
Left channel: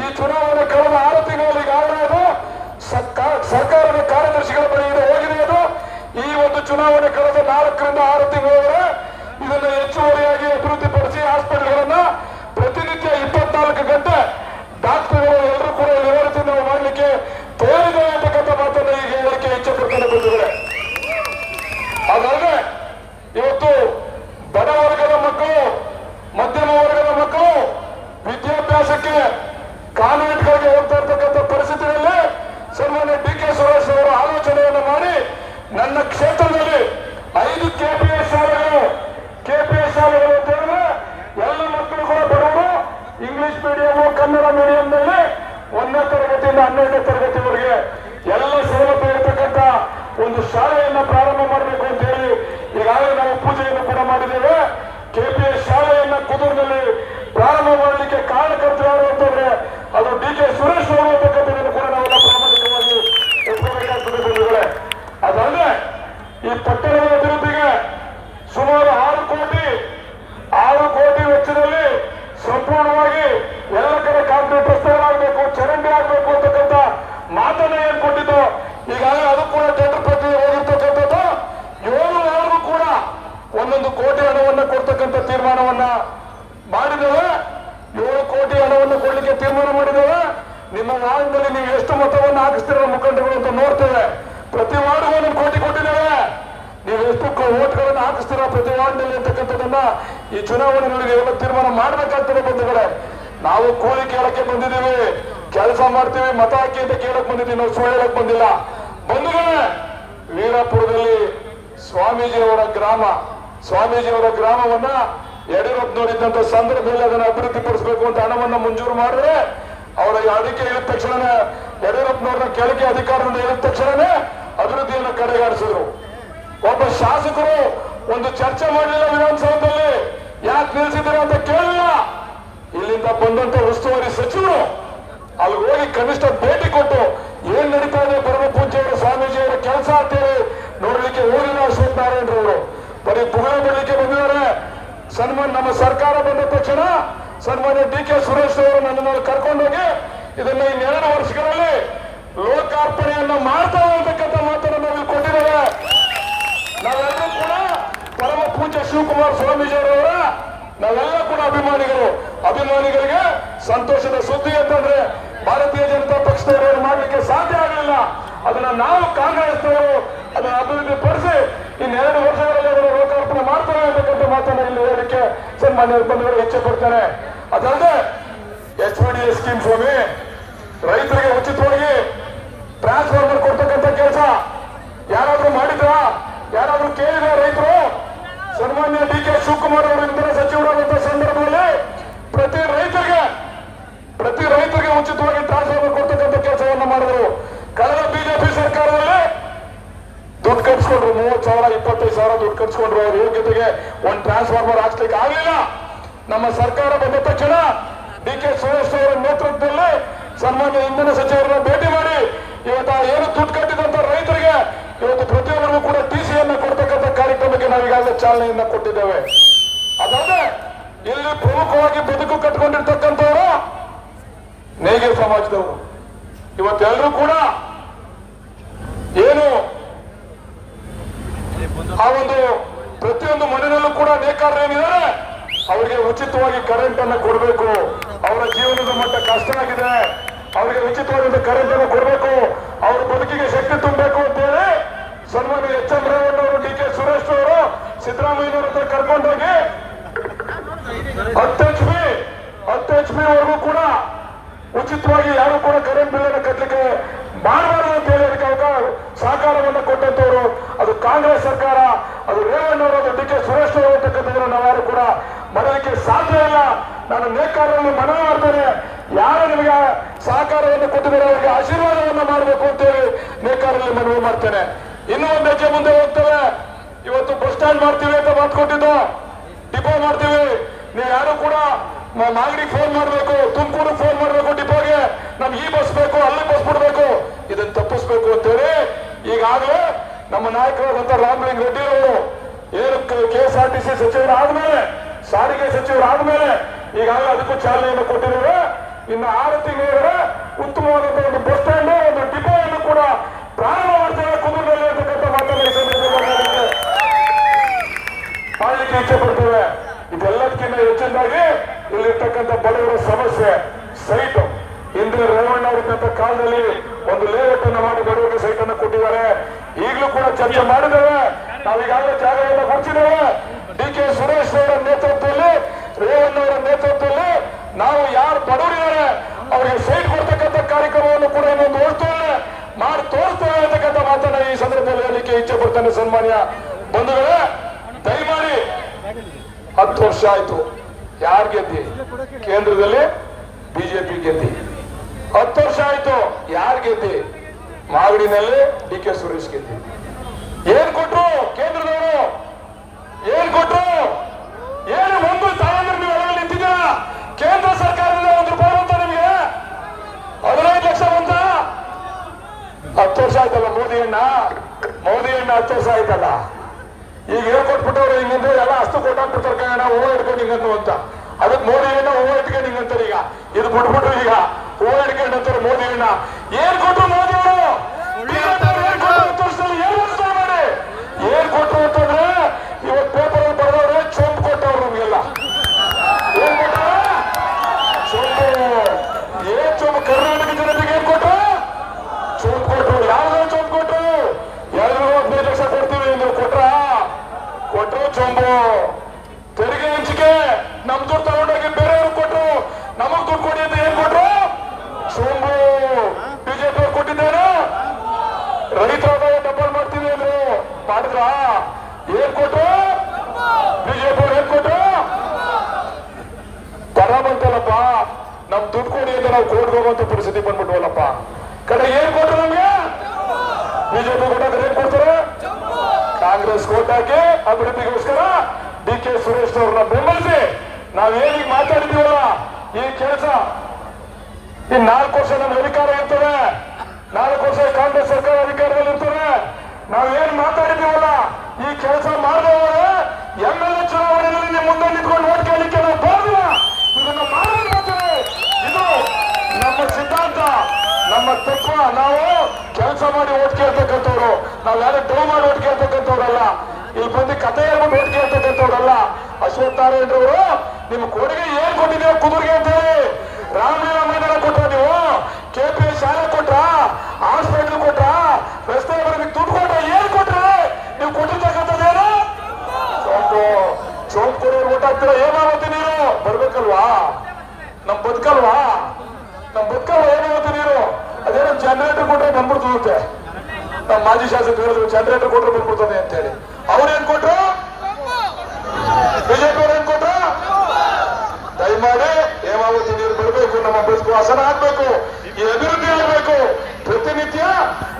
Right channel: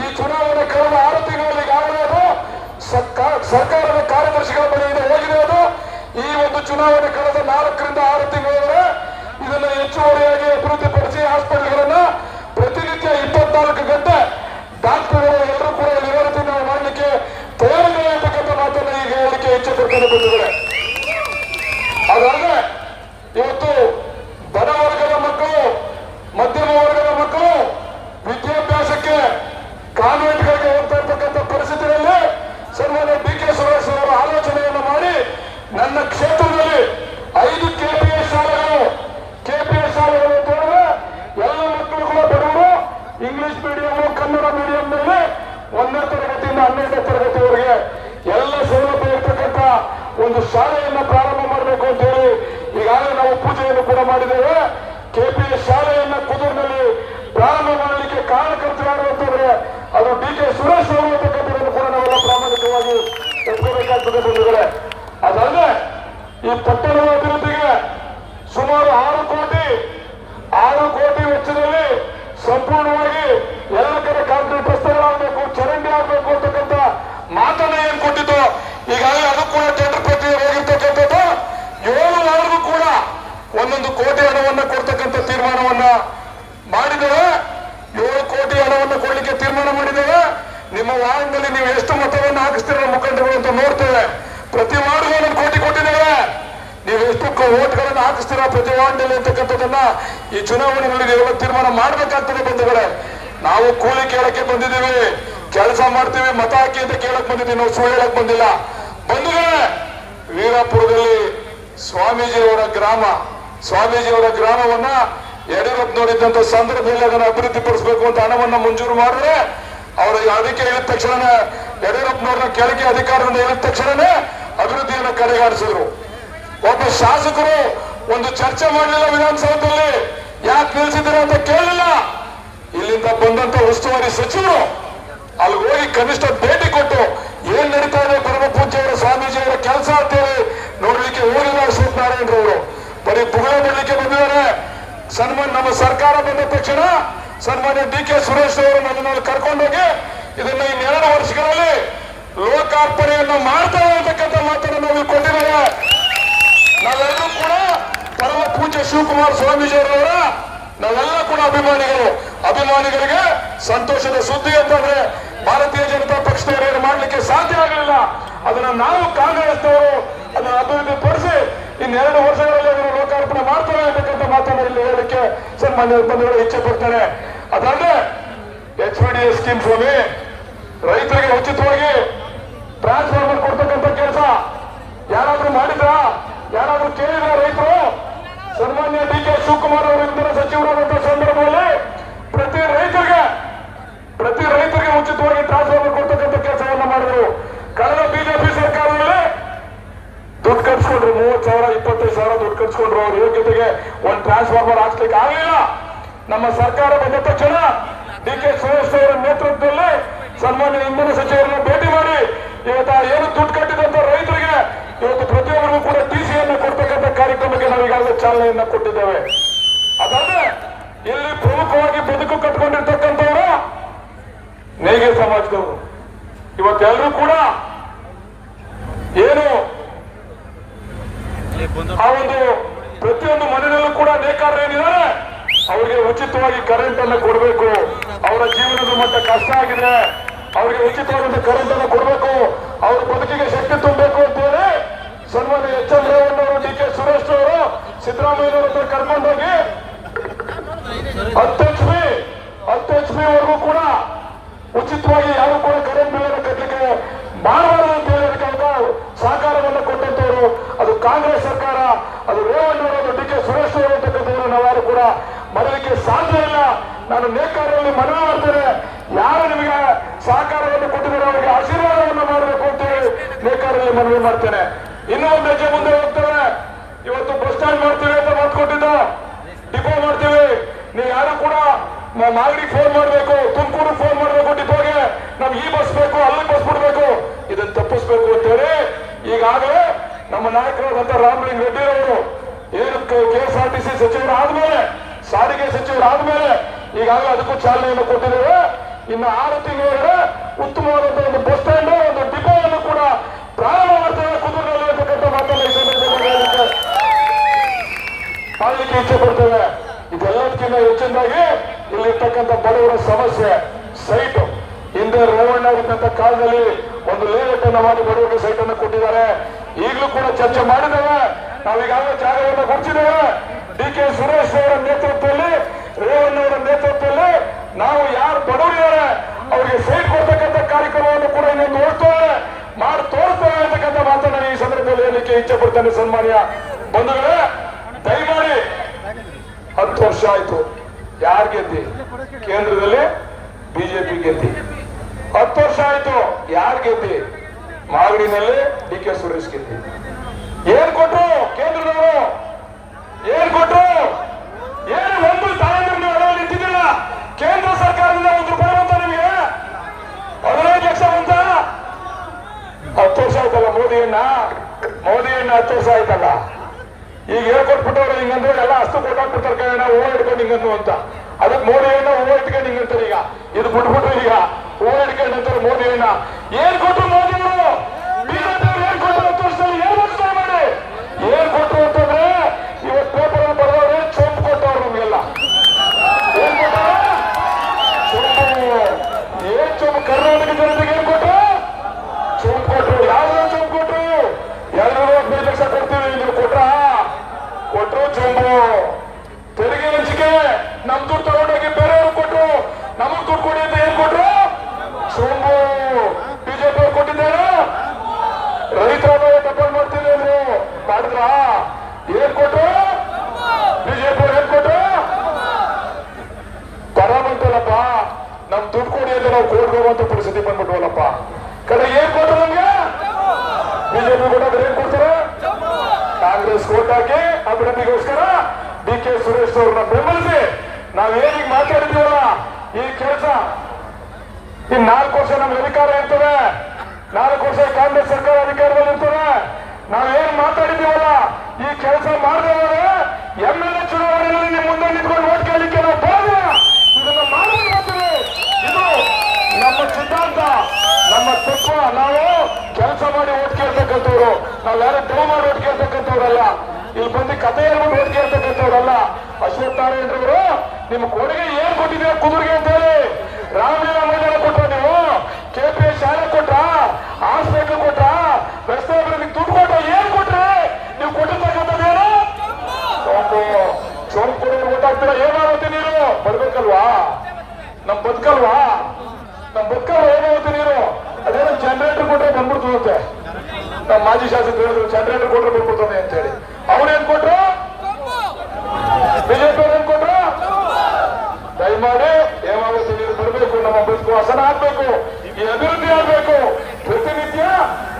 ಈ ಚುನಾವಣೆ ಕಳೆದ 6 ತಿಂಗಳಲ್ಲಿ ಈಗಾಗಲೇ ಅದು ಸರ್ಕಾರದ ಕಾರ್ಯದರ್ಶಿಗಳ ಬಳಿ ಹೋಗಿದೆ. ಅದು ಈ ಒಂದು ಚುನಾವಣೆ ಕಳೆದ 4ರಿಂದ 6 ತಿಂಗಳೊಳಗೆ ಇದನ್ನ ಹೆಚ್ಚುವರಿಯಾಗಿ ಅಭಿವೃದ್ಧಿ ಪಡಿಸಿ ಹಾಸ್ಪಿಟಲ್ಗಳನ್ನ ಪ್ರತಿನಿತ್ಯ 24 ಗಂಟೆ ಡಾಕ್ಟರ್ಗಳು ಎಲ್ಲರೂ ಕೂಡ ನಿರ್ವಹಣೆ ನಾವು ಮಾಡಲಿಕ್ಕೆ ತಯಾರಿದೆ ಅಂತಕ್ಕಂಥ ಮಾತನ್ನ ಈಗ ಹೇಳಲಿಕ್ಕೆ ಇಚ್ಛೆ ಪಡ್ಕೊಂಡು ಬಂದಿದ್ದಾರೆ. ಅದಲ್ಲದೆ ಇವತ್ತು ಬಡ ವರ್ಗದ ಮಕ್ಕಳು, ಮಧ್ಯಮ ವರ್ಗದ ಮಕ್ಕಳು ವಿದ್ಯಾಭ್ಯಾಸಕ್ಕೆ ಕಾನ್ವೆಂಟ್ಗಳಿಗೆ ಹೋಗ್ತಾ ಇರ್ತಕ್ಕಂಥ ಪರಿಸ್ಥಿತಿಯಲ್ಲಿ ಸನ್ಮಾನ್ಯ ಡಿ ಕೆ ಸುರೇಶ್ ಅವರು ಆಲೋಚನೆಯನ್ನು ಮಾಡಿ ನನ್ನ ಕ್ಷೇತ್ರದಲ್ಲಿ 5 KPS ಶಾಲೆಗಳು ಅಂತ ಹೇಳಿದ್ರೆ ಎಲ್ಲ ಮಕ್ಕಳು ಕೂಡ ಬಡವರು ಇಂಗ್ಲಿಷ್ ಮೀಡಿಯಂ, ಕನ್ನಡ ಮೀಡಿಯಂನಲ್ಲಿ 1ನೇ ತರಗತಿಯಿಂದ 12ನೇ ತರಗತಿವರೆಗೆ ಎಲ್ಲ ಸೌಲಭ್ಯ ಇರತಕ್ಕಂಥ ಒಂದು ಶಾಲೆಯನ್ನ ಪ್ರಾರಂಭ ಮಾಡಬೇಕು ಅಂತ ಹೇಳಿ ಈಗಾಗಲೇ ನಾವು ಪೂಜೆಯನ್ನು ಕೂಡ ಮಾಡಿದ್ದೇವೆ. KPS ಶಾಲೆಯನ್ನ ಕುದೂರಿನಲ್ಲಿ ಪ್ರಾರಂಭ ಮಾಡಲಿಕ್ಕೆ ಕಾರಣಕರ್ತರು ಯಾರು ಅಂತಂದ್ರೆ ಅದು ಡಿ ಕೆ ಸುರೇಶ್ ಅವರು ಅಂತಕ್ಕಂಥದ್ದನ್ನು ಕೂಡ ನಾವೆಲ್ಲ ಪ್ರಾಮಾಣಿಕವಾಗಿ ಒಪ್ಪಬೇಕಾಗ್ತದೆ ಬಂಧುಗಳೇ. ಅದಲ್ಲದೆ ಈ ಪಟ್ಟಣದ ಅಭಿವೃದ್ಧಿಗೆ ಸುಮಾರು 6 ಕೋಟಿ ವೆಚ್ಚದಲ್ಲಿ ಸಂಪೂರ್ಣವಾಗಿ ಎಲ್ಲ ಕಡೆ ಕಾಂಕ್ರೀಟ್ ರಸ್ತೆ ಆಗಬೇಕು, ಚರಂಡಿ ಆಗಬೇಕು ಅಂತಕ್ಕಂಥ ಮಾತನ್ನ ಏನ್ ಕೊಟ್ಟಿದ್ದು ಈಗಾಗಲೇ ಅದು ಕೂಡ ಟೆಂಡರ್ ಪ್ರಕ್ರಿಯೆ ಹೋಗಿರ್ತಕ್ಕಂಥದ್ದು. 7 ಕೂಡ 1 ಕೋಟಿ ಹಣವನ್ನು ಕೊಡ್ತಕ್ಕಂಥ ತೀರ್ಮಾನವನ್ನ ಮಾಡಿದ್ದೇವೆ. 7 ಕೋಟಿ ಹಣವನ್ನು ಕೊಡ್ಲಿಕ್ಕೆ ತೀರ್ಮಾನ ಮಾಡಿದ್ದೇವೆ. ನಿಮ್ಮ ವಾರ್ಡ್ನಲ್ಲಿ ನೀವು ಎಷ್ಟು ಮತವನ್ನು ಹಾಕಿಸ್ತೀರ ಮುಖಂಡರು ಅಂತ ನೋಡ್ತೇವೆ. ಪ್ರತಿ ವಾರ್ಡ್ಗೂ 1 ಕೋಟಿ ಕೊಟ್ಟಿದ್ದೇವೆ. ನೀವು ಎಷ್ಟು ಓಟ್ಗಳನ್ನು ಹಾಕಿಸ್ತೀರಾ ಪ್ರತಿ ವಾರ್ಡ್ನಲ್ಲಿ ಅಂತಕ್ಕಂಥದ್ದನ್ನ ಈ ಚುನಾವಣೆಯಲ್ಲಿ ನೀವೆಲ್ಲ ತೀರ್ಮಾನ ಮಾಡಬೇಕಾಗ್ತದೆ ಬಂಧುಗಳೇ. ನಾವು ಕೂಲಿ ಕೇಳಕ್ಕೆ ಬಂದಿದ್ದೀವಿ, ಕೆಲಸ ಮಾಡ್ತೀವಿ, ಮತ ಹಾಕಿ ಅಂತ ಕೇಳಕ್ ಬಂದಿದ್ದೀವಿ, ನಾವು ಸುಳ್ಳು ಹೇಳಕ್ ಬಂದಿಲ್ಲ ಬಂಧುಗಳೇ. ವೀರಾಪುರದಲ್ಲಿ ಸ್ವಾಮೀಜಿಯವರ ಗ್ರಾಮವನ್ನ ಯಡಿಯೂರಪ್ಪನವರಿದ್ದಂತ ಸಂದರ್ಭದಲ್ಲಿ ಅದನ್ನು ಅಭಿವೃದ್ಧಿ ಪಡಿಸಬೇಕು ಅಂತ ಹಣವನ್ನ ಮಂಜೂರು ಮಾಡಿದ್ರೆ ಅವರು ಅದಕ್ಕೆ ಹೇಳಿದ ತಕ್ಷಣನೇ ಯಡಿಯೂರಪ್ಪನವ್ರನ್ನ ಕೆಳಗೆ ಅಧಿಕಾರದಿಂದ ಹೇಳಿದ ತಕ್ಷಣನೇ ಅಭಿವೃದ್ಧಿಯನ್ನು ಕಡೆಗಾಣಿಸಿದ್ರು. ಒಬ್ಬ ಶಾಸಕರು ಒಂದು ಚರ್ಚೆ ಮಾಡಲಿಲ್ಲ ವಿಧಾನಸೌಧದಲ್ಲಿ, ಯಾಕೆ ನಿಲ್ಸಿದ್ದೀರಾ ಅಂತ ಕೇಳಲಿಲ್ಲ. ಇಲ್ಲಿಂದ ಬಂದಂತ ಉಸ್ತುವಾರಿ ಸಚಿವರು ಅಲ್ಲಿ ಹೋಗಿ ಕನಿಷ್ಠ ಭೇಟಿ ಕೊಟ್ಟು ಏನ್ ನಡೀತಾ ಇದೆ ಪರಮ ಪೂಜ್ಯರ ಸ್ವಾಮೀಜಿಯವರ ಕೆಲಸ ಅಂತೇಳಿ ನೋಡ್ಲಿಕ್ಕೆ ಹೋಗಿಲ್ಲ ಅಶ್ವಥ್ ನಾರಾಯಣ ಅವರು. ಬರೀ ಪುಗಳ ಬರಲಿಕ್ಕೆ ಬಂದಿದ್ದಾರೆ. ನಮ್ಮ ಸರ್ಕಾರ ಬಂದ ತಕ್ಷಣ ಸನ್ಮಾನ್ಯ DK ಸುರೇಶ್ ಅವರು ನನ್ನನ್ನು ಕರ್ಕೊಂಡೋಗಿ ಇದನ್ನ ಇನ್ನೆರಡು ವರ್ಷಗಳಲ್ಲಿ ಲೋಕಾರ್ಪಣೆಯನ್ನು ಮಾಡ್ತಾರೆ ಅಂತಕ್ಕಂಥ ಮಾತನ್ನು ನಾವು ಕೊಟ್ಟಿದ್ದಾರೆ. ನಾವೆಲ್ಲರೂ ಕೂಡ ಪರಮ ಪೂಜ್ಯ ಶಿವಕುಮಾರ ಸ್ವಾಮೀಜಿಯವರವರ ನಾವೆಲ್ಲ ಕೂಡ ಅಭಿಮಾನಿಗಳಿಗೆ ಸಂತೋಷದ ಸುದ್ದಿ ಅಂತಂದ್ರೆ ಭಾರತೀಯ ಜನತಾ ಪಕ್ಷದವರು ಏನು ಮಾಡ್ಲಿಕ್ಕೆ ಸಾಧ್ಯ ಆಗಲಿಲ್ಲ. ಅದನ್ನ ನಾವು ಕಾಂಗ್ರೆಸ್ನವರು ಅದನ್ನ ಅಭಿವೃದ್ಧಿ ಪಡಿಸಿ ಇನ್ನೆರಡು ವರ್ಷಗಳಲ್ಲಿ ಅವರು ಲೋಕಾರ್ಪಣೆ ಮಾಡ್ತಾರೆ ಅಂತಕ್ಕಂಥ ಮಾತನ್ನು ಇಲ್ಲಿ ಹೇಳಲಿಕ್ಕೆ ಸನ್ಮಾನ್ಯ ಬಂಧುಗಳು ಇಚ್ಛೆ ಪಡ್ತಾರೆ. ಅದಲ್ಲದೆ SVDA ಸ್ಕೀಮ್ ಸ್ವಾಮಿ ರೈತರಿಗೆ ಉಚಿತವಾಗಿ ಟ್ರಾನ್ಸ್ಫಾರ್ಮರ್ ಕೊಡ್ತಕ್ಕಂಥ ಕೆಲಸ ಯಾರಾದ್ರೂ ಮಾಡಿದ್ರ? ಯಾರಾದ್ರೂ ಕೇಳಿದ್ರ ರೈತರು? ಸನ್ಮಾನ್ಯ DK ಶಿವಕುಮಾರ್ ಅವರು ಇಂಧನ ಸಚಿವರಾದಂತಹ ಸಂದರ್ಭದಲ್ಲಿ ಪ್ರತಿ ರೈತರಿಗೆ ಉಚಿತವಾಗಿ ಟ್ರಾನ್ಸ್ಫಾರ್ಮರ್ ಕೊಡ್ತಕ್ಕಂಥ ಕೆಲಸವನ್ನು ಮಾಡಿದ್ರು. ಕಳೆದ ಬಿಜೆಪಿ ಸರ್ಕಾರದಲ್ಲಿ ದುಡ್ಡು ಕಟ್ಸ್ಕೊಂಡ್ರು, 30,000 25,000 ದುಡ್ಡು ಕಟ್ಸ್ಕೊಂಡ್ರು. ಅವ್ರ ಯೋಗ್ಯತೆಗೆ ಒಂದು ಟ್ರಾನ್ಸ್ಫಾರ್ಮರ್ ಹಾಕ್ಲಿಕ್ಕೆ ಆಗಲಿಲ್ಲ. ನಮ್ಮ ಸರ್ಕಾರ ಬಂದ ತಕ್ಷಣ DK ಸುರೇಶ್ ಅವರ ನೇತೃತ್ವದಲ್ಲಿ ಸನ್ಮಾನ್ಯ ಇಂಧನ ಸಚಿವರನ್ನು ಭೇಟಿ ಮಾಡಿ ಇವತ್ತು ಏನು ದುಡ್ಡು ಕಟ್ಟಿದಂತ ರೈತರಿಗೆ ಇವತ್ತು ಪ್ರತಿಯೊಬ್ಬರಿಗೂ ಕೂಡ TCಯನ್ನು ಕೊಡ್ತಕ್ಕಂಥ ಕಾರ್ಯಕ್ರಮಕ್ಕೆ ನಾವು ಈಗಾಗಲೇ ಚಾಲನೆಯನ್ನ ಕೊಟ್ಟಿದ್ದೇವೆ. ಅದಲ್ಲದೆ ಇಲ್ಲಿ ಪ್ರಮುಖವಾಗಿ ಬದುಕು ಕಟ್ಕೊಂಡಿರ್ತಕ್ಕಂಥವರು ನೇಗಿಲ ಸಮಾಜದವರು ಇವತ್ತೆಲ್ಲರೂ ಕೂಡ ಏನು ಆ ಒಂದು ಪ್ರತಿಯೊಂದು ಮನೆಯಲ್ಲೂ ಕೂಡ ನೇಕಾರರು ಏನಿದ್ದಾರೆ ಅವರಿಗೆ ಉಚಿತವಾಗಿ ಕರೆಂಟ್ ಅನ್ನು ಕೊಡಬೇಕು. ಅವರ ಜೀವನದ ಮಟ್ಟ ಕಷ್ಟ ಆಗಿದೆ, ಅವರಿಗೆ ಉಚಿತವಾದ ಕರೆಂಟ್ ಅನ್ನು ಕೊಡಬೇಕು, ಅವರ ಬದುಕಿಗೆ ಶಕ್ತಿ ತುಂಬಬೇಕು ಅಂತ ಹೇಳಿ ಸನ್ಮಾನ್ಯ HM ರೇವಣ್ಣವರು DK ಸುರೇಶ್ ಅವರು ಸಿದ್ದರಾಮಯ್ಯನವರ ಹತ್ರ ಕರ್ಕೊಂಡೋಗಿ 10 HP ವರೆಗೂ ಕೂಡ ಉಚಿತವಾಗಿ ಯಾರು ಕೂಡ ಕರೆಂಟ್ ಬಿಲ್ ಅನ್ನು ಕಟ್ಟಲಿಕ್ಕೆ ಮಾಡಬಾರದು ಅಂತ ಹೇಳಿ ಅದಕ್ಕೆ ಸಹಕಾರವನ್ನು ಕೊಟ್ಟಂತವರು ಅದು ಕಾಂಗ್ರೆಸ್ ಸರ್ಕಾರ, ಅದು ರೇವಣ್ಣವರು, ಅದು DK ಸುರೇಶ್ ಅವರು ಅಂತಕ್ಕಂಥವ್ರು ನಾವು ಯಾರು ಕೂಡ ಮಾಡಲಿಕ್ಕೆ ಸಾಧ್ಯ ಇಲ್ಲ. ನಾನು ನೇಕಾರರಲ್ಲಿ ಮನವಿ ಮಾಡ್ತೇನೆ, ಯಾರು ನಿಮಗೆ ಸಹಕಾರವನ್ನು ಕೊಟ್ಟಿದ್ದಾರೆ ಅವರಿಗೆ ಆಶೀರ್ವಾದವನ್ನು ಮಾಡಬೇಕು ಅಂತ ಹೇಳಿ ನೇಕಾರರಲ್ಲಿ ಮನವಿ ಮಾಡ್ತೇನೆ. ಇನ್ನೂ ಒಂದು ಹೆಜ್ಜೆ ಮುಂದೆ ಹೋಗ್ತೇವೆ. ಇವತ್ತು ಬಸ್ ಸ್ಟ್ಯಾಂಡ್ ಮಾಡ್ತೀವಿ ಅಂತ ಮಾತು ಕೊಟ್ಟಿದ್ದು, ಡಿಪೋ ಮಾಡ್ತೀವಿ. ನೀವು ಯಾರು ಕೂಡ ಮಾಗಡಿಗೆ ಫೋನ್ ಮಾಡಬೇಕು, ತುಮಕೂರು ಫೋನ್ ಮಾಡಬೇಕು, ಡಿಪೋಗೆ ನಮ್ಗೆ ಈ ಬಸ್ ಬೇಕು, ಅಲ್ಲಿ ಬಸ್ ಬಿಡಬೇಕು, ಇದನ್ನು ತಪ್ಪಿಸ್ಬೇಕು ಅಂತೇಳಿ ಈಗಾಗಲೇ ನಮ್ಮ ನಾಯಕರಾದಂತ ರಾಮಲಿಂಗ ರೆಡ್ಡಿ ಅವರು ಏನು KSRTC ಸಚಿವರಾದ್ಮೇಲೆ, ಸಾರಿಗೆ ಸಚಿವರಾದ್ಮೇಲೆ ಈಗಾಗಲೇ ಅದಕ್ಕೂ ಚಾಲನೆಯನ್ನು ಕೊಟ್ಟಿದ್ದೇವೆ. ಇನ್ನು 6 ತಿಂಗಳ ಉತ್ತಮವಾದಂತಹ ಒಂದು ಬಸ್ ಸ್ಟ್ಯಾಂಡ್, ಒಂದು ಡಿಪೋ ಅನ್ನು ಕೂಡ ಪ್ರಾರಂಭ ಮಾಡ್ತೇವೆ ಕುದುರೆಯಲ್ಲಿ ಅಂತಕ್ಕಂಥ ಮಾತನ್ನು ಈ ಸಂದರ್ಭದಲ್ಲಿ ಮಾಡಲಿಕ್ಕೆ ಇಚ್ಛೆ ಪಡ್ತೇವೆ. ಇದೆಲ್ಲದಕ್ಕಿಂತ ಹೆಚ್ಚಿನದಾಗಿ ಇಲ್ಲಿರ್ತಕ್ಕಂಥ ಬಡವರ ಸಮಸ್ಯೆ ಸೈಟ್, ಹಿಂದೆ ರೇವಣ್ಣವರಿದ್ದಂತ ಕಾಲದಲ್ಲಿ ಒಂದು ಲೇಔಟ್ ಅನ್ನು ಮಾಡಿ ಬಡವರಿಗೆ ಸೈಟ್ ಅನ್ನು ಕೊಟ್ಟಿದ್ದಾರೆ. ಈಗಲೂ ಕೂಡ ಚರ್ಚೆ ಮಾಡಿದ್ದೇವೆ. ನಾವೀಗಾಗಲೇ ಜಾಗವನ್ನು ಗುರುತಿದ್ದೇವೆ. DK ಸುರೇಶ್ ಅವರ ನೇತೃತ್ವದಲ್ಲಿ, ರೇವಣ್ಣವರ ನೇತೃತ್ವದಲ್ಲಿ ನಾವು ಯಾರು ಬಡವರಿದ್ದಾರೆ ಅವರಿಗೆ ಸೈಟ್ ಕೊಡ್ತಕ್ಕಂಥ ಕಾರ್ಯಕ್ರಮವನ್ನು ಕೂಡ ಇನ್ನೊಂದು ವರ್ಷದೊಳಗೆ ಮಾಡಿ ತೋರಿಸ್ತೇವೆ ಅಂತಕ್ಕಂಥ ಮಾತನ್ನ ಈ ಸಂದರ್ಭದಲ್ಲಿ ಹೇಳಲಿಕ್ಕೆ ಇಚ್ಛೆ ಪಡ್ತಾನೆ. ಸನ್ಮಾನ್ಯ ಬಂಧುಗಳೇ, ದಯಮಾಡಿ 10 ವರ್ಷ ಆಯ್ತು. ಯಾರು ಗೆದ್ದಿ? ಕೇಂದ್ರದಲ್ಲಿ BJP ಗೆದ್ದಿ. 10 ವರ್ಷ ಆಯ್ತು. ಯಾರು ಗೆದ್ದಿ? ಮಾಗಡಿನಲ್ಲಿ DK ಸುರೇಶ್ ಗೆದ್ದಿ. ಏನ್ ಕೊಟ್ರು ಕೇಂದ್ರದವರು? ಏನ್ ಕೊಟ್ರು? ಏನು ಒಂದು ತಾಯಂದ್ರೆ ಅದರಲ್ಲಿ ನಿಂತಿದ್ದೀರ? ಕೇಂದ್ರ ಸರ್ಕಾರದಿಂದ ₹1 ಬಂತ ನಿಮಗೆ? 15 ಲಕ್ಷ ಬಂತ? 10 ವರ್ಷ ಆಯ್ತಲ್ಲ ಮೋದಿ ಅಣ್ಣ 10 ವರ್ಷ ಆಯ್ತಲ್ಲ. ಈಗ ಹೇಳ್ಕೊಟ್ಬಿಟ್ಟವ್ರು ಹಿಂಗಂದ್ರೆ ಎಲ್ಲ ಅಷ್ಟು ಕೊಟ್ಟಾಗ್ತಿರ್ತಾರೆ ಕಣ, ಹೂವು ಇಟ್ಕೊಂಡು ಹಿಂಗಂದು ಅಂತ. ಅದಕ್ಕೆ ಮೋದಿ ಅಣ್ಣ ಹೂವು ಇಟ್ಕೊಂಡು ಹಿಂಗಂತಾರೆ. ಈಗ ಇದು ಬಿಟ್ಬಿಟ್ರು, ಈಗ ಹೂವು ಇಟ್ಕೊಂಡು ಅಂತಾರೆ ಮೋದಿ ಅಣ್ಣ. ಏನ್ ಕೊಟ್ರು ಮೋದಿ ಅವರು? ಏನ್ ಕೊಟ್ರು ಅಂತಂದ್ರೆ ಇವತ್ತು ಪೇಪರ್ ಅಲ್ಲಿ ಬರೆದವ್ರೆ ಚೊಂಪು ಕೊಟ್ಟವ್ರು ನಿಮ್ಗೆಲ್ಲ. ಏನ್ ಕೊಟ್ಟ? ಚೊಂಪು. ಏನ್ ಚೊಂಪು? ಕರ್ನಾಟಕ ಜನತೆಗೆ ಏನ್ ಕೊಟ್ರು? ಚೊಂಪು ಕೊಟ್ರು. ಯಾವ್ದು ಚೊಂಪು ಕೊಟ್ರು? 215 ಲಕ್ಷ ಕೊಡ್ತೀವಿ ಅಂದ್ರೆ ಕೊಟ್ರು ಚೊಂಬು. ತೆರಿಗೆ ಹಂಚಿಕೆ ನಮ್ ದುಡ್ಡು ತಗೊಂಡೋಗಿ ಬೇರೆಯವ್ರು ಕೊಟ್ರು, ನಮಗ್ ದುಡ್ಡು ಕೊಡಿ ಅಂತ ಏನ್ ನಮ್ ದುಡ್ಡು ಕೊಡಿ ಅಂತ ನಾವು ಕೋರ್ಟ್ ಹೋಗುವಂತ ಪರಿಸ್ಥಿತಿ ಬಂದ್ಬಿಟ್ವಲ್ಲಪ್ಪ. ಕಡೆ ಏನ್ ಕೊಟ್ಟರು ನಮ್ಗೆ? ಬಿಜೆಪಿ ಕೊಟ್ಟಾಗ ಏನ್ ಕೊಡ್ತಾರೆ? ಕಾಂಗ್ರೆಸ್ ಕೋಟ್ ಹಾಕಿ ಅಭಿವೃದ್ಧಿಗೋಸ್ಕರ ಡಿ ಕೆ ಸುರೇಶ್ ಅವ್ರನ್ನ ಬೆಂಬಲಿಸಿ ನಾವೇನೀಗ ಮಾತಾಡಿದೀವಲ್ಲ ಈ ಕೆಲಸ, ಈ 4 ವರ್ಷ ನಮ್ಗೆ ಅಧಿಕಾರ ಇರ್ತದೆ, 4 ವರ್ಷ ಕಾಂಗ್ರೆಸ್ ಸರ್ಕಾರ ಅಧಿಕಾರದಲ್ಲಿ ಇರ್ತದೆ. ನಾವೇನ್ ಮಾತಾಡಿದೀವಲ್ಲ ಈ ಕೆಲಸ ಮಾಡಿದವರೆ MLA ಚುನಾವಣೆಯಲ್ಲಿ ನಿಮ್ಮ ಮುಂದೆ ನಿಂತ್ಕೊಂಡು ಓಟ್ ಕೇಳಲಿಕ್ಕೆ ನಾವು ಬಾರ ಇದನ್ನ ಮಾಡಬೇಕಾಗ್ತದೆ. ಇದು ನಮ್ಮ ಸಿದ್ಧಾಂತ, ನಮ್ಮ ತತ್ವ. ನಾವು ಕೆಲಸ ಮಾಡಿ ಓಟ್ ಕೇಳ್ತಕ್ಕಂಥವ್ರು, ನಾವು ಯಾರು ಡ್ರೈ ಮಾಡಿ ಓಟ್ ಕೇಳ್ತಕ್ಕಂಥವ್ರಲ್ಲ, ಇಲ್ಲಿ ಬಂದು ಕಥೆ ಹೇಳ್ಬಿಟ್ಟು ಓಟ್ ಕೇಳ್ತಕ್ಕಂಥವ್ರಲ್ಲ. ಅಶ್ವತ್ಥನಾರಾಯಣರವರು ನಿಮ್ಮ ಕೊಡುಗೆ ಏನ್ ಕೊಟ್ಟಿದ್ದೀರ ಕುದುರ್ಗೆ ಅಂತ ಹೇಳಿ? ರಾಮಲೀಲಾ ಮೈದಾನ ಕೊಟ್ರ, ನೀವು KPS ಶಾಲೆ ಕೊಟ್ರ, ಹಾಸ್ಪಿಟಲ್ ಕೊಟ್ರ, ರಸ್ತೆ ದುಡ್ಡು ಕೊಟ್ರ, ಏನ್ ಕೊಟ್ರೆ? ನೀವು ಕೊಟ್ಟಿರ್ತಕ್ಕಂಥದ್ದೇನು? ಸೋಂಕು ಕೊಡೋರು ಗೊತ್ತಾಗ್ತೀರ? ಏನಾಗುತ್ತೆ? ನೀರು ಬರ್ಬೇಕಲ್ವಾ? ನಮ್ ಬದುಕಲ್ವಾ? ಏನಾಗುತ್ತೆ? ನೀರು ಅದೇನೋ ಜನರೇಟರ್ ಕೊಟ್ರೆ ಬಂದ್ಬಿಡ್ತದಂತೆ. ನಮ್ಮ ಮಾಜಿ ಶಾಸಕರು ಹೇಳಿದ್ರು ಜನರೇಟರ್ ಕೊಟ್ರೆ ಬಂದ್ಬಿಡ್ತದೆ ಅಂತ ಹೇಳಿ. ಅವ್ರೇನ್ ಕೊಟ್ರು? ಬಿಜೆಪಿ ಅವ್ರು ಏನ್ ಕೊಟ್ರು? ದಯಮಾಡಿ ಹೇಮಾವತಿ ನೀರು ಬರಬೇಕು, ನಮ್ಮ ಬದುಕು ಹಸನ ಆಗ್ಬೇಕು, ಈ ಅಭಿವೃದ್ಧಿ ಆಗ್ಬೇಕು. ಪ್ರತಿನಿತ್ಯ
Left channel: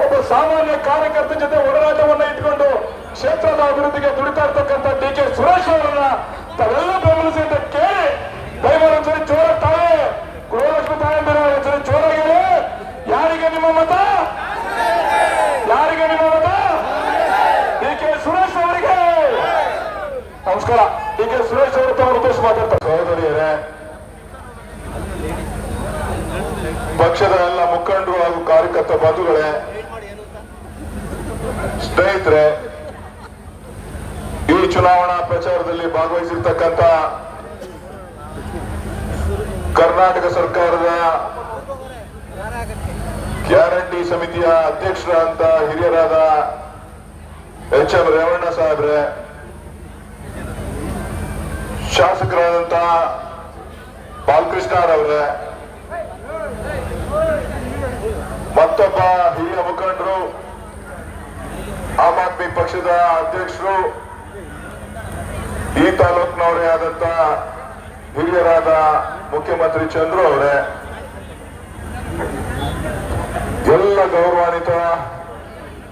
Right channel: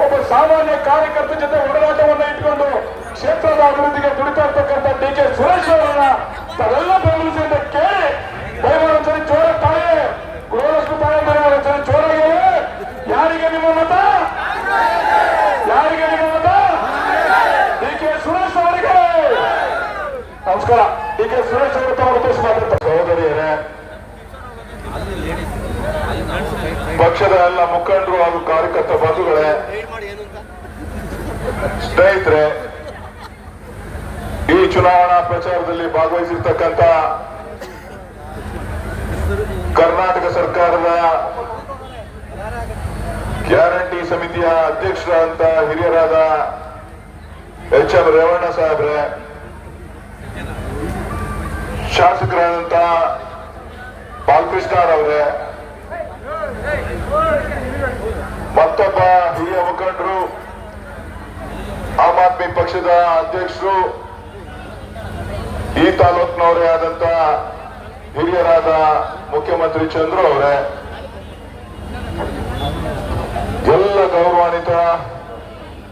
ಒಬ್ಬ ಸಾಮಾನ್ಯ ಕಾರ್ಯಕರ್ತ ಜೊತೆ ಹೋರಾಟವನ್ನ ಇಟ್ಕೊಂಡು ಕ್ಷೇತ್ರದ ಅಭಿವೃದ್ಧಿಗೆ ದುಡಿತಾ ಇರ್ತಕ್ಕಂಥ ಡಿ ಕೆ ಸುರೇಶ್ ಅವರನ್ನ ತಾವೆಲ್ಲ ಬೆಂಬಲಿಸಿ ಅಂತ ಕೇಳಿ ದಯಮಾಡಿ ಒಂದ್ಸರಿ ಜೋರ ತಾಳೆ ಗೃಹಲಕ್ಷ್ಮಿ ತಾಳೆ ಬೇರೆ ಒಂದ್ಸರಿ ಜೋರಾಗಿ ಹೇಳಿ. ಯಾರಿಗೆ ನಿಮ್ಮ ಮತ? ಯಾರಿಗೆ ನಿಮ್ಮ ಮತ? ಡಿ ಕೆ ಸುರೇಶ್ ಅವರಿಗೆ ನಮಸ್ಕಾರ. ಡಿ ಕೆ ಸುರೇಶ್ ಅವರು ತಮ್ಮ ಉದ್ದೇಶ ಮಾತಾಡ್ತಾರೆ. ಸಹೋದರಿಯರೇ, ಪಕ್ಷದ ಎಲ್ಲ ಮುಖಂಡರು ಹಾಗೂ ಕಾರ್ಯಕರ್ತ ಬಂಧುಗಳೇ, ಸ್ನೇಹಿತರೆ, ಈ ಚುನಾವಣಾ ಪ್ರಚಾರದಲ್ಲಿ ಭಾಗವಹಿಸಿರ್ತಕ್ಕಂಥ ಕರ್ನಾಟಕ ಸರ್ಕಾರದ ಗ್ಯಾರಂಟಿ ಸಮಿತಿಯ ಅಧ್ಯಕ್ಷರಾದಂತ ಹಿರಿಯರಾದ HM ರೇವಣ್ಣ ಸಾಹೇಬ್ರೆ, ಶಾಸಕರಾದಂತ ಬಾಲಕೃಷ್ಣರವರೇ, ಮತ್ತೊಬ್ಬ ಹಿರಿಯ ಮುಖಂಡರು, ಆಮ್ ಆದ್ಮಿ ಪಕ್ಷದ ಅಧ್ಯಕ್ಷರು, ಈ ತಾಲೂಕಿನವರೇ ಆದಂತ ಹಿರಿಯರಾದ ಮುಖ್ಯಮಂತ್ರಿ ಚಂದ್ರು ಅವರೇ, ಎಲ್ಲ ಗೌರವಾನ್ವಿತ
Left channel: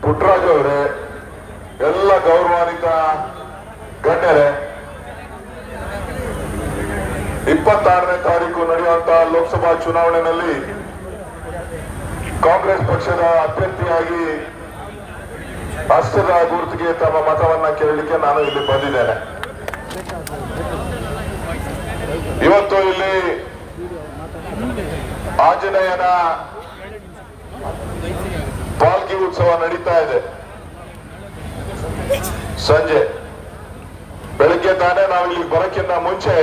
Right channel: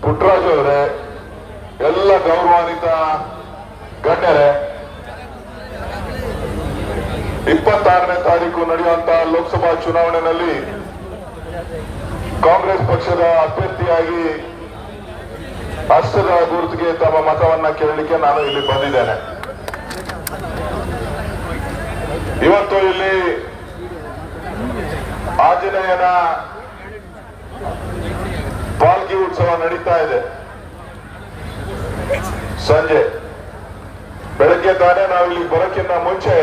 ಪುಟ್ಟರಾಜು ಅವರೇ, ಎಲ್ಲ ಗೌರವಾನ್ವಿತ ಗಣ್ಯರೇ, 26ನೇ ತಾರೀಕು ನಡೆಯುವಂತಹ ಲೋಕಸಭಾ ಚುನಾವಣೆಯಲ್ಲಿ ಕಾಂಗ್ರೆಸ್ ಪಕ್ಷದ ಅಭ್ಯರ್ಥಿಯಾಗಿ ಹಸ್ತದ ಗುರುತಿಗೆ ತಮ್ಮ ಮತವನ್ನ ಕೇಳಲಿಕ್ಕೆ ನಾನು ಇಲ್ಲಿ ಬಂದಿದ್ದೇನೆ. ಇವತ್ತು ಇಲ್ಲಿ ಆಂಜನೇಯನ ಪಾಲ್ಕಿ ಉತ್ಸವ ನಡೀತಾ ಇದೆ. ಸಂಜೆ ಬೆಳಗ್ಗೆ ತಾನೇ ನಾವು ಇಲ್ಲಿ ಬರೋಕ್ಕಿಂತ ಮುಂಚೆ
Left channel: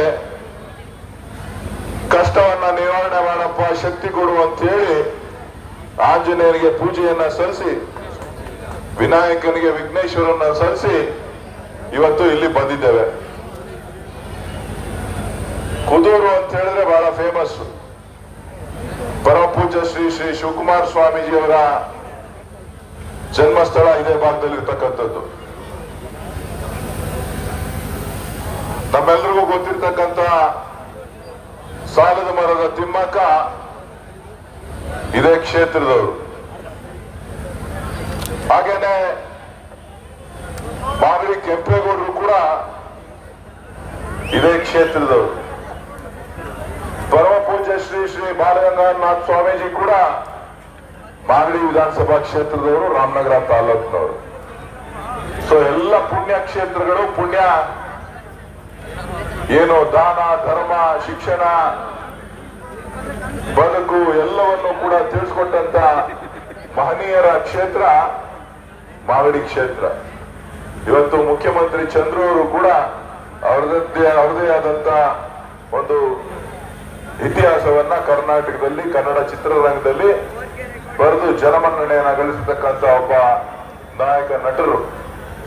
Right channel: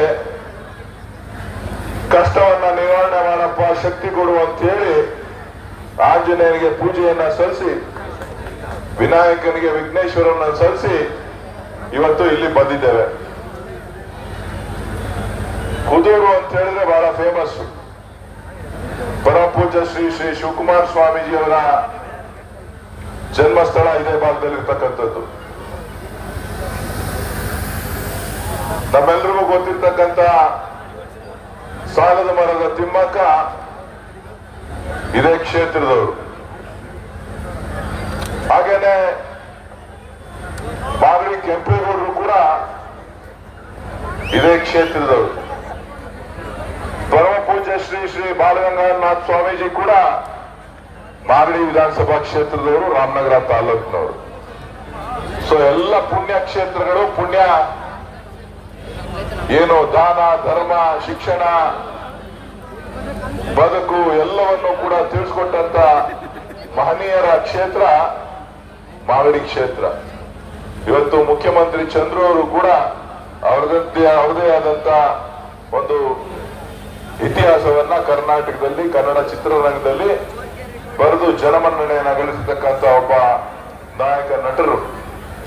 ಕಷ್ಟವನ್ನ ನಿವಾರಣೆ ಮಾಡಪ್ಪ, ಶಕ್ತಿ ಕೊಡು ಅಂತ ಹೇಳಿ ಆಂಜನೇಯನಿಗೆ ಪೂಜೆಯನ್ನ ಸಲ್ಲಿಸಿ, ವಿನಾಯಕನಿಗೆ ವಿಘ್ನೇಶ್ವರನ್ನ ಸಲ್ಲಿಸಿ ಇವತ್ತು ಇಲ್ಲಿ ಬಂದಿದ್ದೇವೆ. ಕುದೂರು ಅಂತ ಹೇಳಿದ್ರೆ ಬಹಳ ಫೇಮಸ್. ಪರಮ ಪೂಜ್ಯ ಶ್ರೀ ಶ್ರೀ ಶಿವಕುಮಾರ ಸ್ವಾಮೀಜಿಯವರ ಜನ್ಮಸ್ಥಳ ಇದೇ ಭಾಗದಲ್ಲಿ ಇರ್ತಕ್ಕಂಥದ್ದು. ನಮ್ಮೆಲ್ಲರಿಗೂ ಗೊತ್ತಿರ್ತಕ್ಕಂಥ ಸಾಲದ ಮರದ ತಿಮ್ಮಕ್ಕ ಇದೇ ಕ್ಷೇತ್ರದವರು. ಹಾಗೇನೆ ಮಾಗಡಿ ಕೆಂಪೇಗೌಡರು ಕೂಡ ಇದೇ ಕ್ಷೇತ್ರದವರು. ಪರಮ ಪೂಜ್ಯ ಶ್ರೀ ಶ್ರೀ ಬಾಲಗಂಗಾಧರನಾಥ ಸ್ವಾಮೀಜಿ ಕೂಡ ಮಾಗಡಿ ವಿಧಾನಸಭಾ ಕ್ಷೇತ್ರದವರು, ರಾಮನಗರ ತಾಲೂಕಿನವರು. ಸೊ ಎಲ್ಲ ಪುಣ್ಯ ಕ್ಷೇತ್ರಗಳು, ಪುಣ್ಯ ಏನು ದಾನ ಧರ್ಮ ಶಿಕ್ಷಣ ಬದುಕು ಎಲ್ಲವನ್ನು ಕೂಡ ತಿಳಿಸ್ಕೊಟ್ಟಂತ ಮಹನೀಯರ ಕ್ಷೇತ್ರ ಮಾಗಡಿ ಕ್ಷೇತ್ರ. ಇವತ್ತು ಮುಖ್ಯಮಂತ್ರಿ ಚಂದ್ರು ಅವರು ಕೂಡ ಅವ್ರದೇ ಆದಂತ ಒಂದು ಇತಿಹಾಸವನ್ನ ಕರ್ನಾಟಕದಲ್ಲಿ ಕನ್ನಡ ಚಿತ್ರರಂಗದಲ್ಲಿ ಬರೆದು ಜನಮನ್ನಣೆಯನ್ನ ಗಳಿಸತಕ್ಕಂತ ಒಬ್ಬ ನಾಯಕ ನಟರು.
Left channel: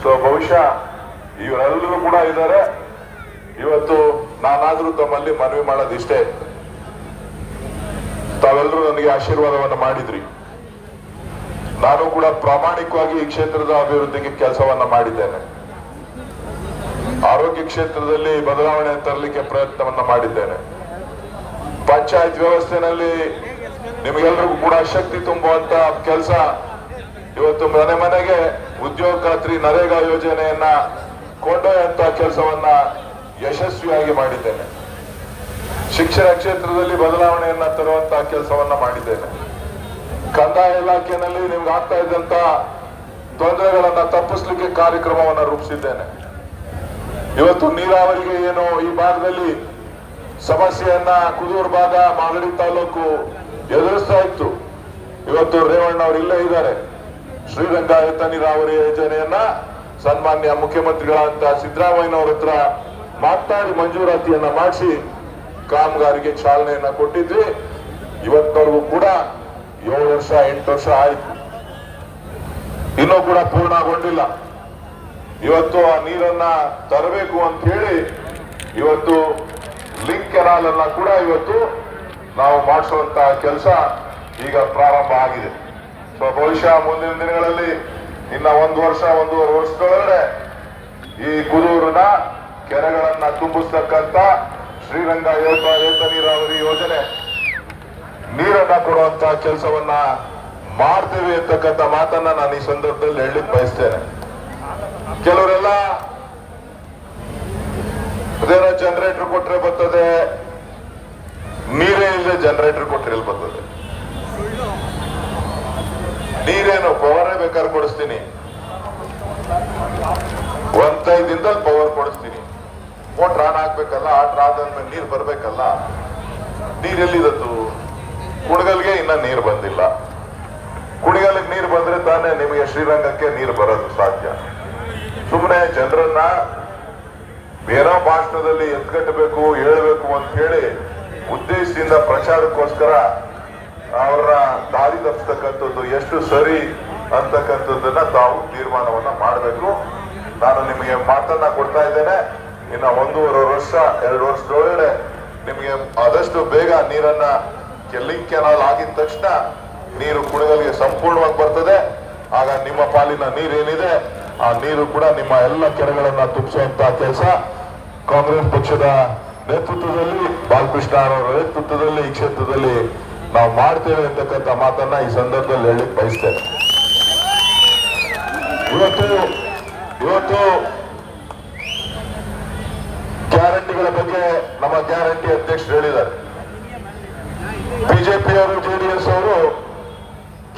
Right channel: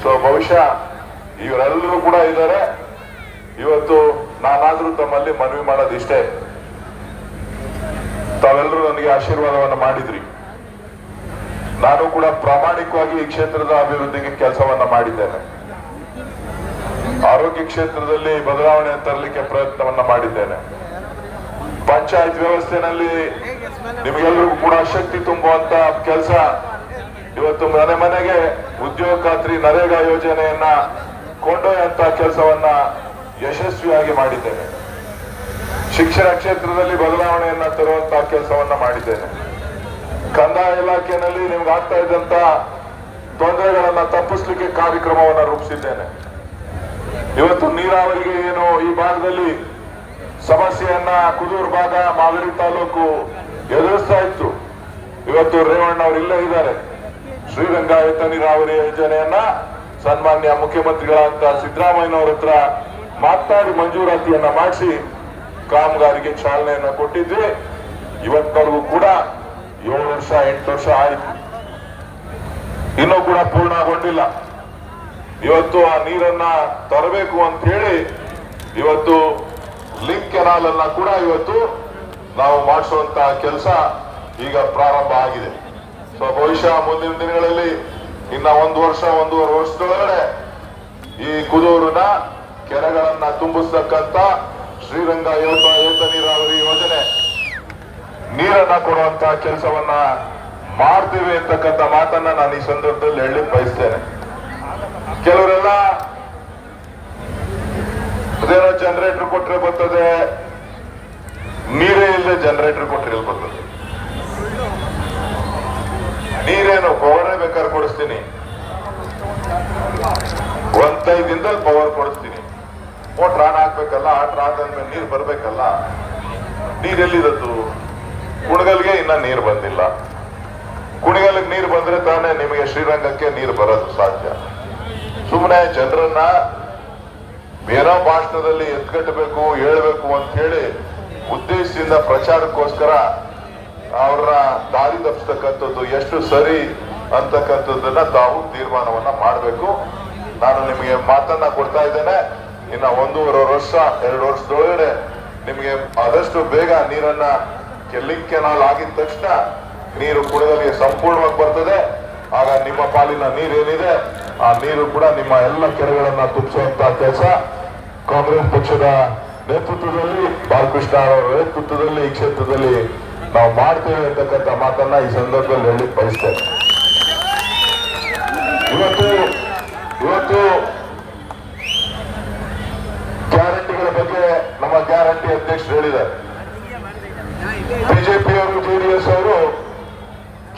ಸೊ ಬಹುಶಃ ಇವರೆಲ್ಲರೂ ಕೂಡ ಇದ್ದಾರೆ. ಇವತ್ತು ನಾನಾದ್ರೂ ತಮ್ಮಲ್ಲಿ ಮನವಿ ಮಾಡೋದಿಷ್ಟೇ, ತಾವೆಲ್ಲರೂ ನನಗೆ ಆಶೀರ್ವಾದವನ್ನ ಮಾಡಿದ್ರಿ. ನಾನು ಕೂಡ ಪ್ರಾಮಾಣಿಕವಾಗಿ ಈ ಕ್ಷೇತ್ರದ ಅಭಿವೃದ್ಧಿಗೆ ಕೆಲಸವನ್ನ ಮಾಡಿದ್ದೇನೆ. ಆರೋಗ್ಯ ಕ್ಷೇತ್ರದಲ್ಲಿ ಬದಲಾವಣೆ ತರಲಿಕ್ಕೆ ಪ್ರಯತ್ನವನ್ನ ಮಾಡಿದ್ದೇನೆ. ಪಂಚಾಯತ್ ವ್ಯವಸ್ಥೆನಲ್ಲಿ ನಿಮಗೆಲ್ಲರಿಗೂ ಕೂಡ ಶಕ್ತಿ ತುಂಬುವಂತ ಕೆಲಸ ಇವತ್ತು ಮನೆ ಮನೆಗೆ ಉದ್ಯೋಗ ಖಾತ್ರಿ ನರೇಗಾ ಯೋಜನೆಯನ್ನ ಕೊಂಡೊಯ್ಯುವಂತ ಕೆಲಸವನ್ನ ಯಶಸ್ವಿಯಾಗಿ ಮಾಡಿದ್ದೇನೆ. ಶಿಕ್ಷಣ ಕ್ಷೇತ್ರದಲ್ಲಿ ಬದಲಾವಣೆಯನ್ನ ತರುವಂತಹ ಕೆಲಸವನ್ನ ಮಾಡಿದ್ದೇನೆ. ಕಂದಾಯ ಇಲಾಖೆಯಲ್ಲಿ ನಿಮ್ಗೆ ಆಗ್ತಾ ಇದ್ದಂತ ತೊಂದರೆಗಳನ್ನ ತಪ್ಪಿಸ್ಲಿಕ್ಕೆ ಕಾರ್ಯಕ್ರಮವನ್ನ ರೂಪಿಸಿದ್ದೇನೆ. ಇವತ್ತು ನೀರಾವರಿಗೆ ಏನು ಈ ಭಾಗದಲ್ಲಿ ಸಮಸ್ಯೆಯನ್ನ ಕುದೂರು ಭಾಗ ಮಾಗಡಿ ತಾಲೂಕು ಎದುರಿಸ್ತಾ ಇತ್ತು. ಇವತ್ತು ರೇವಣ್ಣ ಅವರು ಇಲ್ಲೇ ಇದ್ದಾರೆ. ಶ್ರೀರಂಗಾಯತ ನೀರಾವರಿ ಯೋಜನೆಯನ್ನ ಸನ್ಮಾನ್ಯ ಮುಖ್ಯಮಂತ್ರಿಗಳಂತ ಸಿದ್ದರಾಮಯ್ಯನವರ ಹತ್ರ ಮಾತನಾಡಿ ಮಂಜೂರಾತಿಯನ್ನ ಮಾಡಿಸಿ ಕಾಮಗಾರಿಗೆ ಚಾಲನೆಯನ್ನ ಕೊಟ್ಟಿದ್ವಿ. ಇವತ್ತವರೆಗೂ ಕೂಡ 7 ವರ್ಷ 8 ವರ್ಷ ಆಯ್ತು, ಇನ್ನೂ ಕೂಡ ಪೂರ್ಣಗೊಂಡಿಲ್ಲ. ಇವತ್ತು ಆ ನೀರನ್ನ ತರಬೇಕು ಅಂತ ಹೇಳಿ ಇವತ್ತು ಲಿಂಕ್ ಕೆನಾಲ್ ಅನ್ನ ಕೂಡ ಇವತ್ತು ನಾವು ಮಾಡಿಸುವಂತಹ ಕೆಲಸ ಈಗ ಪ್ರಾರಂಭ ಆಗಿದೆ. ಸೊ ಬಹುಶಃ ಮುಂದಿನ ದಿನಗಳಲ್ಲಿ ಇನ್ನ 1 ವರ್ಷ 1.5 ವರ್ಷದೊಳಗಡೆ ಈ ಕುದೂರಿನ ಕೆರೆಗಳನ್ನ ತುಂಬಿಸ್ತಕ್ಕಂತ ಶ್ರೀರಂಗಾಯತ ನೀರಾವರಿ ಯೋಜನೆ ನೀರನ್ನ ಕೊಡುವಂತ ಕೆಲಸವನ್ನ ಮಾಡ್ತೇವೆ ಅಂತಕ್ಕಂಥ ಮಾತನ್ನ ನಾನು ಈ ಸಂದರ್ಭದಲ್ಲಿ ಹೇಳಲಿಕ್ಕೆ ಬಯಸ್ತೇನೆ. ಕೆಲವರೆಲ್ಲ ಅದೇನೋ ಜನರೇಟರ್ ಕೊಟ್ರೆ ಬರ್ತದೆ, ನೀರೇ ಇಲ್ಲದೆ ಜನರೇಟರ್ ಕೊಟ್ರೆ ಬರ್ತದೆ. ನೀರೇನು ಪವರೇ ಬೇಕಾದ್ರೆ ಕೊಡಿಸ್ತೀನಿ, 1-5 ದಿನದಲ್ಲಿ ಪವರ್ ಕೊಡಿಸ್ತೀನಿ. ಮೋಟ್ರ್ ಆನ್ ಹಾಕ್ಬೇಕಲ್ಲ, ಆನ್ ಆದ್ಮೇಲೆ ನೀರು ಬರ್ಬೇಕಲ್ಲ. ನೀರೆಲ್ಲಿದತ್ತು? ಕುಣಗಲ್ಗೆ ಇನ್ನ ನೀರು ಬಂದಿಲ್ಲ. ಕುಣಗಲ್ಗೆ ನೀರು ಬಂದ್ರೆ ತಾನೇ ನಿಮಗೆ ಶ್ರೀರಂಗಕ್ಕೆ ನೀರು ಬರೋದು ಸಾಧ್ಯ. ಸುಮ್ಮನೆ ಜನರನ್ನ ಬೇರೆ ಭಾಷಣದಲ್ಲಿ ಎತ್ಕಟ್ಟಬೇಕು ಹೇಳ್ಬೇಕು ಅಂತ ಹೇಳಿ ಉದ್ದೇಶದಿಂದ ಪ್ರಚಾರಕ್ಕೋಸ್ಕರ ಅವರ ದಾರಿ ತಪ್ಪಿಸ್ತಕ್ಕಂಥದ್ದು ಎಷ್ಟು ಸರಿ ಅಂತಕ್ಕಂಥದ್ದನ್ನ ತಾವು ತೀರ್ಮಾನವನ್ನ ಮಾಡಬೇಕು. ನಾನು ನಿಮಗೆ ಮಾತನ್ನ ಕೊಡ್ತಾ ಇದ್ದೇನೆ. ಇನ್ನ 1.5 ವರ್ಷ 2 ವರ್ಷದೊಳಗಡೆ ನಿಮಗೆ ಆದಷ್ಟು ಬೇಗ ನೀರನ್ನ ಲಿಂಕ್ ಕೆನಾಲ್ ಆಗಿದ ತಕ್ಷಣ ನೀರು ಕುಡಗಲಿಗೆ ಸಂಪೂರ್ಣವಾಗಿ ಬರ್ತದೆ. ಆಗ ನಿಮ್ಮ ಪಾಲಿನ ನೀರೇನಿದೆ ಆ ನೀರು ಕೂಡ ನಿಮ್ಮ ಎಲ್ಲ ಕೆರೆಗಳನ್ನ ತುಂಬಿಸುವಂತ ಕೆಲಸ ಕಾಂಗ್ರೆಸ್ ಪಕ್ಷದ ನೇತೃತ್ವದಲ್ಲಿ, ಬಾಲಕೃಷ್ಣ ಅವರ ನೇತೃತ್ವದಲ್ಲಿ ಈ ಕ್ಷೇತ್ರದಲ್ಲಿ ನಾವು ಮಾಡ್ತೇವೆ ಅಂತಕ್ಕಂಥ ಮಾತನ್ನ ಈ ಸಂದರ್ಭದಲ್ಲಿ ಹೇಳಲಿಕ್ಕೆ ಬಯಸ್ತೇನೆ. ಇವತ್ತು ಗ್ಯಾರಂಟಿಗಳ ಬಗ್ಗೆ ನಮ್ಮ ಗ್ಯಾರಂಟಿ ಅಧ್ಯಕ್ಷರು ಹೇಳಿದ್ದಾರೆ. ಬಿಜೆಪಿಯವರು ಜೆಡಿಎಸ್ ಅವರು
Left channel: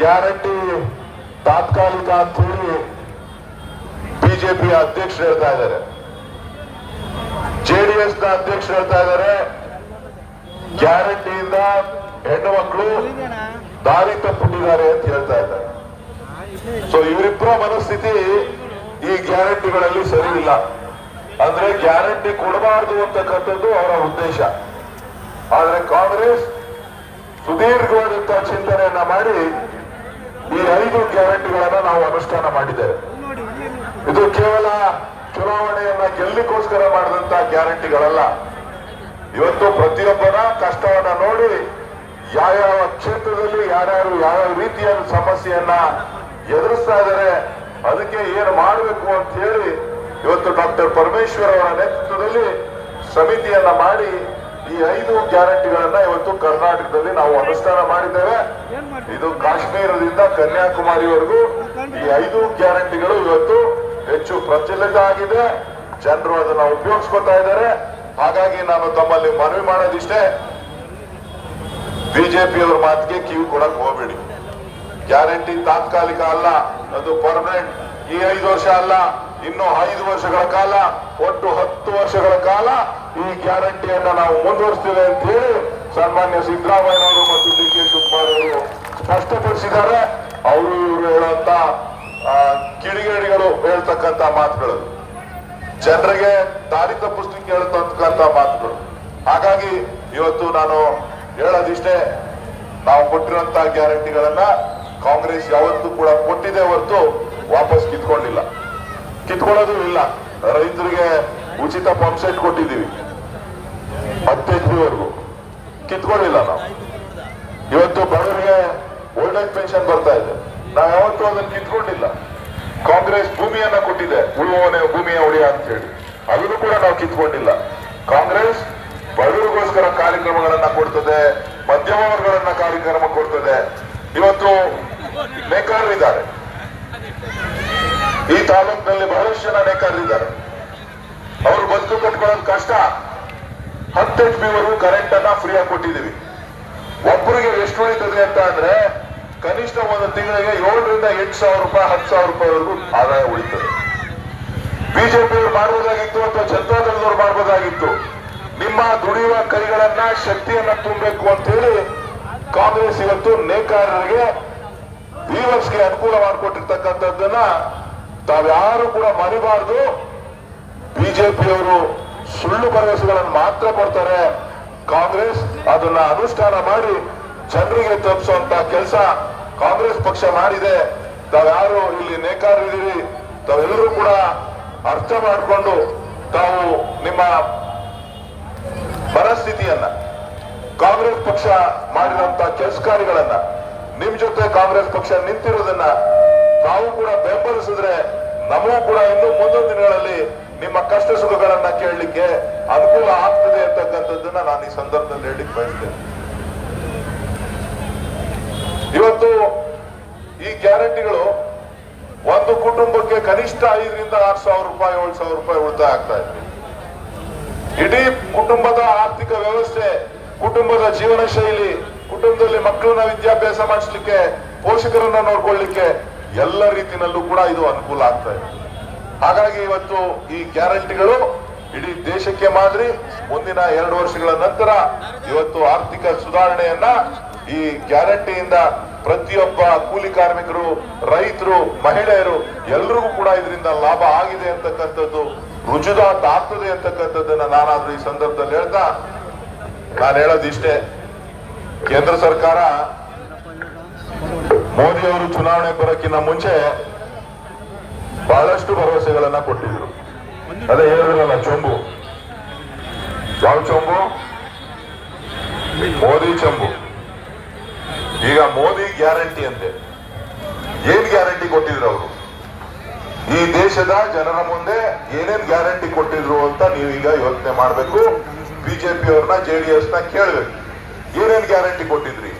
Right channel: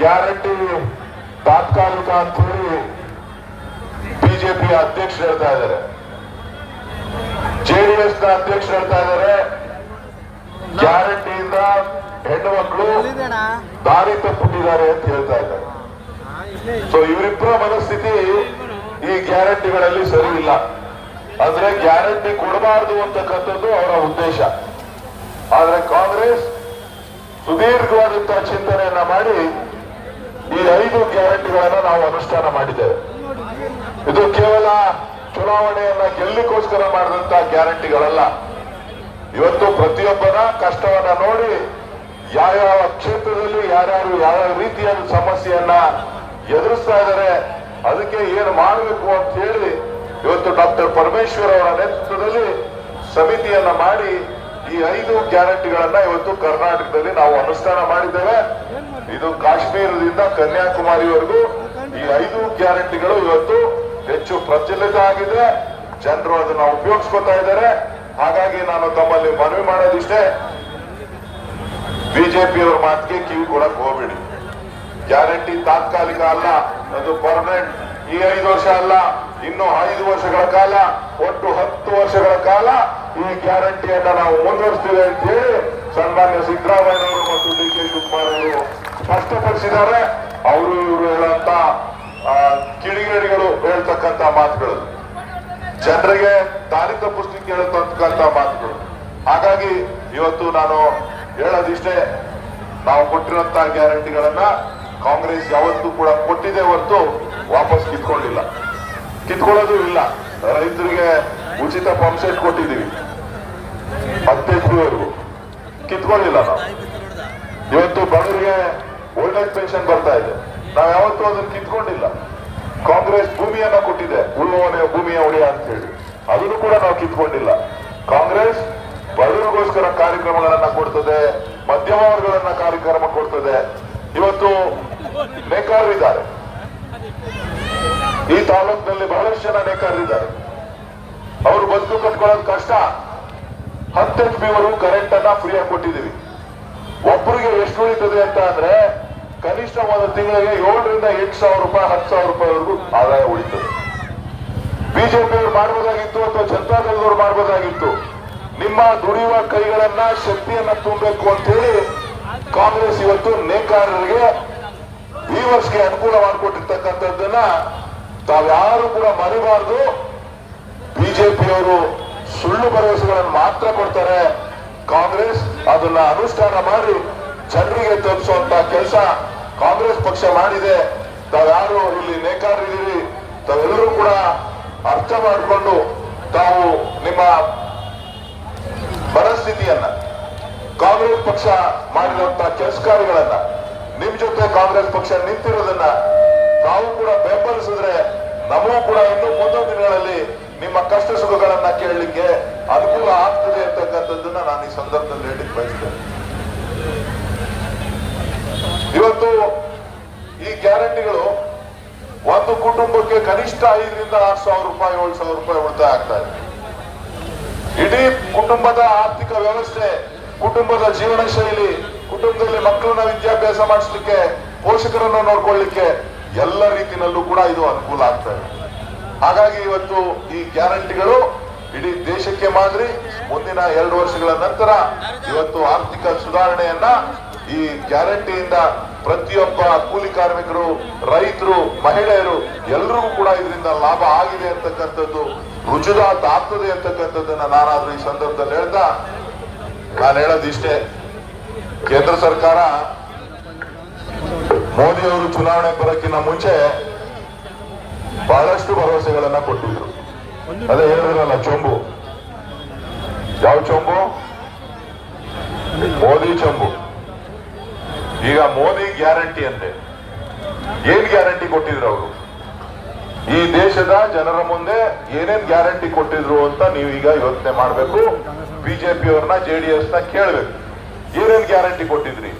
ಗ್ಯಾರಂಟಿ ತಾತ್ಕಾಲಿಕ ಅಂತ ಹೇಳಿ ಬಿಜೆಪಿ ಅಧ್ಯಕ್ಷರು ಹೇಳ್ತಾ ಇದ್ದಾರೆ, ಜೆಡಿಎಸ್ ನ ಅಧ್ಯಕ್ಷರು ಹೇಳ್ತಾ ಇದ್ದಾರೆ ಗ್ಯಾರಂಟಿಯಿಂದ ಹೆಣ್ಣು ಮಕ್ಕಳು ದಾರಿ ತಪ್ಪಿಟ್ಟಿದ್ದಾರೆ ಅಂತ ಹೇಳ್ತಾ ಇದ್ದಾರೆ. ಸೊ ಇವರಿಬ್ಬರ ಮನಸ್ಥಿತಿ ಈ ಗ್ಯಾರಂಟಿಗಳಲ್ಲಿ ಸರಿ ಇಲ್ಲ. ಅಂದ್ರೆ ಗ್ಯಾರಂಟಿ ಕೊಡಬಾರದು ಅಂತಕ್ಕಂಥದ್ದು ಅವರ ಉದ್ದೇಶ. ಆದ್ರೆ ಕಾಂಗ್ರೆಸ್ ಸುದೀರ್ಘವಾದಂತಹ ಚಿಂತನೆಯನ್ನ ಮಾಡಿ ಈ 5 ಗ್ಯಾರಂಟಿಗಳನ್ನ ನಾವು ಅನುಷ್ಠಾನ ಮಾಡಿದ್ದೇವೆ. ಇದು ಕೇವಲ ಚುನಾವಣೆಯನ್ನ ಗೆಲ್ಲಿಗೋಸ್ಕರ ಮಾಡಿದಂತಹ ಗ್ಯಾರಂಟಿಗಳಲ್ಲ. ಇವತ್ತು ಪ್ರತಿಯೊಬ್ಬರ ಕಷ್ಟವನ್ನ ನೋಡಿ ಯಾವ್ಯಾವ ಕ್ಷೇತ್ರದಲ್ಲಿ ಯಾರ್ಯಾರು ಯಾವ್ಯಾವ ರೀತಿಯ ಸಮಸ್ಯೆಯನ್ನ ಎದುರಿಸ್ತಾ ಇದ್ದಾರೆ, ಅದಕ್ಕೆ ಏನು ಮಾಡಬೇಕು ಅಂತ ಹೇಳಿ ಇವತ್ತು ಡಾಕ್ಟರ್ ಪರಮೇಶ್ವರ್ ಅವರ ನೇತೃತ್ವದಲ್ಲಿ ಸಮಿತಿಯನ್ನ ಮಾಡಿ ಈ 5 ಗ್ಯಾರಂಟಿಗಳನ್ನ ಇವತ್ತು ಕರ್ನಾಟಕದಲ್ಲಿ ನಾವು ಅನುಷ್ಠಾನ ಮಾಡಿದ್ದೇವೆ. ಇದು ಕಾಶ್ಮೀರದಿಂದ ಕನ್ಯಾಕುಮಾರಿವರೆಗೂ ಈ 5 ಗ್ಯಾರಂಟಿಗಳು ಇವತ್ತು ಹೆಚ್ಚು ಪ್ರಚಲಿತ ಆಗಿದೆ. ಜನರು ಅದನ್ನ ಉಪಯೋಗಿಸ್ಕೊತಾ ಇದ್ದಾರೆ. ಹಾಗಾಗಿ ನಾನು ತಮ್ಮಲ್ಲಿ ಮನವಿ ಮಾಡೋದಿಷ್ಟೇ, ಬಿಜೆಪಿಯವರ ಮಾತಿಗೆ ಕಿವಿ ಕೊಡಕ್ ಹೋಗ್ಬೇಡಿ. ಗ್ಯಾರಂಟಿ ತಾತ್ಕಾಲಿಕ ಅಲ್ಲ, ಅದು ಪರ್ಮನೆಂಟ್. ಈ 5 ವರ್ಷ ಅಲ್ಲ, ಇನ್ನು 5 ವರ್ಷಗಳ ಕಾಲ, ಒಟ್ಟು 10 ವರ್ಷಗಳ ಕಾಲ ಈ ಗ್ಯಾರಂಟಿಯನ್ನ ನಾವು ಮುಂದುವರಿಸ್ತೇವೆ ಅಂತ ಹೇಳಿ ಸನ್ಮಾನ್ಯ ಸಿದ್ದರಾಮಯ್ಯನವರು ಮತ್ತು ಡಿ ಕೆ ಶಿವಕುಮಾರ್ ಅವರು ಸ್ಪಷ್ಟಪಡಿಸಿದ್ದಾರೆ. ಅವರು ಇವರು ಹೇಳುವಂತ ಕಿಡಿಗೇಡಿಗಳು ಹೇಳ್ತಕ್ಕಂತ ಮಾತುಗಳು, ಜನರಿಗೆ ದಾರಿ ತಪ್ಪಿಸ್ಲಿಕ್ಕೆ ಹೇಳ್ತಕ್ಕಂತ ಮಾತುಗಳು. ಹಾಗಾಗಿ ಇವತ್ತು ನಾನು ಹೇಳೋದಿಷ್ಟೇ, ನಾವು ಕೊಟ್ಟಿರುವಂತಹ ಗ್ಯಾರಂಟಿಗಳನ್ನ ಕಾಂಗ್ರೆಸ್ ಯಾವತ್ತೂ ಕೂಡ ಕೊಟ್ಟಿದೆ ಹೊರತು ವಾಪಸ್ ಕಿತ್ಕೊಳ್ಳೋದು ಇಲ್ಲ. ರೈತರಿಗೆ ಉಚಿತ ಪಂಪ್ ಸೆಟ್ ಕೊಟ್ಟಿದ್ದೀವಿ 10 ಎಕರೆವರೆಗೂ, ಕಿತ್ಕೊಳ್ಳಿಲ್ಲ ನಾವು. ಇವತ್ತು ಬಡವರಿಗೆ ಓಲ್ಡ್ ಏಜ್ ಪೆನ್ಷನ್ ಬರ್ತಾ ಇದೆ, ನಾವು ಯಾವತ್ತೂ ಅದನ್ನು ಕಿತ್ಕೊಂಡಿಲ್ಲ. ಕಾಂಗ್ರೆಸ್ ಭೂಮಿಯನ್ನ ಕೊಟ್ಟಿದೆ, ಉಳುವವನೇ ಭೂಮಿಯ ಒಡೆಯ ಅಂತ ಹೇಳಿ, ಅದನ್ನು ಕೂಡ ನಾವು ಕಿತ್ಕೊಂಡಿಲ್ಲ. ಕಾಂಗ್ರೆಸ್ ಬಡವರಿಗೋಸ್ಕರ ಕಾರ್ಯಕ್ರಮಗಳನ್ನ ಕೊಡ್ತದೆ, ಮಧ್ಯಮ ವರ್ಗಗಳನ್ನ ಕಾರ್ಯಕ್ರಮ ಕೊಡ್ತದೆ. ಇವತ್ತು ನೇಕಾರರಿದ್ದಾರೆ, ಈ ತಾಲೂಕಿನಲ್ಲಿ ಬಹಳಷ್ಟು ಜನ ನೇಕಾರರಿದ್ದಾರೆ. ಅವರು ಬದುಕು ಕಟ್ಕೊಳ್ಳೋದು ಕಷ್ಟ. 10 HP ವರೆಗೂ ಕರೆಂಟ್ ಅನ್ನ ಫ್ರೀ ಆಗಿ ಕೊಟ್ಟಿದ್ದೀವಿ. ಒಬ್ಬರಿಗೆ ಎಷ್ಟು ಉಳಿತದೆ ಅಂತ ಅಂದ್ರೆ ಕನಿಷ್ಠ ಒಂದು ತಿಂಗಳಿಗೆ 7 ರಿಂದ 8 ಸಾವಿರ ರೂಪಾಯಿ 10 ಸಾವಿರ ರೂಪಾಯಿವರೆಗೂ ಆದಾಯ ಉಳಿತದೆ. ಬಿಜೆಪಿಯವರು ಮಾಡಬಹುದಾಗಿತ್ತು ಅಥವಾ ಜನತಾದಳದವರು ಮಾಡಬಹುದಾಗಿತ್ತು. ನಿಮ್ಮ ದುಡಿಯುವ ಕೈಗಳನ್ನ ಶಕ್ತಿಯನ್ನ ತುಂಬಬೇಕು ಅಂತ ಹೇಳಿ ಕಾಂಗ್ರೆಸ್ ಇವತ್ತು ನೇಕಾರರಿಗೆ ವೀವರ್ಸ್ಗೆ ಅನುಕೂಲ ಮಾಡಿಕೊಟ್ಟಿರ್ತಕ್ಕಂಥದ್ದನ್ನ ತಾವ್ಯಾರು ಕೂಡ ಮರಿಬಾರದು. ಬಿಜೆಪಿಯವರು ಸುಳ್ಳು ಭರವಸೆಗಳನ್ನು ಮಾತ್ರ ಕೊಡ್ತಾರೆ. ಕಾಂಗ್ರೆಸ್ ಅದನ್ನ ಅನುಷ್ಠಾನ ಮಾಡಿ ಜನರಿಗೆ ತಲುಪಿಸುವಂತ ಕೆಲಸ ಕಾಂಗ್ರೆಸ್ ಪಕ್ಷ ಮಾಡಿದೆ. ತಾವ್ಯಾರು ಇಲ್ಲಿ ನೇಕಾರರಿದ್ದೀರಿ, ತಾವೆಲ್ಲರೂ ಕೂಡ ಅರ್ಥ ಮಾಡಿಕೊಂಡು ತಾವು ನಿಮ್ಮ ಪರಿಸ್ಥಿತಿಯನ್ನ, ಕಾಂಗ್ರೆಸ್ ಪಕ್ಷ ಮಾಡಿರುವಂತ ಕೆಲಸ ಕಾರ್ಯಗಳನ್ನ, ನಿಮ್ ಜೊತೆ ಕಾಂಗ್ರೆಸ್ ಪಕ್ಷ ನಿಂತಿರೋದನ್ನ ತಾವು ಕೂಡ ಬೆಂಬಲಿಸಿದ್ರೆ ನಮಗೂ ಕೂಡ ಇನ್ನು ಮುಂದೊಂದು ದಿನಗಳಲ್ಲಿ ನಿಮ್ಮ ಕಷ್ಟ ಸುಖಗಳನ್ನ ಕೇಳಲಿಕ್ಕೆ ಅನುಕೂಲ ಆಗ್ತದೆ ಅಂತಕ್ಕಂಥದ್ದನ್ನ ನಾನು ಈ ಸಂದರ್ಭದಲ್ಲಿ ಹೇಳಲಿಕ್ಕೆ ಬಯಸ್ತೇನೆ. ಇವತ್ತು ಈ ಗ್ಯಾರಂಟಿಗಳು ಒಂದು ಕುಟುಂಬಕ್ಕೆ ಕನಿಷ್ಠ 5 ರಿಂದ 6 ಸಾವಿರ ರೂಪಾಯಿ 7 ಸಾವಿರ ರೂಪಾಯಿ ಉಳಿತಾಯ ಆಗ್ತಾ ಇದೆ. ಇಡೀ ಕುಟುಂಬದ ಆರ್ಥಿಕ ವ್ಯವಸ್ಥೆ, ಕುಟುಂಬದ ಜೀವನ ಶೈಲಿ, ಕುಟುಂಬದಲ್ಲಿ ಮಕ್ಕಳನ್ನ ವಿದ್ಯಾಭ್ಯಾಸ ಮಾಡಿಸ್ಲಿಕ್ಕೆ, ಪೋಷಕರನ್ನು ನೋಡ್ಕೊಳ್ಳಿಕ್ಕೆ ಎಲ್ಲ ರೀತಿಯಲ್ಲೂ ಕೂಡ ಇದು ಅನುಕೂಲ ಆಗ್ತಾ ಇದೆ. ಹಾಗಾಗಿ ಇವತ್ತು ಈ ಗ್ಯಾರಂಟಿಗಳು ಇಡೀ ದೇಶಕ್ಕೆ ಮಾದರಿ. ಮುಂದಿನ 2 ವರ್ಷಗಳ ನಂತರ ಇವತ್ತು ಆರ್ಥಿಕ ಸುಧಾರಣೆಯನ್ನ ಈ ಗ್ಯಾರಂಟಿಯಿಂದ ಪ್ರತಿಯೊಬ್ಬ ಕೂಲಿ ಕಾರ್ಮಿಕರು, ರೈತರು, ಮಹಿಳೆಯರು ಎಲ್ಲರಿಗೂ ಕೂಡ ಇದರಿಂದ ಲಾಭ ಆಗಿದೆ ಅಂತಕ್ಕಂಥದ್ದು ರುಜುವಾತ ಆಗ್ತದೆ ಅಂತಕ್ಕಂಥದ್ದನ್ನ ನಾನಾದ್ರೂ ಈ ಸಂದರ್ಭದಲ್ಲಿ ಹೇಳ್ತಾ ನಾನು ಹೇಳೋದಿಷ್ಟೇ. ಕೇಂದ್ರ ಸರ್ಕಾರ ಮೋದಿ ಅವರು ಚುನಾವಣೆ ಬರೋಕ್ಕಿಂತ ಮುಂಚೆ ಬಹಳಷ್ಟು ಭರವಸೆಗಳನ್ನ ಕೊಟ್ಟಿದ್ರು. ಅದೇ ಹೇಳಿದ್ರಲ್ಲ ಚೊಂಬು, ಯಾವ ಚೊಂಬು? ಮೋದಿ ಚೊಂಬು. ಈಗ ಮೋದಿ ಗ್ಯಾರಂಟಿ ಅಂತೆ. ಏನ್ ಗ್ಯಾರಂಟಿ ಕೊಟ್ಟಿದ್ರು ಅವರು? ಈ ದೇಶದ ಜನರ ಮುಂದೆ ಏನೇನ್ ಗ್ಯಾರಂಟಿ ಕೊಟ್ಟಿದ್ರು ಅಂತ ನೀವು ಈಗ ಯೋಚನೆ ಮಾಡ್ಬೇಕು. ಬಿಜೆಪಿ ಅವ್ರನ್ನ ಜೆಡಿಎಸ್ ನ ಕೇಳ್ಬೇಕು, ಏನೇನ್ ಗ್ಯಾರಂಟಿ ಕೊಟ್ಟಿದ್ರಿ?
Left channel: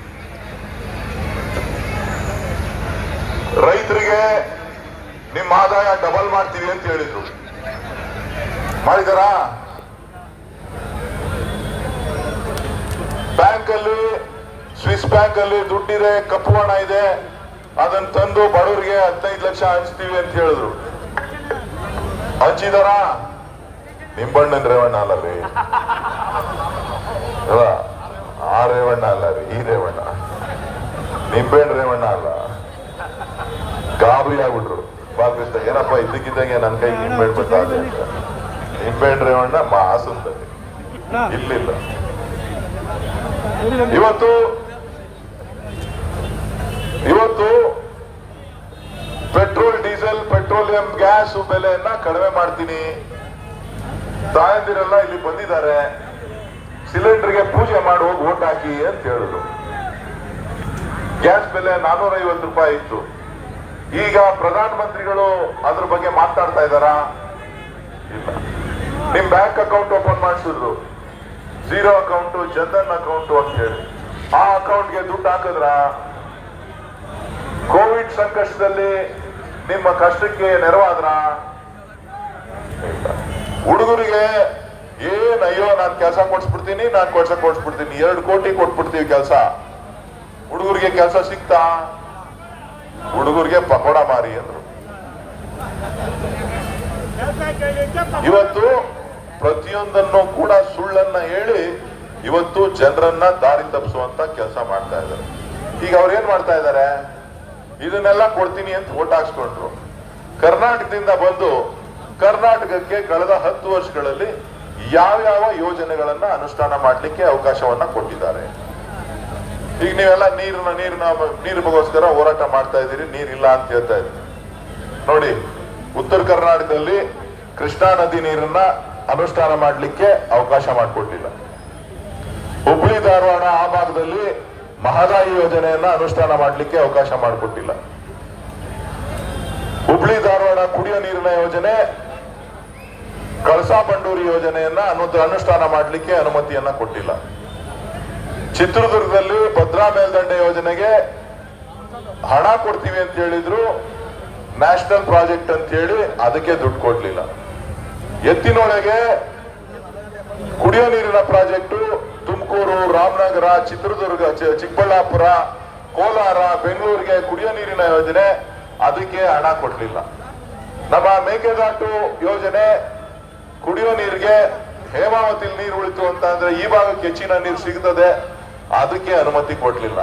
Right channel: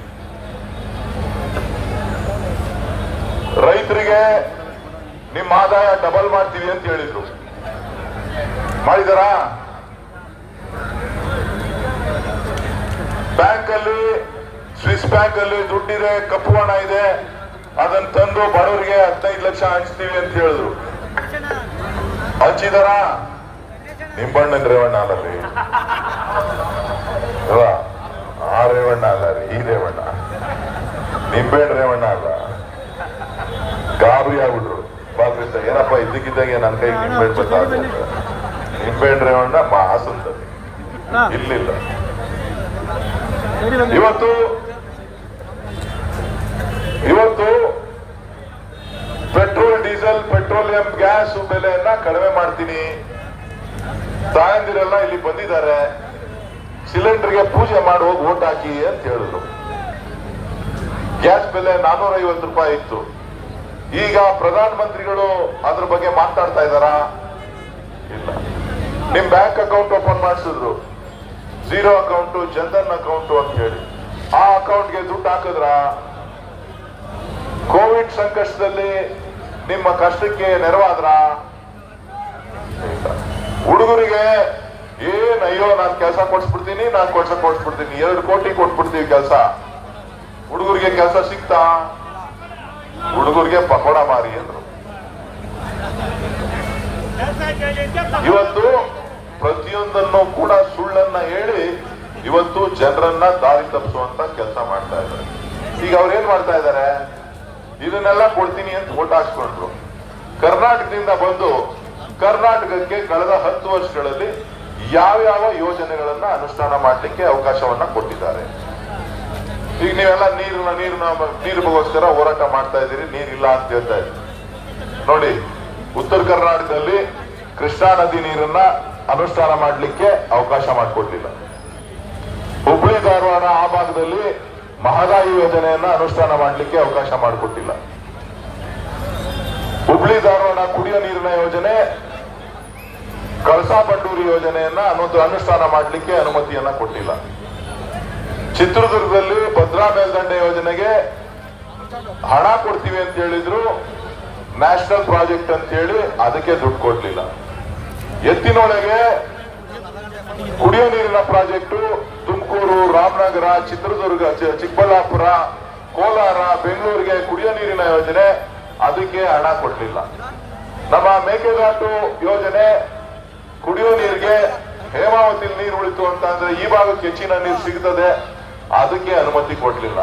ರೈತರಿಗೆ ನಿಮ್ಮ ಆದಾಯ ಡಬಲ್ ಮಾಡ್ತೀವಿ ಅಂತ ಹೇಳಿದ್ರು, ಮಾಡಿದಾರ? ಬ್ಯಾಂಕ್ ಅಲ್ಲಿ, ಸ್ವಿಸ್ ಬ್ಯಾಂಕ್ ಅಲ್ಲಿ ದುಡ್ಡಿದೆ, ಕಪ್ಪು ಹಣ ಇದೆ, ಅದನ್ನ ತಂದು ಬಡವರಿಗೆ 15 ಲಕ್ಷ ಹಂಚ್ತೀವಿ ಅಂತ ಹೇಳಿದ್ರು, ಹಂಚಿದಾರ? ನಿಂಬಣ್ಣನ್ ರೇವಣ್ಣ ಅಲ್ಲ ರೀ, ಆ ರೇವಣ್ಣ ಅಲ್ಲ ರೀ, ಈ ರೇವಣ್ಣ, ನಿಂಬೆಹಣ್ಣು ರೇವಣ್ಣ ಅಲ್ಲ. ಗಾಬರಿ ಆಗ್ಬಿಟ್ರು ಪಾಕಿಸ್ತ, ಏನಪ್ಪ ಇದ್ದಕ್ಕಿದ್ದಂಗೆ ನನ್ನ ಕೈಗೆ ನಿಂಬೆಹಣ್ಣು ಗೊತ್ತಾಗ, ನಿಂಬೆಹಣ್ಣು ರೇವಣ್ಣ ಮಾಸ್ ಅಂತದೆ, ಇರ್ಲಿಲ್ಲ. ಇವತ್ತು ಪೆಟ್ರೋಲ್, ಡೀಸೆಲ್, ಪೆಟ್ರೋಲಿಯಂ ಗ್ಯಾಸ್ ಬೆಲೆಯನ್ನ ಕಡಿಮೆ ಮಾಡ್ತೀನಿ, ತಾಯಂದಿರೆಲ್ಲ ಇಲ್ಲಿ ಬಂದಿದ್ದಾರೆ, ಸಿಲಿಂಡರ್ಗೆ ಪೂಜೆ ಮಾಡಿ ಹೋಗಿ ಓಟ್ ಹಾಕಿ ಅಂತ ಹೇಳಿದ್ರು. ಗ್ಯಾಸ್ ಬೆಲೆ 450 ರೂಪಾಯಿ ಇತ್ತು. ಈಗ ಪ್ರಧಾನ ಮಂತ್ರಿಗಳು ಅದ್ರ ಬಗ್ಗೆ ಮಾತಾಡ್ತಾ ಇದ್ದಾರಾ? ಇಲ್ಲ. ನಿಮ್ ಬ್ಯಾಂಕ್ ಅಕೌಂಟ್ ಓಪನ್ ಮಾಡಿಸಿದ್ರು, 0 ಅಕೌಂಟ್, ಜನ್ಧನ್ ಅಕೌಂಟ್ ಅಂತ ಹೇಳಿ, ಆ ಅಕೌಂಟ್ಗೆ ದುಡ್ಡು ಹಾಕಿದ್ರ? ಕೋವಿಡ್ ಸಂಕಷ್ಟದಲ್ಲಿ ನಿಮ್ಮ ಕಷ್ಟಕ್ಕೆ ನೆರವಾದ್ರ? ಹುಡುಗರಿಗೆ ಅಯ್ಯೋ ನಾನು ಕೆಲಸ ಕೊಡ್ಸ್ಬಿಡ್ತೀನಿ, ನಾನು ಕೊಡ್ಸ್ಬಿಡ್ತೀನಿ, 2 ಕೋಟಿ ಕೊಟ್ಬಿಡ್ತೀವಿ ಕೆಲಸ, ಹುಡುಗರಿಗೆ ಕೆಲಸ ಸಿಗ್ತಾ? ಹುಡುಗರಿಗೆ ಪಕೋಡ ಮಾರಿ ಅಂದ್ರು. ಇವತ್ತು ಪ್ರತಿಯೊಂದನ್ನು ಕೂಡ ಸುಳ್ಳನ್ನ ಹೇಳಿ ಇವತ್ತು ಜನರನ್ನ ದಾರಿ ತಪ್ಪಿಸುವಂತ ಕೆಲಸ ಮಾಡ್ತಾ ಇದ್ದಾರೆ. ಈಗ ಅವ್ರೇನ್ ಮಾಡ್ತಾ ಇದ್ದಾರೆ? ಇದನ್ನೆಲ್ಲ ಕೊಡ್ತೀನಿ ಅಂತ ಓಟ್ ಹಾಕ್ಸ್ಕೊಂಡ್ರು. ಕರ್ನಾಟಕದಿಂದ ಬಂದು ಕರ್ನಾಟಕಕ್ಕೆ ಕಳೆದ 10 ವರ್ಷಗಳಲ್ಲಿ ಯಾವ್ಯಾವ ಯೋಜನೆಗಳನ್ನ ಅನುಷ್ಠಾನ ಮಾಡಲಿಕ್ಕೆ ಅವಕಾಶವನ್ನ ಕೊಟ್ಟಿದ್ದಾರೆ. ಈಗ ನೀವೆಲ್ಲ ನೀರಿಗೋಸ್ಕರ ಹೋರಾಟ ಮಾಡ್ತಾ ಇದ್ದೀರಿ, ನೀರಿಲ್ಲ ಅಂತ ಹೇಳ್ತಾ ಇದ್ದೀರಿ. ನೋಡಿ, ಉತ್ತರ ಕರ್ನಾಟಕದಲ್ಲಿ ಕೃಷ್ಣಾ ನದಿ ನೀರನ್ನ ಅನುಷ್ಠಾನ ಮಾಡಲಿಕ್ಕೆ ಅವಕಾಶ ಮಾಡಿಕೊಡ್ಲಿಲ್ಲ. ಹುಬ್ಳಿ ಧಾರವಾಡ ಆ ಭಾಗದಲ್ಲಿ ಮಹದಾಯಿ ಯೋಜನೆಯನ್ನ ಅನುಷ್ಠಾನ ಮಾಡಲಿಕ್ಕೆ ಅವಕಾಶ ಮಾಡಿಕೊಟ್ಟಿಲ್ಲ. ಹುಬ್ಳಿ ಧಾರವಾಡ ಕುಡಿಯೋ ನೀರಿನ ಯೋಜನೆ ಕಳಸಾ ಬಂಡೂರಿ ಯೋಜನೆಯನ್ನ ಅನುಷ್ಠಾನ ಮಾಡಲಿಕ್ಕೆ ಅನುಮತಿಯನ್ನ ಕೊಟ್ಟಿಲ್ಲ. ಚಿತ್ರದುರ್ಗದಲ್ಲಿ ಭದ್ರಾ ಮೇಲ್ದಂಡೆ ಯೋಜನೆಗೆ ಹಣ ಕೊಡ್ತೀವಿ ಅಂತ ಹೇಳಿದ್ರು, ನ್ಯಾಷನಲ್ ಪ್ರಾಜೆಕ್ಟ್ ಅಂತ ಹೇಳಿ ಅದಕ್ಕೆ ದುಡ್ಡು ಕೊಡ್ಲಿಲ್ಲ. ಎತ್ತಿನೊಳಗೆ ಕುಡಿಯೋ ನೀರಿನ ಪ್ರಾಜೆಕ್ಟು ತುಮಕೂರು, ರಾಮನಗರ, ಚಿತ್ರದುರ್ಗ, ಚಿಕ್ಕಬಳ್ಳಾಪುರ, ಕೋಲಾರ, ಬೆಂಗಳೂರಿಗೆ ಕುಡಿಯೋ ನೀರಿನ ಯೋಜನೆ ಅದಕ್ಕೆ ಹಣ ಕೊಡ್ಲಿಲ್ಲ. ನಮ್ಮ ಮೇಕೆದಾಟು ಯೋಜನೆ ಕುಡಿಯೋ ನೀರಿಗೆ ಹೇಮಾವತಿ ನೀರು ಉಳಿತು ಅಂತ ಅಂದ್ರೆ ಈ ಭಾಗಕ್ಕೆ ಹೆಚ್ಚಿನ ನೀರು ಸಿಗ್ತದೆ, ಅದಕ್ಕೆ ಅನುಮತಿ ಕೊಡ್ಲಿಲ್ಲ.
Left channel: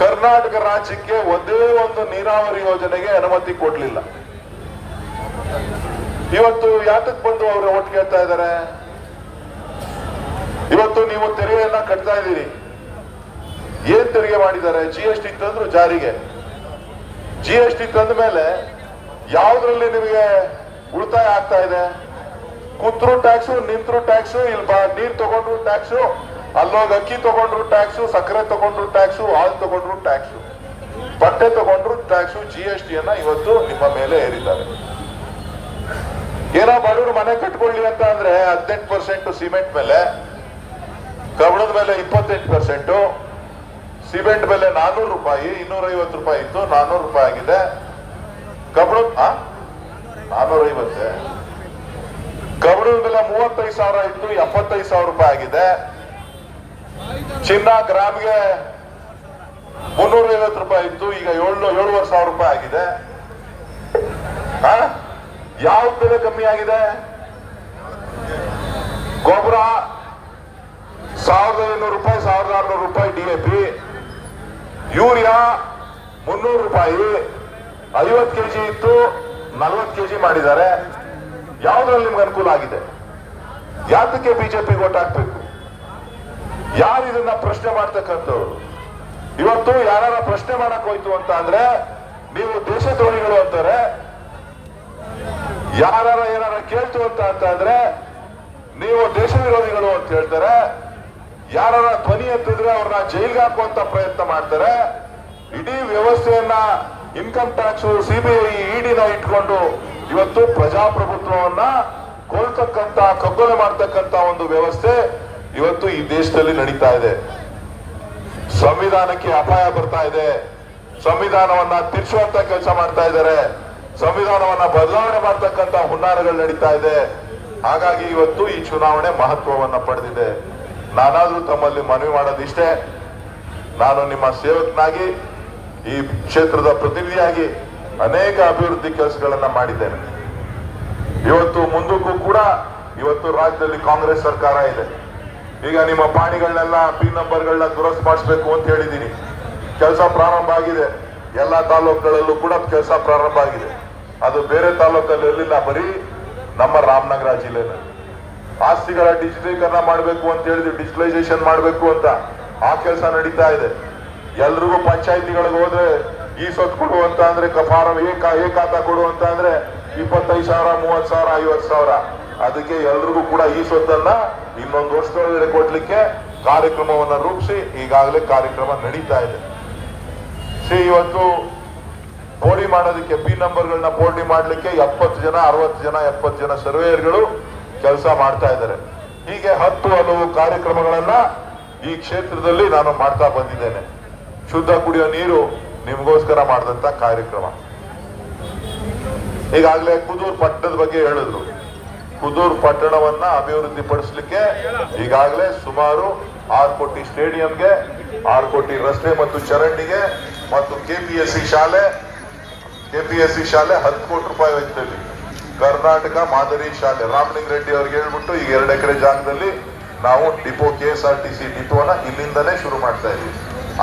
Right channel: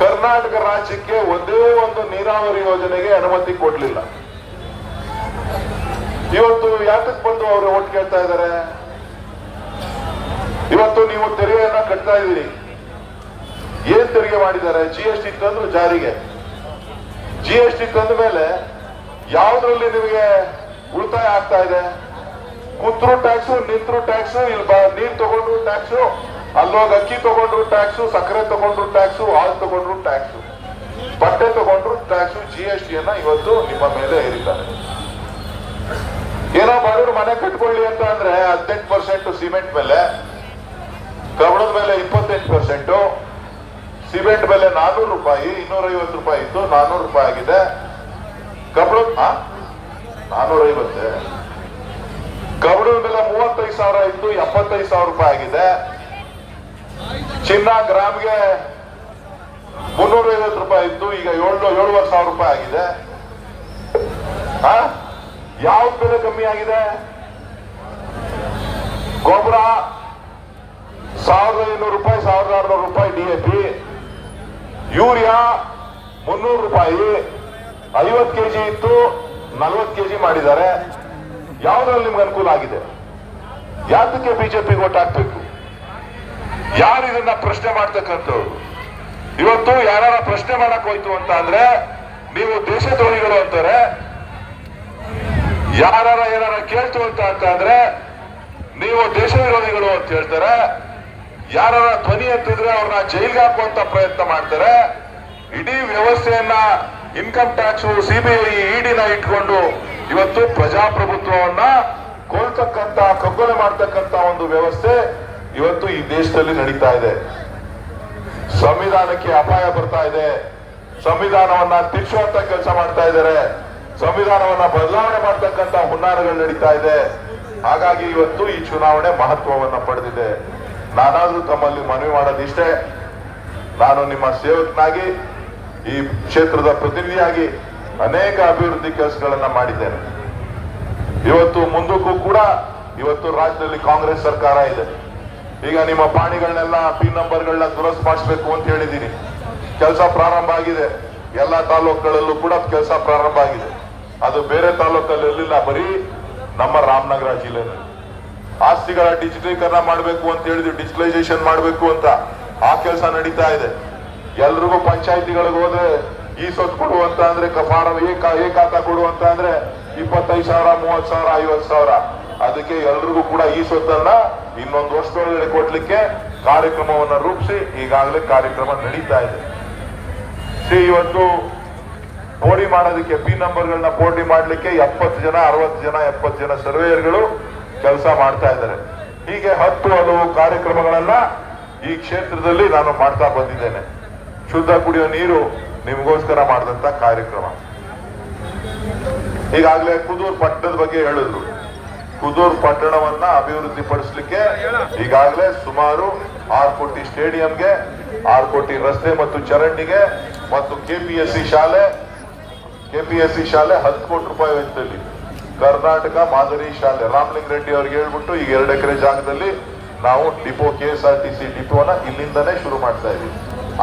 ಕರ್ನಾಟಕ ರಾಜ್ಯಕ್ಕೆ ಒಂದೇ ಒಂದು ನೀರಾವರಿ ಯೋಜನೆಗೆ ಅನುಮತಿ ಕೊಡ್ಲಿಲ್ಲ. ಇವತ್ತು ಯಾತಕ್ ಬಂದು ಅವರು ಓಟ್ ಕೇಳ್ತಾ ಇದ್ದಾರೆ? ಇವತ್ತು ನೀವು ತೆರಿಗೆಯನ್ನ ಕಟ್ತಾ ಇದ್ದೀರಿ. ಏನ್ ತೆರಿಗೆ ಮಾಡಿದ್ದಾರೆ? GST ತಂದ್ರು ಜಾರಿಗೆ. GST ತಂದ ಮೇಲೆ ಯಾವ್ದ್ರಲ್ಲಿ ನಿಮಗೆ ಉಳಿತಾಯ ಆಗ್ತಾ ಇದೆ? ಕೂತ್ರು ಟ್ಯಾಕ್ಸು, ನಿಂತ್ರು ಟ್ಯಾಕ್ಸು, ಇಲ್ಲಿ ನೀರ್ ತಗೊಂಡ್ರು ಟ್ಯಾಕ್ಸು, ಅಲ್ಲೋಗಿ ಅಕ್ಕಿ ತಗೊಂಡ್ರು ಟ್ಯಾಕ್ಸು, ಸಕ್ಕರೆ ತಗೊಂಡ್ರು ಟ್ಯಾಕ್ಸು, ಹಾಲು ತಗೊಂಡ್ರು ಟ್ಯಾಕ್ಸು, ಬಟ್ಟೆ ತಗೊಂಡ್ರು ಟ್ಯಾಕ್ಸು. GST ಯನ್ನ ಇವತ್ತು ನಿಮ್ಮ ಮೇಲೆ ಏರಿದ್ದಾರೆ. ಏನೋ ಬಡವರು ಮನೆ ಕಟ್ಕೊಳ್ಳಿ ಅಂತ ಅಂದ್ರೆ 18% ಸಿಮೆಂಟ್ ಮೇಲೆ, ಕಬ್ಬಣದ ಮೇಲೆ 28%, ಸಿಮೆಂಟ್ ಬೆಲೆ 400 ರೂಪಾಯಿ, 250 ರೂಪಾಯಿ ಇತ್ತು, 400 ರೂಪಾಯಿ ಆಗಿದೆ. ಕಬ್ಬಣದ 450, ಕಬ್ಬಣದ ಬೆಲೆ 35,000 ಇತ್ತು, 75,000 ರೂಪಾಯಿ ಆಗಿದೆ. ಚಿನ್ನ ಗ್ರಾಮ್ಗೆ 350 ರೂಪಾಯಿ ಇತ್ತು, ಈಗ 7,500 ರೂಪಾಯಿ ಆಗಿದೆ. ಯಾವ ಬೆಲೆ ಕಮ್ಮಿ ಆಗಿದೆ? ಗೊಬ್ಬರ 1,500 ರೂಪಾಯಿ, 1,600 ರೂಪಾಯಿ DAP, ಯೂರಿಯಾ 300 ರೂಪಾಯಿ, 50 ಕೆಜಿ ಇತ್ತು, 40 ಕೆಜಿ ಮಾಡಿದ್ದಾರೆ. ಯಾವ್ದ್ರಲ್ಲಿ ನಿಮ್ಗೆ ಅನುಕೂಲ ಆಗಿದೆ? ಯಾತಕ್ಕೆ ಬಿಜೆಪಿ ಓಟ್ ಹಾಕ್ಬೇಕು? ಯಾರು ಇದನ್ನ ಪ್ರಶ್ನೆ ಮಾಡ್ತಕ್ಕಂಥವ್ರು? ಇವತ್ತು ಯಾರ ಪ್ರಶ್ನೆ ಮಾಡಕ್ ಹೋಯ್ತು ಅಂತ ಅಂದ್ರೆ ನೀವು ದೇಶದ್ರೋಹಿಗಳು ಅಂತಾರೆ. ಯಾರ ಏನಾರ ಕೇಳ್ತು ಅಂತ ಅಂದ್ರೆ ನೀವು ದೇಶ ವಿರೋಧಿಗಳು ಅಂತ ಹೇಳ್ತಾರೆ. ಯಾರ ಧ್ವನಿ ಎತ್ತಿದ್ರೆ ಅವ್ರನ್ನ ಜೈಲ್ಗೆ ಹಾಕುವಂತ ಪ್ರಯತ್ನ ಮಾಡ್ತಾರೆ. ಇಡೀ ವ್ಯವಸ್ಥೆಯನ್ನ ಇನ್ಕಮ್ ಟ್ಯಾಕ್ಸ್, CBI, EDನ ಇಟ್ಕೊಂಡು ಇವತ್ತು ಪ್ರಜಾಪ್ರಭುತ್ವವನ್ನ ಕೊಲ್ತಕ್ಕಂತ, ಕಗ್ಗೊಲೆ ಮಾಡ್ತಕ್ಕಂತ ಒಂದು ವ್ಯವಸ್ಥೆ ಇವತ್ತು ಈ ದೇಶದಲ್ಲಿ ನಡೀತಾ ಇದೆ. ಸಂವಿಧಾನಕ್ಕೆ ಅಪಾಯ ಬರ್ತಾ ಇದೆ. ಸಂವಿಧಾನವನ್ನ ತಿರ್ಚುವಂತ ಕೆಲಸ ಮಾಡ್ತಾ ಇದ್ದಾರೆ. ಸಂವಿಧಾನವನ್ನ ಬದಲಾವಣೆ ಮಾಡ್ತಕ್ಕಂತ ಹುನ್ನಾರಗಳು ನಡೀತಾ ಇದೆ. ಹಾಗಾಗಿ ಇವತ್ತು ಈ ಚುನಾವಣೆ ಮಹತ್ವವನ್ನ ಪಡೆದಿದೆ. ನಾನಾದ್ರೂ ತಮ್ಮಲ್ಲಿ ಮನವಿ ಮಾಡೋದಿಷ್ಟೇ, ನಾನು ನಿಮ್ಮ ಸೇವಕನಾಗಿ, ಈ ಕ್ಷೇತ್ರದ ಪ್ರತಿನಿಧಿಯಾಗಿ ಅನೇಕ ಅಭಿವೃದ್ಧಿ ಕೆಲಸಗಳನ್ನ ಮಾಡಿದ್ದೇನೆ. ಇವತ್ತು ಮುಂದಕ್ಕೂ ಕೂಡ ಇವತ್ತು ರಾಜ್ಯದಲ್ಲಿ ಕಾಂಗ್ರೆಸ್ ಸರ್ಕಾರ ಇದೆ. ಈಗ ನಿಮ್ಮ ಪಾಣಿಗಳನ್ನೆಲ್ಲ ಪಿನ್ ನಂಬರ್ಗಳನ್ನ ದುರಸ್ತಿ ಮಾಡಿಸ್ಬೇಕು ಅಂತ ಹೇಳಿದ್ದೀನಿ. ಕೆಲಸ ಪ್ರಾರಂಭ ಆಗಿದೆ. ಎಲ್ಲಾ ತಾಲೂಕುಗಳಲ್ಲೂ ಕೂಡ ಕೆಲಸ ಪ್ರಾರಂಭ ಆಗಿದೆ. ಅದು ಬೇರೆ ತಾಲೂಕಲ್ಲಿ ಇರಲಿಲ್ಲ, ಬರೀ ನಮ್ಮ ರಾಮನಗರ ಜಿಲ್ಲೆನಲ್ಲಿ. ಆಸ್ತಿಗಳ ಡಿಜಿಟಲೀಕರಣ ಮಾಡಬೇಕು ಅಂತ ಹೇಳಿದ್ರು, ಡಿಜಿಟಲೈಸೇಷನ್ ಮಾಡಬೇಕು ಅಂತ ಆ ಕೆಲಸ ನಡೀತಾ ಇದೆ. ಎಲ್ರಿಗೂ ಪಂಚಾಯತಿಗಳಿಗೆ ಹೋದ್ರೆ ಈ ಸೊತ್ತು ಕೊಡು ಅಂತ ಅಂದ್ರೆ, ಫಾರಂ ಏ ಖಾತಾ ಕೊಡು ಅಂತ ಅಂದ್ರೆ 25,000, 30,000, 50,000. ಅದಕ್ಕೆ ಎಲ್ರಿಗೂ ಕೂಡ ಈ ಸೊತ್ತನ್ನ ಇನ್ನೊಂದು ವರ್ಷದೊಳಗಡೆ ಕೊಡ್ಲಿಕ್ಕೆ ಕಾರ್ಯಕ್ರಮವನ್ನು ರೂಪಿಸಿ ಈಗಾಗಲೇ ಕಾರ್ಯಕ್ರಮ ನಡೀತಾ ಇದೆ. ಇವತ್ತು ಪೋಡಿ ಮಾಡೋದಕ್ಕೆ ಪಿನ್ ನಂಬರ್ಗಳನ್ನ ಪೋಟಿ ಮಾಡ್ಲಿಕ್ಕೆ 70 ಜನ, 60 ಜನ, 70 ಜನ ಸರ್ವೇಯರ್ಗಳು ಕೆಲಸ ಮಾಡ್ತಾ ಇದ್ದಾರೆ. ಹೀಗೆ 10 ಹಲವು ಕಾರ್ಯಕ್ರಮಗಳನ್ನ ಈ ಕ್ಷೇತ್ರದಲ್ಲಿ ನಾನು ಮಾಡ್ತಾ ಬಂದಿದ್ದೇನೆ. ಶುದ್ಧ ಕುಡಿಯೋ ನೀರು ನಿಮಗೋಸ್ಕರ ಮಾಡಿದಂತ ಕಾರ್ಯಕ್ರಮ. ಈಗಾಗಲೇ ಕುದೂರು ಪಟ್ಟಣದ ಬಗ್ಗೆ ಹೇಳಿದ್ರು. ಕುದೂರು ಪಟ್ಟಣವನ್ನ ಅಭಿವೃದ್ಧಿ ಪಡಿಸಲಿಕ್ಕೆ ಈಗಾಗಲೇ ಸುಮಾರು 6 ಕೋಟಿ ಸ್ಟೇಡಿಯಂಗೆ, 6 ಕೋಟಿ ರಸ್ತೆ ಮತ್ತು ಚರಂಡಿಗೆ ಮತ್ತು KPSC ಶಾಲೆ 10 ಕೋಟಿ ರೂಪಾಯಿ ವೆಚ್ಚದಲ್ಲಿ ಕರ್ನಾಟಕ ಮಾದರಿ ಶಾಲೆ ರಾಮಲಿಂಗ ರೆಡ್ಡಿ ಅವ್ರಿಗೆ ಹೇಳ್ಬಿಟ್ಟು ಈಗ 2 ಎಕರೆ ಜಾಗದಲ್ಲಿ ನಾವು ಡಿಪೋ, KSRTC ಡಿಪೋನ ಇಲ್ಲಿಂದನೇ ಶುರು ಮಾಡ್ತಾ ಇದೀವಿ.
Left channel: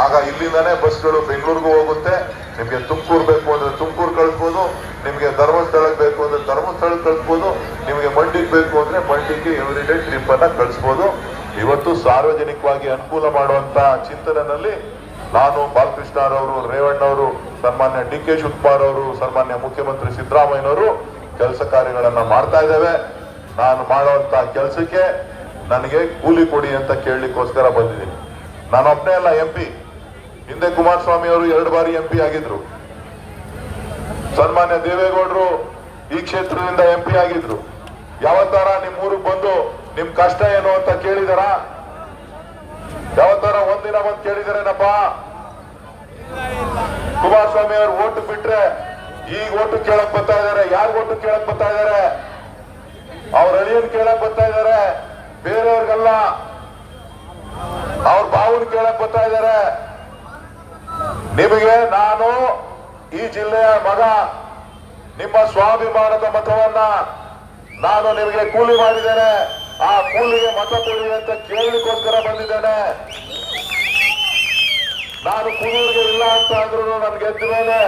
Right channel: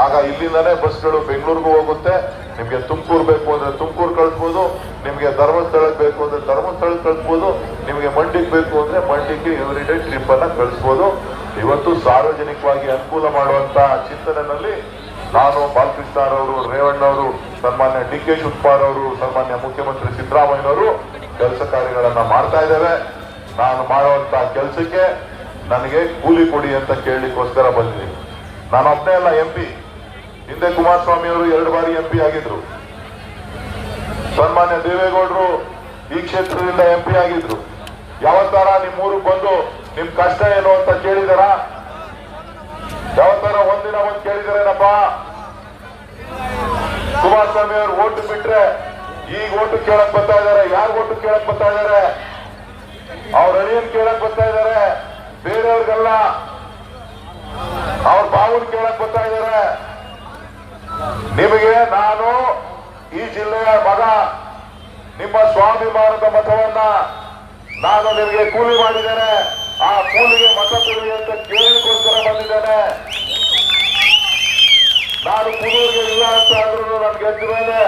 ಆಗ ಇಲ್ಲಿಂದನೇ ಬಸ್ಗಳು ಬೆಂಗಳೂರಿಗೂ ಹೋಗುತ್ತೆ. ನಿಮ್ಗೆ ತುಮಕೂರು ಬೇಕು ಅಂದ್ರೆ ತುಮಕೂರು ಕಳಿಸ್ಬೋದು, ನಿಮ್ಗೆ ಧರ್ಮಸ್ಥಳಕ್ಕೆ ಬೇಕು ಅಂದ್ರೆ ಧರ್ಮಸ್ಥಳಕ್ಕೆ ಕಳಿಸ್ಬೋದು, ನಿಮ್ಗೆ ಮಂಡಿಗೆ ಬೇಕು ಅಂದ್ರೆ ಮಂಡಿಗೆ ಎವ್ರಿಡೇ ಟ್ರಿಪ್ ಅನ್ನ ಕಳಿಸ್ಬೋದು. ಇವತ್ತು ಸಾರ್ವಜನಿಕವಾಗಿ ಅನುಕೂಲ ಮಾಡುವಂತ ಚಿಂತನೆಯಲ್ಲಿ ನಾನು, ಬಾಲಕೃಷ್ಣರವರು, ರೇವಣ್ಣವರು, ಸನ್ಮಾನ್ಯ DK ಶಿವಕುಮಾರ್ ಅವರು, ಸನ್ಮಾನ್ಯ ಮುಖ್ಯಮಂತ್ರಿ ಸಿದ್ದರಾಮಯ್ಯನವರು ಕೆಲಸ ಕಾರ್ಯಗಳನ್ನ ಮಾಡ್ತಾ ಇದ್ದೇವೆ. ನಾನು ಮಾಡುವಂತ ಕೆಲಸಕ್ಕೆ ನನಗೆ ಕೂಲಿ ಕೊಡಿ ಅಂತ ಕೇಳಲಿಕ್ಕೋಸ್ಕರ ಬಂದಿದ್ದೀನಿ. ನಾನು ಒಬ್ಬನೇ ಅಲ್ಲ MP. ಹಿಂದೆ ಕುಮಾರಸ್ವಾಮಿ ಅವರು 2 ಬಾರಿ MP ಆಗಿದ್ರು. ಸನ್ಮಾನ್ಯ ದೇವೇಗೌಡರು ಈ ಕ್ಷೇತ್ರದಿಂದ MP ಆಗಿದ್ರು. ಯಾವತ್ತಾರ ನಿಮ್ ಊರಿಗೆ ಬಂದು ನಿಮ್ ಕಷ್ಟ ಏನು ಅಂತ ಕೇಳಿದಾರ? ಯಾವತ್ತಾರ ಒಂದಿನ ಒಂದ್ ಕೇಳಿದಾರೇನಪ್ಪ? ಕುಮಾರಸ್ವಾಮಿ ಅವರು ಓಟು ಬಿಟ್ರೆ ಈಗ ಓಟು ಕೇಳಕ್ ಬರ್ತಾ ಇದಾರೆ. ಯಾರು ಓಟು ಕೇಳಕ್ ಬರ್ತಾ ಇದಾರೆ? ಅವ್ರ ಅಳಿಯನ್ ಕೇಳಕ್ ಬರ್ತಾ ಇದಾರೆ, ಬೇರೆಯವ್ರಿಗೆಲ್ಲ ಅವ್ರ ಬಾವುನ್ ಕೇಳಕ್ ಬರ್ತಾ ಇದಾರೆ. ನಿಮಗೆ ನಾನು ಈ ಜಿಲ್ಲೆಯ ಮಗ, ನಿಮ್ಮ ಸ್ವಾಭಿಮಾನದ ಮತವನ್ನ ನಾನು ನಿಮಗೆ ಕೂಲಿ ಮಾಡಿದ್ದೇನೆ. ಆ ಕೂಲಿಗೆ ಮತ ಕೊಡಿ ಅಂತ ಕೇಳಲಿಕ್ಕೋಸ್ಕರ ಬಂದಿದ್ದೇನೆ. ನಾನು ಕುದೂರಿಗೆ ಇಲ್ಲ ಅಂತ ಅಂದ್ರೂ ನನ್ಗೆ ಎದ್ಮೇಲೆ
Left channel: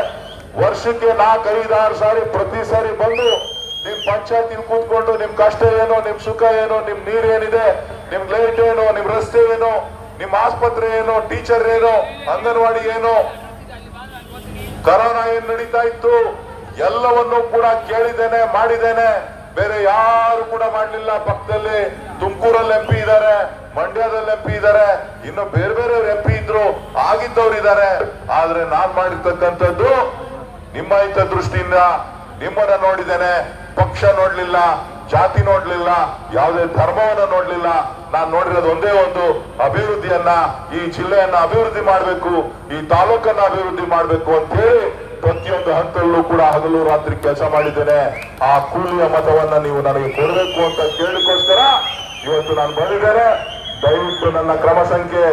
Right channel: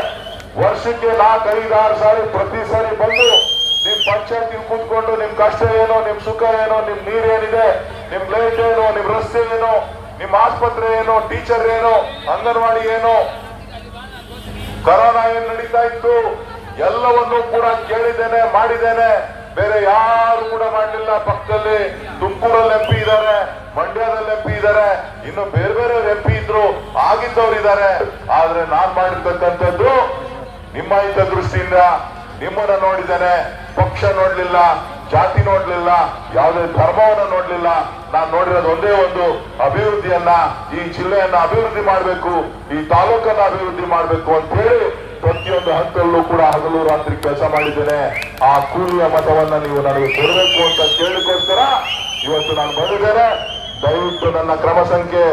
ವರ್ಷಕ್ಕೆ 4-5-6 ಸಾರಿ ಪ್ರತಿ ಸಾರಿ ಬಂದು ನಿಮ್ ಪಂಚಾಯತ್ ಕೂತ್ಕೊಂಡು ನಿಮ್ ಕಷ್ಟ ಏನು, ನಿಮ್ ಸುಖ ಏನು, ನಿಮ್ ನೀರ್ ಏನಿದೆ, ನಿಮ್ ಲೈಟ್ ಏನು, ನಿಮ್ ರಸ್ತೆ ಏನು, ನಿಮ್ ಆಸ್ಪತ್ರೆ ಏನು, ಟೀಚರ್ ಏನು, ಅಂಗನವಾಡಿ ಏನು, ಕರೋನಾ ಏನ್ ನಡೀತಾ ಇತ್ತು ಎಲ್ಲವನ್ನೂ ಕೂಡ ಕೇಳಿದ್ದೇನೆ, ಮಾಡಿದ್ದೇನೆ. ಬೇರೆ ಯಾರು ಕೂಡ ಮಾಡಲಿಲ್ಲ. ಪಕ್ಕದಲ್ಲಿ ತುಮಕೂರಲ್ಲಿ ಎಂಪಿ ಇದ್ದಾರೆ, ಮಂಡ್ಯದಲ್ಲಿ ಎಂಪಿ ಇದ್ದಾರೆ, ಇನ್ನು ಬೇರೆ ಬೇರೆ ಎಂಪಿ ಇದ್ರು, ಆಗಿದ್ದವ್ರು ಇದ್ದಾರೆ. ಆದ್ರೆ ನಾನ್ ಮಾಡಿರ್ತಕ್ಕಂಥದ್ದು ನಿಮ್ಮ ಹಿತದೃಷ್ಟಿಯಿಂದ ನಿಮ್ಮನ್ನ ನೋಡಿದ್ದೇನೆ. ಪಕ್ಷ ನೋಡ್ಲಿಲ್ಲ, ಜಾತಿ ನೋಡ್ಲಿಲ್ಲ, ಯಾವುದೇ ಧರ್ಮವನ್ನ ನೋಡ್ಲಿಲ್ಲ. ನಾನ್ ನೋಡಿರೋದು ಒಂದೇ ಒಂದು, ಅಭಿವೃದ್ಧಿಯನ್ನ, ಈ ಜಿಲ್ಲೆಯನ್ನ ಅಭಿವೃದ್ಧಿ ಮಾಡಬೇಕು, ಈ ತಾಲೂಕನ್ನ ಅಭಿವೃದ್ಧಿ ಮಾಡಬೇಕು ಅಂತ ಹೇಳಿ ಪ್ರತಿಯೊಂದು ಹಂತಲ್ಲೂ ಕೂಡ ಹಗಲು ರಾತ್ರಿ ಕೆಲಸ ಮಾಡಿದ್ದೇನೆ. ಆ ಕೂಲಿಯ ಮತವನ್ನ ನೀವು ನನಗೆ ಕೊಡಬೇಕು ಅಂತ ಕೇಳಿಕೋಸ್ಕರ ಇವತ್ತು ನಾನು ಬಂದಿದ್ದೇನೆ. ದಯವಿಟ್ಟು ನನ್ನ ಕ್ರಮ ಸಂಖ್ಯೆ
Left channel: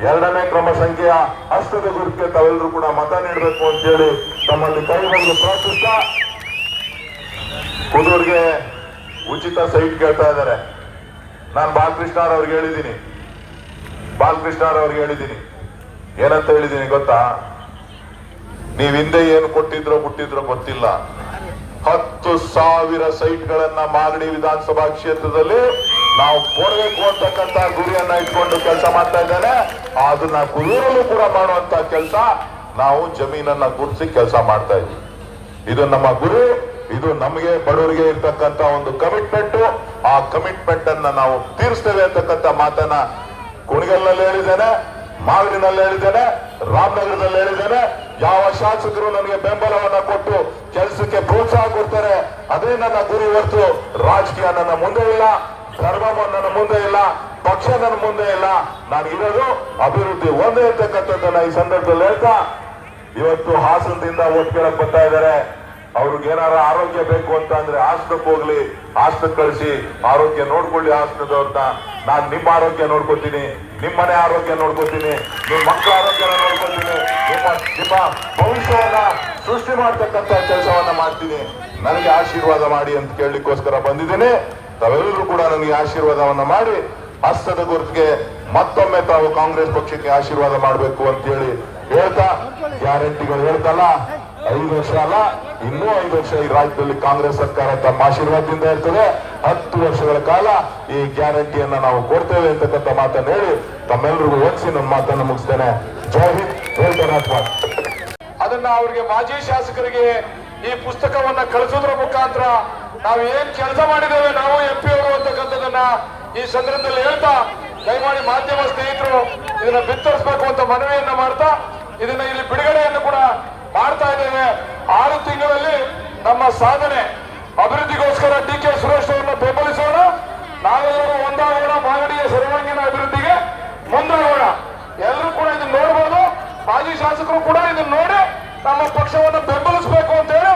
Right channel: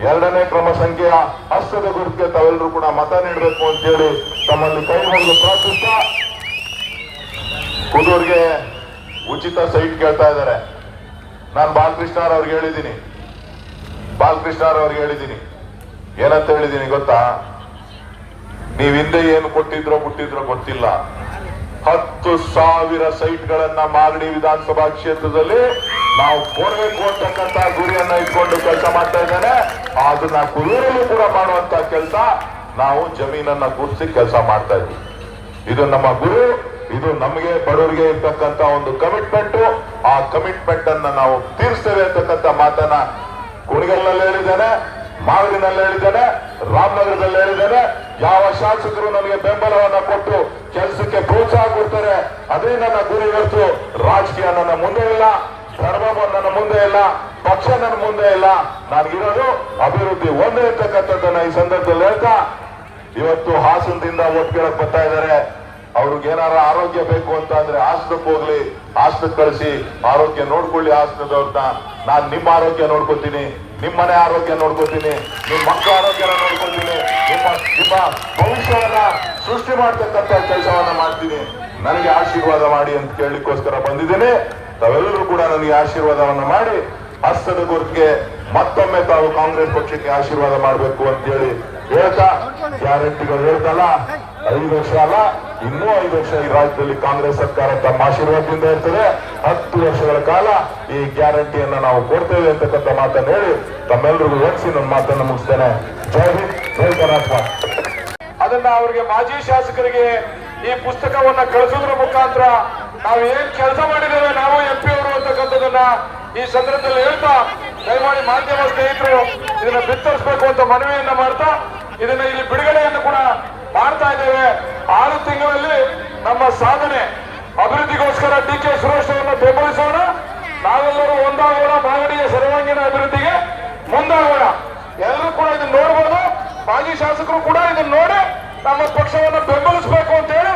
2ನೇ ಕ್ರಮ ಸಂಖ್ಯೆಯ ಹಸ್ತದ ಗುರುತಿಗೆ ತಾವೆಲ್ಲರೂ ಕೂಡ ಮತ ನೀಡಬೇಕು ಅಂತ ಹೇಳಿ ತಮ್ಮಲ್ಲಿ ಕೈ ಮುಗಿದು ಪ್ರಾರ್ಥಿಸ್ತಾ, ಕುದೂರ್ಗೆ ಉಚಿತ ಸೈಟ್ ಕೇಳ್ತಾ ಇದ್ದಾರೆ. ನಾನು ಬಾಲಕೃಷ್ಣ ಅವ್ರಿಗೆ ಹೇಳಿದ್ದೀನಿ, ಏನಂತ ಹೇಳಿದ್ದೀನಿ ಗೊತ್ತಾ? ನೀವ್ ಹಿಂದೆ ಏನು ಕೊಟ್ಟಿದ್ರೋ ಗೊತ್ತಿಲ್ಲ, 10,000 ಸೈಟ್ಗಳನ್ನ ಮಾಗಡಿ ವಿಧಾನಸಭಾ ಕ್ಷೇತ್ರದಲ್ಲಿ ನಾವು ಕೊಡಬೇಕು ಅಂತಕ್ಕಂಥ ಗುರಿಯನ್ನ ಇಟ್ಕೊಂಡು ಕೆಲಸ ಮಾಡ್ತಾ ಇದ್ದೇನೆ. ಅದನ್ನ ಕುದೂರಲ್ಲೂ ಕೂಡ ಮಾಡುವಂತ ಕೆಲಸ, ನಾವು ಜಮೀನನ್ನ ಗುರುತಿಸಿ ಕೆಲಸ ಮಾಡ್ತಾ ಇದ್ದೀವಿ. ಇದು ನಮ್ಮ ಗುರಿ, ಇದು ನಮಗೆ ಬಡವರಿಗೆ ಇರ್ತಕ್ಕಂಥ ಒಂದು ಕಮಿಟ್ಮೆಂಟ್. ಆ ಕಮಿಟ್ಮೆಂಟ್ ಅನ್ನ ನಾವು ತೀರಿಸ್ತೇವೆ ಅಂತಕ್ಕಂಥ ಮಾತನ್ನ ಕುಣಿಗಲ್ನಲ್ಲಿ ಹೇಳಿದ್ದೇನೆ, ಮಾಗಡಿನಲ್ಲಿ ಹೇಳಿದ್ದೇನೆ, ರಾಮನಗರದಲ್ಲಿ ಹೇಳಿದ್ದೇನೆ. ಯಾವ ಶಾಸಕರು ನನಗೆ ಬೆಂಬಲವನ್ನ ಕೊಟ್ಟು ಕೆಲಸಕ್ಕೆ ಪ್ರೋತ್ಸಾಹ ಕೊಡ್ತಾರೆ, ಅದೇ ನನ್ನ ಗುರಿ. ಹೊರತು ರಾಜಕೀಯ ನನ್ನ ಮುಂದೆ ಇಲ್ಲ, ಧರ್ಮ ನನ್ನ ಮುಂದೆ ಇಲ್ಲ, ಪಕ್ಷ ನನ್ನ ಮುಂದೆ ಇಲ್ಲ. ನನಗಿರೋದು ಅಭಿವೃದ್ಧಿ ಒಂದೇ ಇರ್ತಕ್ಕಂಥದ್ದನ್ನ ಈ ಸಂದರ್ಭದಲ್ಲಿ ಹೇಳ್ತಾ, ಇವತ್ತು ಹಾಸನದಿಂದ ಓಟ್ ಕೇಳಕ್ ಬರ್ತಾ ಇದ್ದಾರೆ. ಅವ್ರಿಗೆ ಏನಾರ ಆರೋಗ್ಯ ಬೇಕು ಅಂತ ಅಂದ್ರೆ ಆಸ್ಪತ್ರೆಗೆ ಹೋಗ್ಲಿ, ಆಸ್ಪತ್ರೆ ಕಳಿಸಿ ಆರೋಗ್ಯ ನೋಡ್ಕೊಳ್ಳಿ ಆಸ್ಪತ್ರೆಯವ್ರನ್ನ. ನಾನ್ ನಿಮ್ಮ ಆರೋಗ್ಯ ನೋಡ್ಕೋತೀನಿ, ನಿಮ್ಮ ಮನೆ ಆರೋಗ್ಯ ನೋಡ್ಕೋತೀನಿ, ನಿಮ್ಮ ಮಕ್ಕಳ ಆರೋಗ್ಯ ನೋಡ್ಕೋತೀನಿ, ನಿಮ್ಮ ಭವಿಷ್ಯವನ್ನ ಸೃಷ್ಟಿ ಮಾಡ್ತಕ್ಕಂಥ ಕೆಲಸವನ್ನ ಮಾಡ್ತೀನಿ. ನನಗೆ ಆಶೀರ್ವಾದ ಮಾಡಿ ಅಂತ ಕೇಳಲಿಕ್ಕೋಸ್ಕರ ಬಂದಿದ್ದೇನೆ. ತಾವೆಲ್ಲರೂ ಕೂಡ ನನಗೆ ಆಶೀರ್ವಾದವನ್ನ ಮಾಡಿ ಹಸ್ತದ ಗುರುತಿಗೆ ಮತ್ತೊಮ್ಮೆ ತಾವು ಕಾಂಗ್ರೆಸ್ ಪಕ್ಷಕ್ಕೆ ಆಶೀರ್ವಾದ ಮಾಡಬೇಕು ಅಂತ ಹೇಳಿ ಹೇಳ್ತಾ, ಗ್ಯಾರಂಟಿಗಳು ಹೇಳ್ತಲ್ಲ, 5 ವರ್ಷ ಅಲ್ಲ, ಇನ್ನೂ 5 ವರ್ಷ ಈ ರಾಜ್ಯದಲ್ಲಿ ಕಾಂಗ್ರೆಸ್ ಸರ್ಕಾರ ತಮ್ಮ ಆಶೀರ್ವಾದದಿಂದ ಇರ್ತದೆ. 10 ವರ್ಷಗಳ ಕಾಲ ಈ ಗ್ಯಾರಂಟಿಯನ್ನ ನಾವು ಕೊಡ್ತೇವೆ ಅಂತಕ್ಕಂಥ ಮಾತನ್ನು ಹೇಳಿ ತಮ್ಮೆಲ್ಲರಿಗೂ ಓದಿಸಿ ನನ್ನ ಮಾತನ್ನು ಮುಗಿಸ್ತೇನೆ. ಜೈ ಹಿಂದ್, ಜೈ ಕರ್ನಾಟಕ. ಅದನ್ನ ಅವ್ರಿಗೆ ಮಾಜಿ ಶಾಸಕರಿಗೆ ಈ ಪುಸ್ತಕವನ್ನ ಕಳಿಸೋದ್ರ ಮುಖಾಂತರ ನಾವು ಏನ್ ಕೆಲಸ ಮಾಡಿದ್ದೇವೆ ನಾವು ಎಂಪಿ ಅವರು ಅಂತಕ್ಕಂಥದನ್ನ ಈ ಸಂದರ್ಭದಲ್ಲಿ ಹೇಳ್ತಾ, ದಯಮಾಡಿ ಮಾಧ್ಯಮ ಸ್ನೇಹಿತರು ಇದನ್ನ ಬಿತ್ತರಿಸಬೇಕು ಅಂತ ಮನವಿಯನ್ನ ಮಾಡ್ತಾ, ಇದನ್ನ ಇಲ್ಲಿ ಬಿಡುಗಡೆಯನ್ನು ಕೂಡ ಮಾಡ್ತಾ ಇದ್ದೇವೆ. 6 ತಿಂಗಳಲ್ಲಿ ನಮ್ಮ ಸಾಧನೆ ಅಭಿವೃದ್ಧಿಗೋಸ್ಕರ ಡಿ ಕೆ ಸುರೇಶ್ ಅವರನ್ನ ಬೆಂಬಲಿಸೋಣ. ನಾವೆಲ್ಲರೂ ಒಂದಾಗೋಣ, ಮಾಗಡಿಯ ಸರ್ವಾಂಗೀಣ ಅಭಿವೃದ್ಧಿಗೆ ಮುಂದಾಗೋಣ. ಎಲ್ಲರೂ ಕೂಡ ಇದನ್ನ ನೋಡ್ಬೋದು. ಮಾಜಿ ಶಾಸಕರು ಕೂಡ ಇದನ್ನ ನೋಡಿ ನಮ್ಮ ಪಕ್ಷವನ್ನು ಬೆಂಬಲಿಸಬೇಕು ಅಂತ ಹೇಳಿ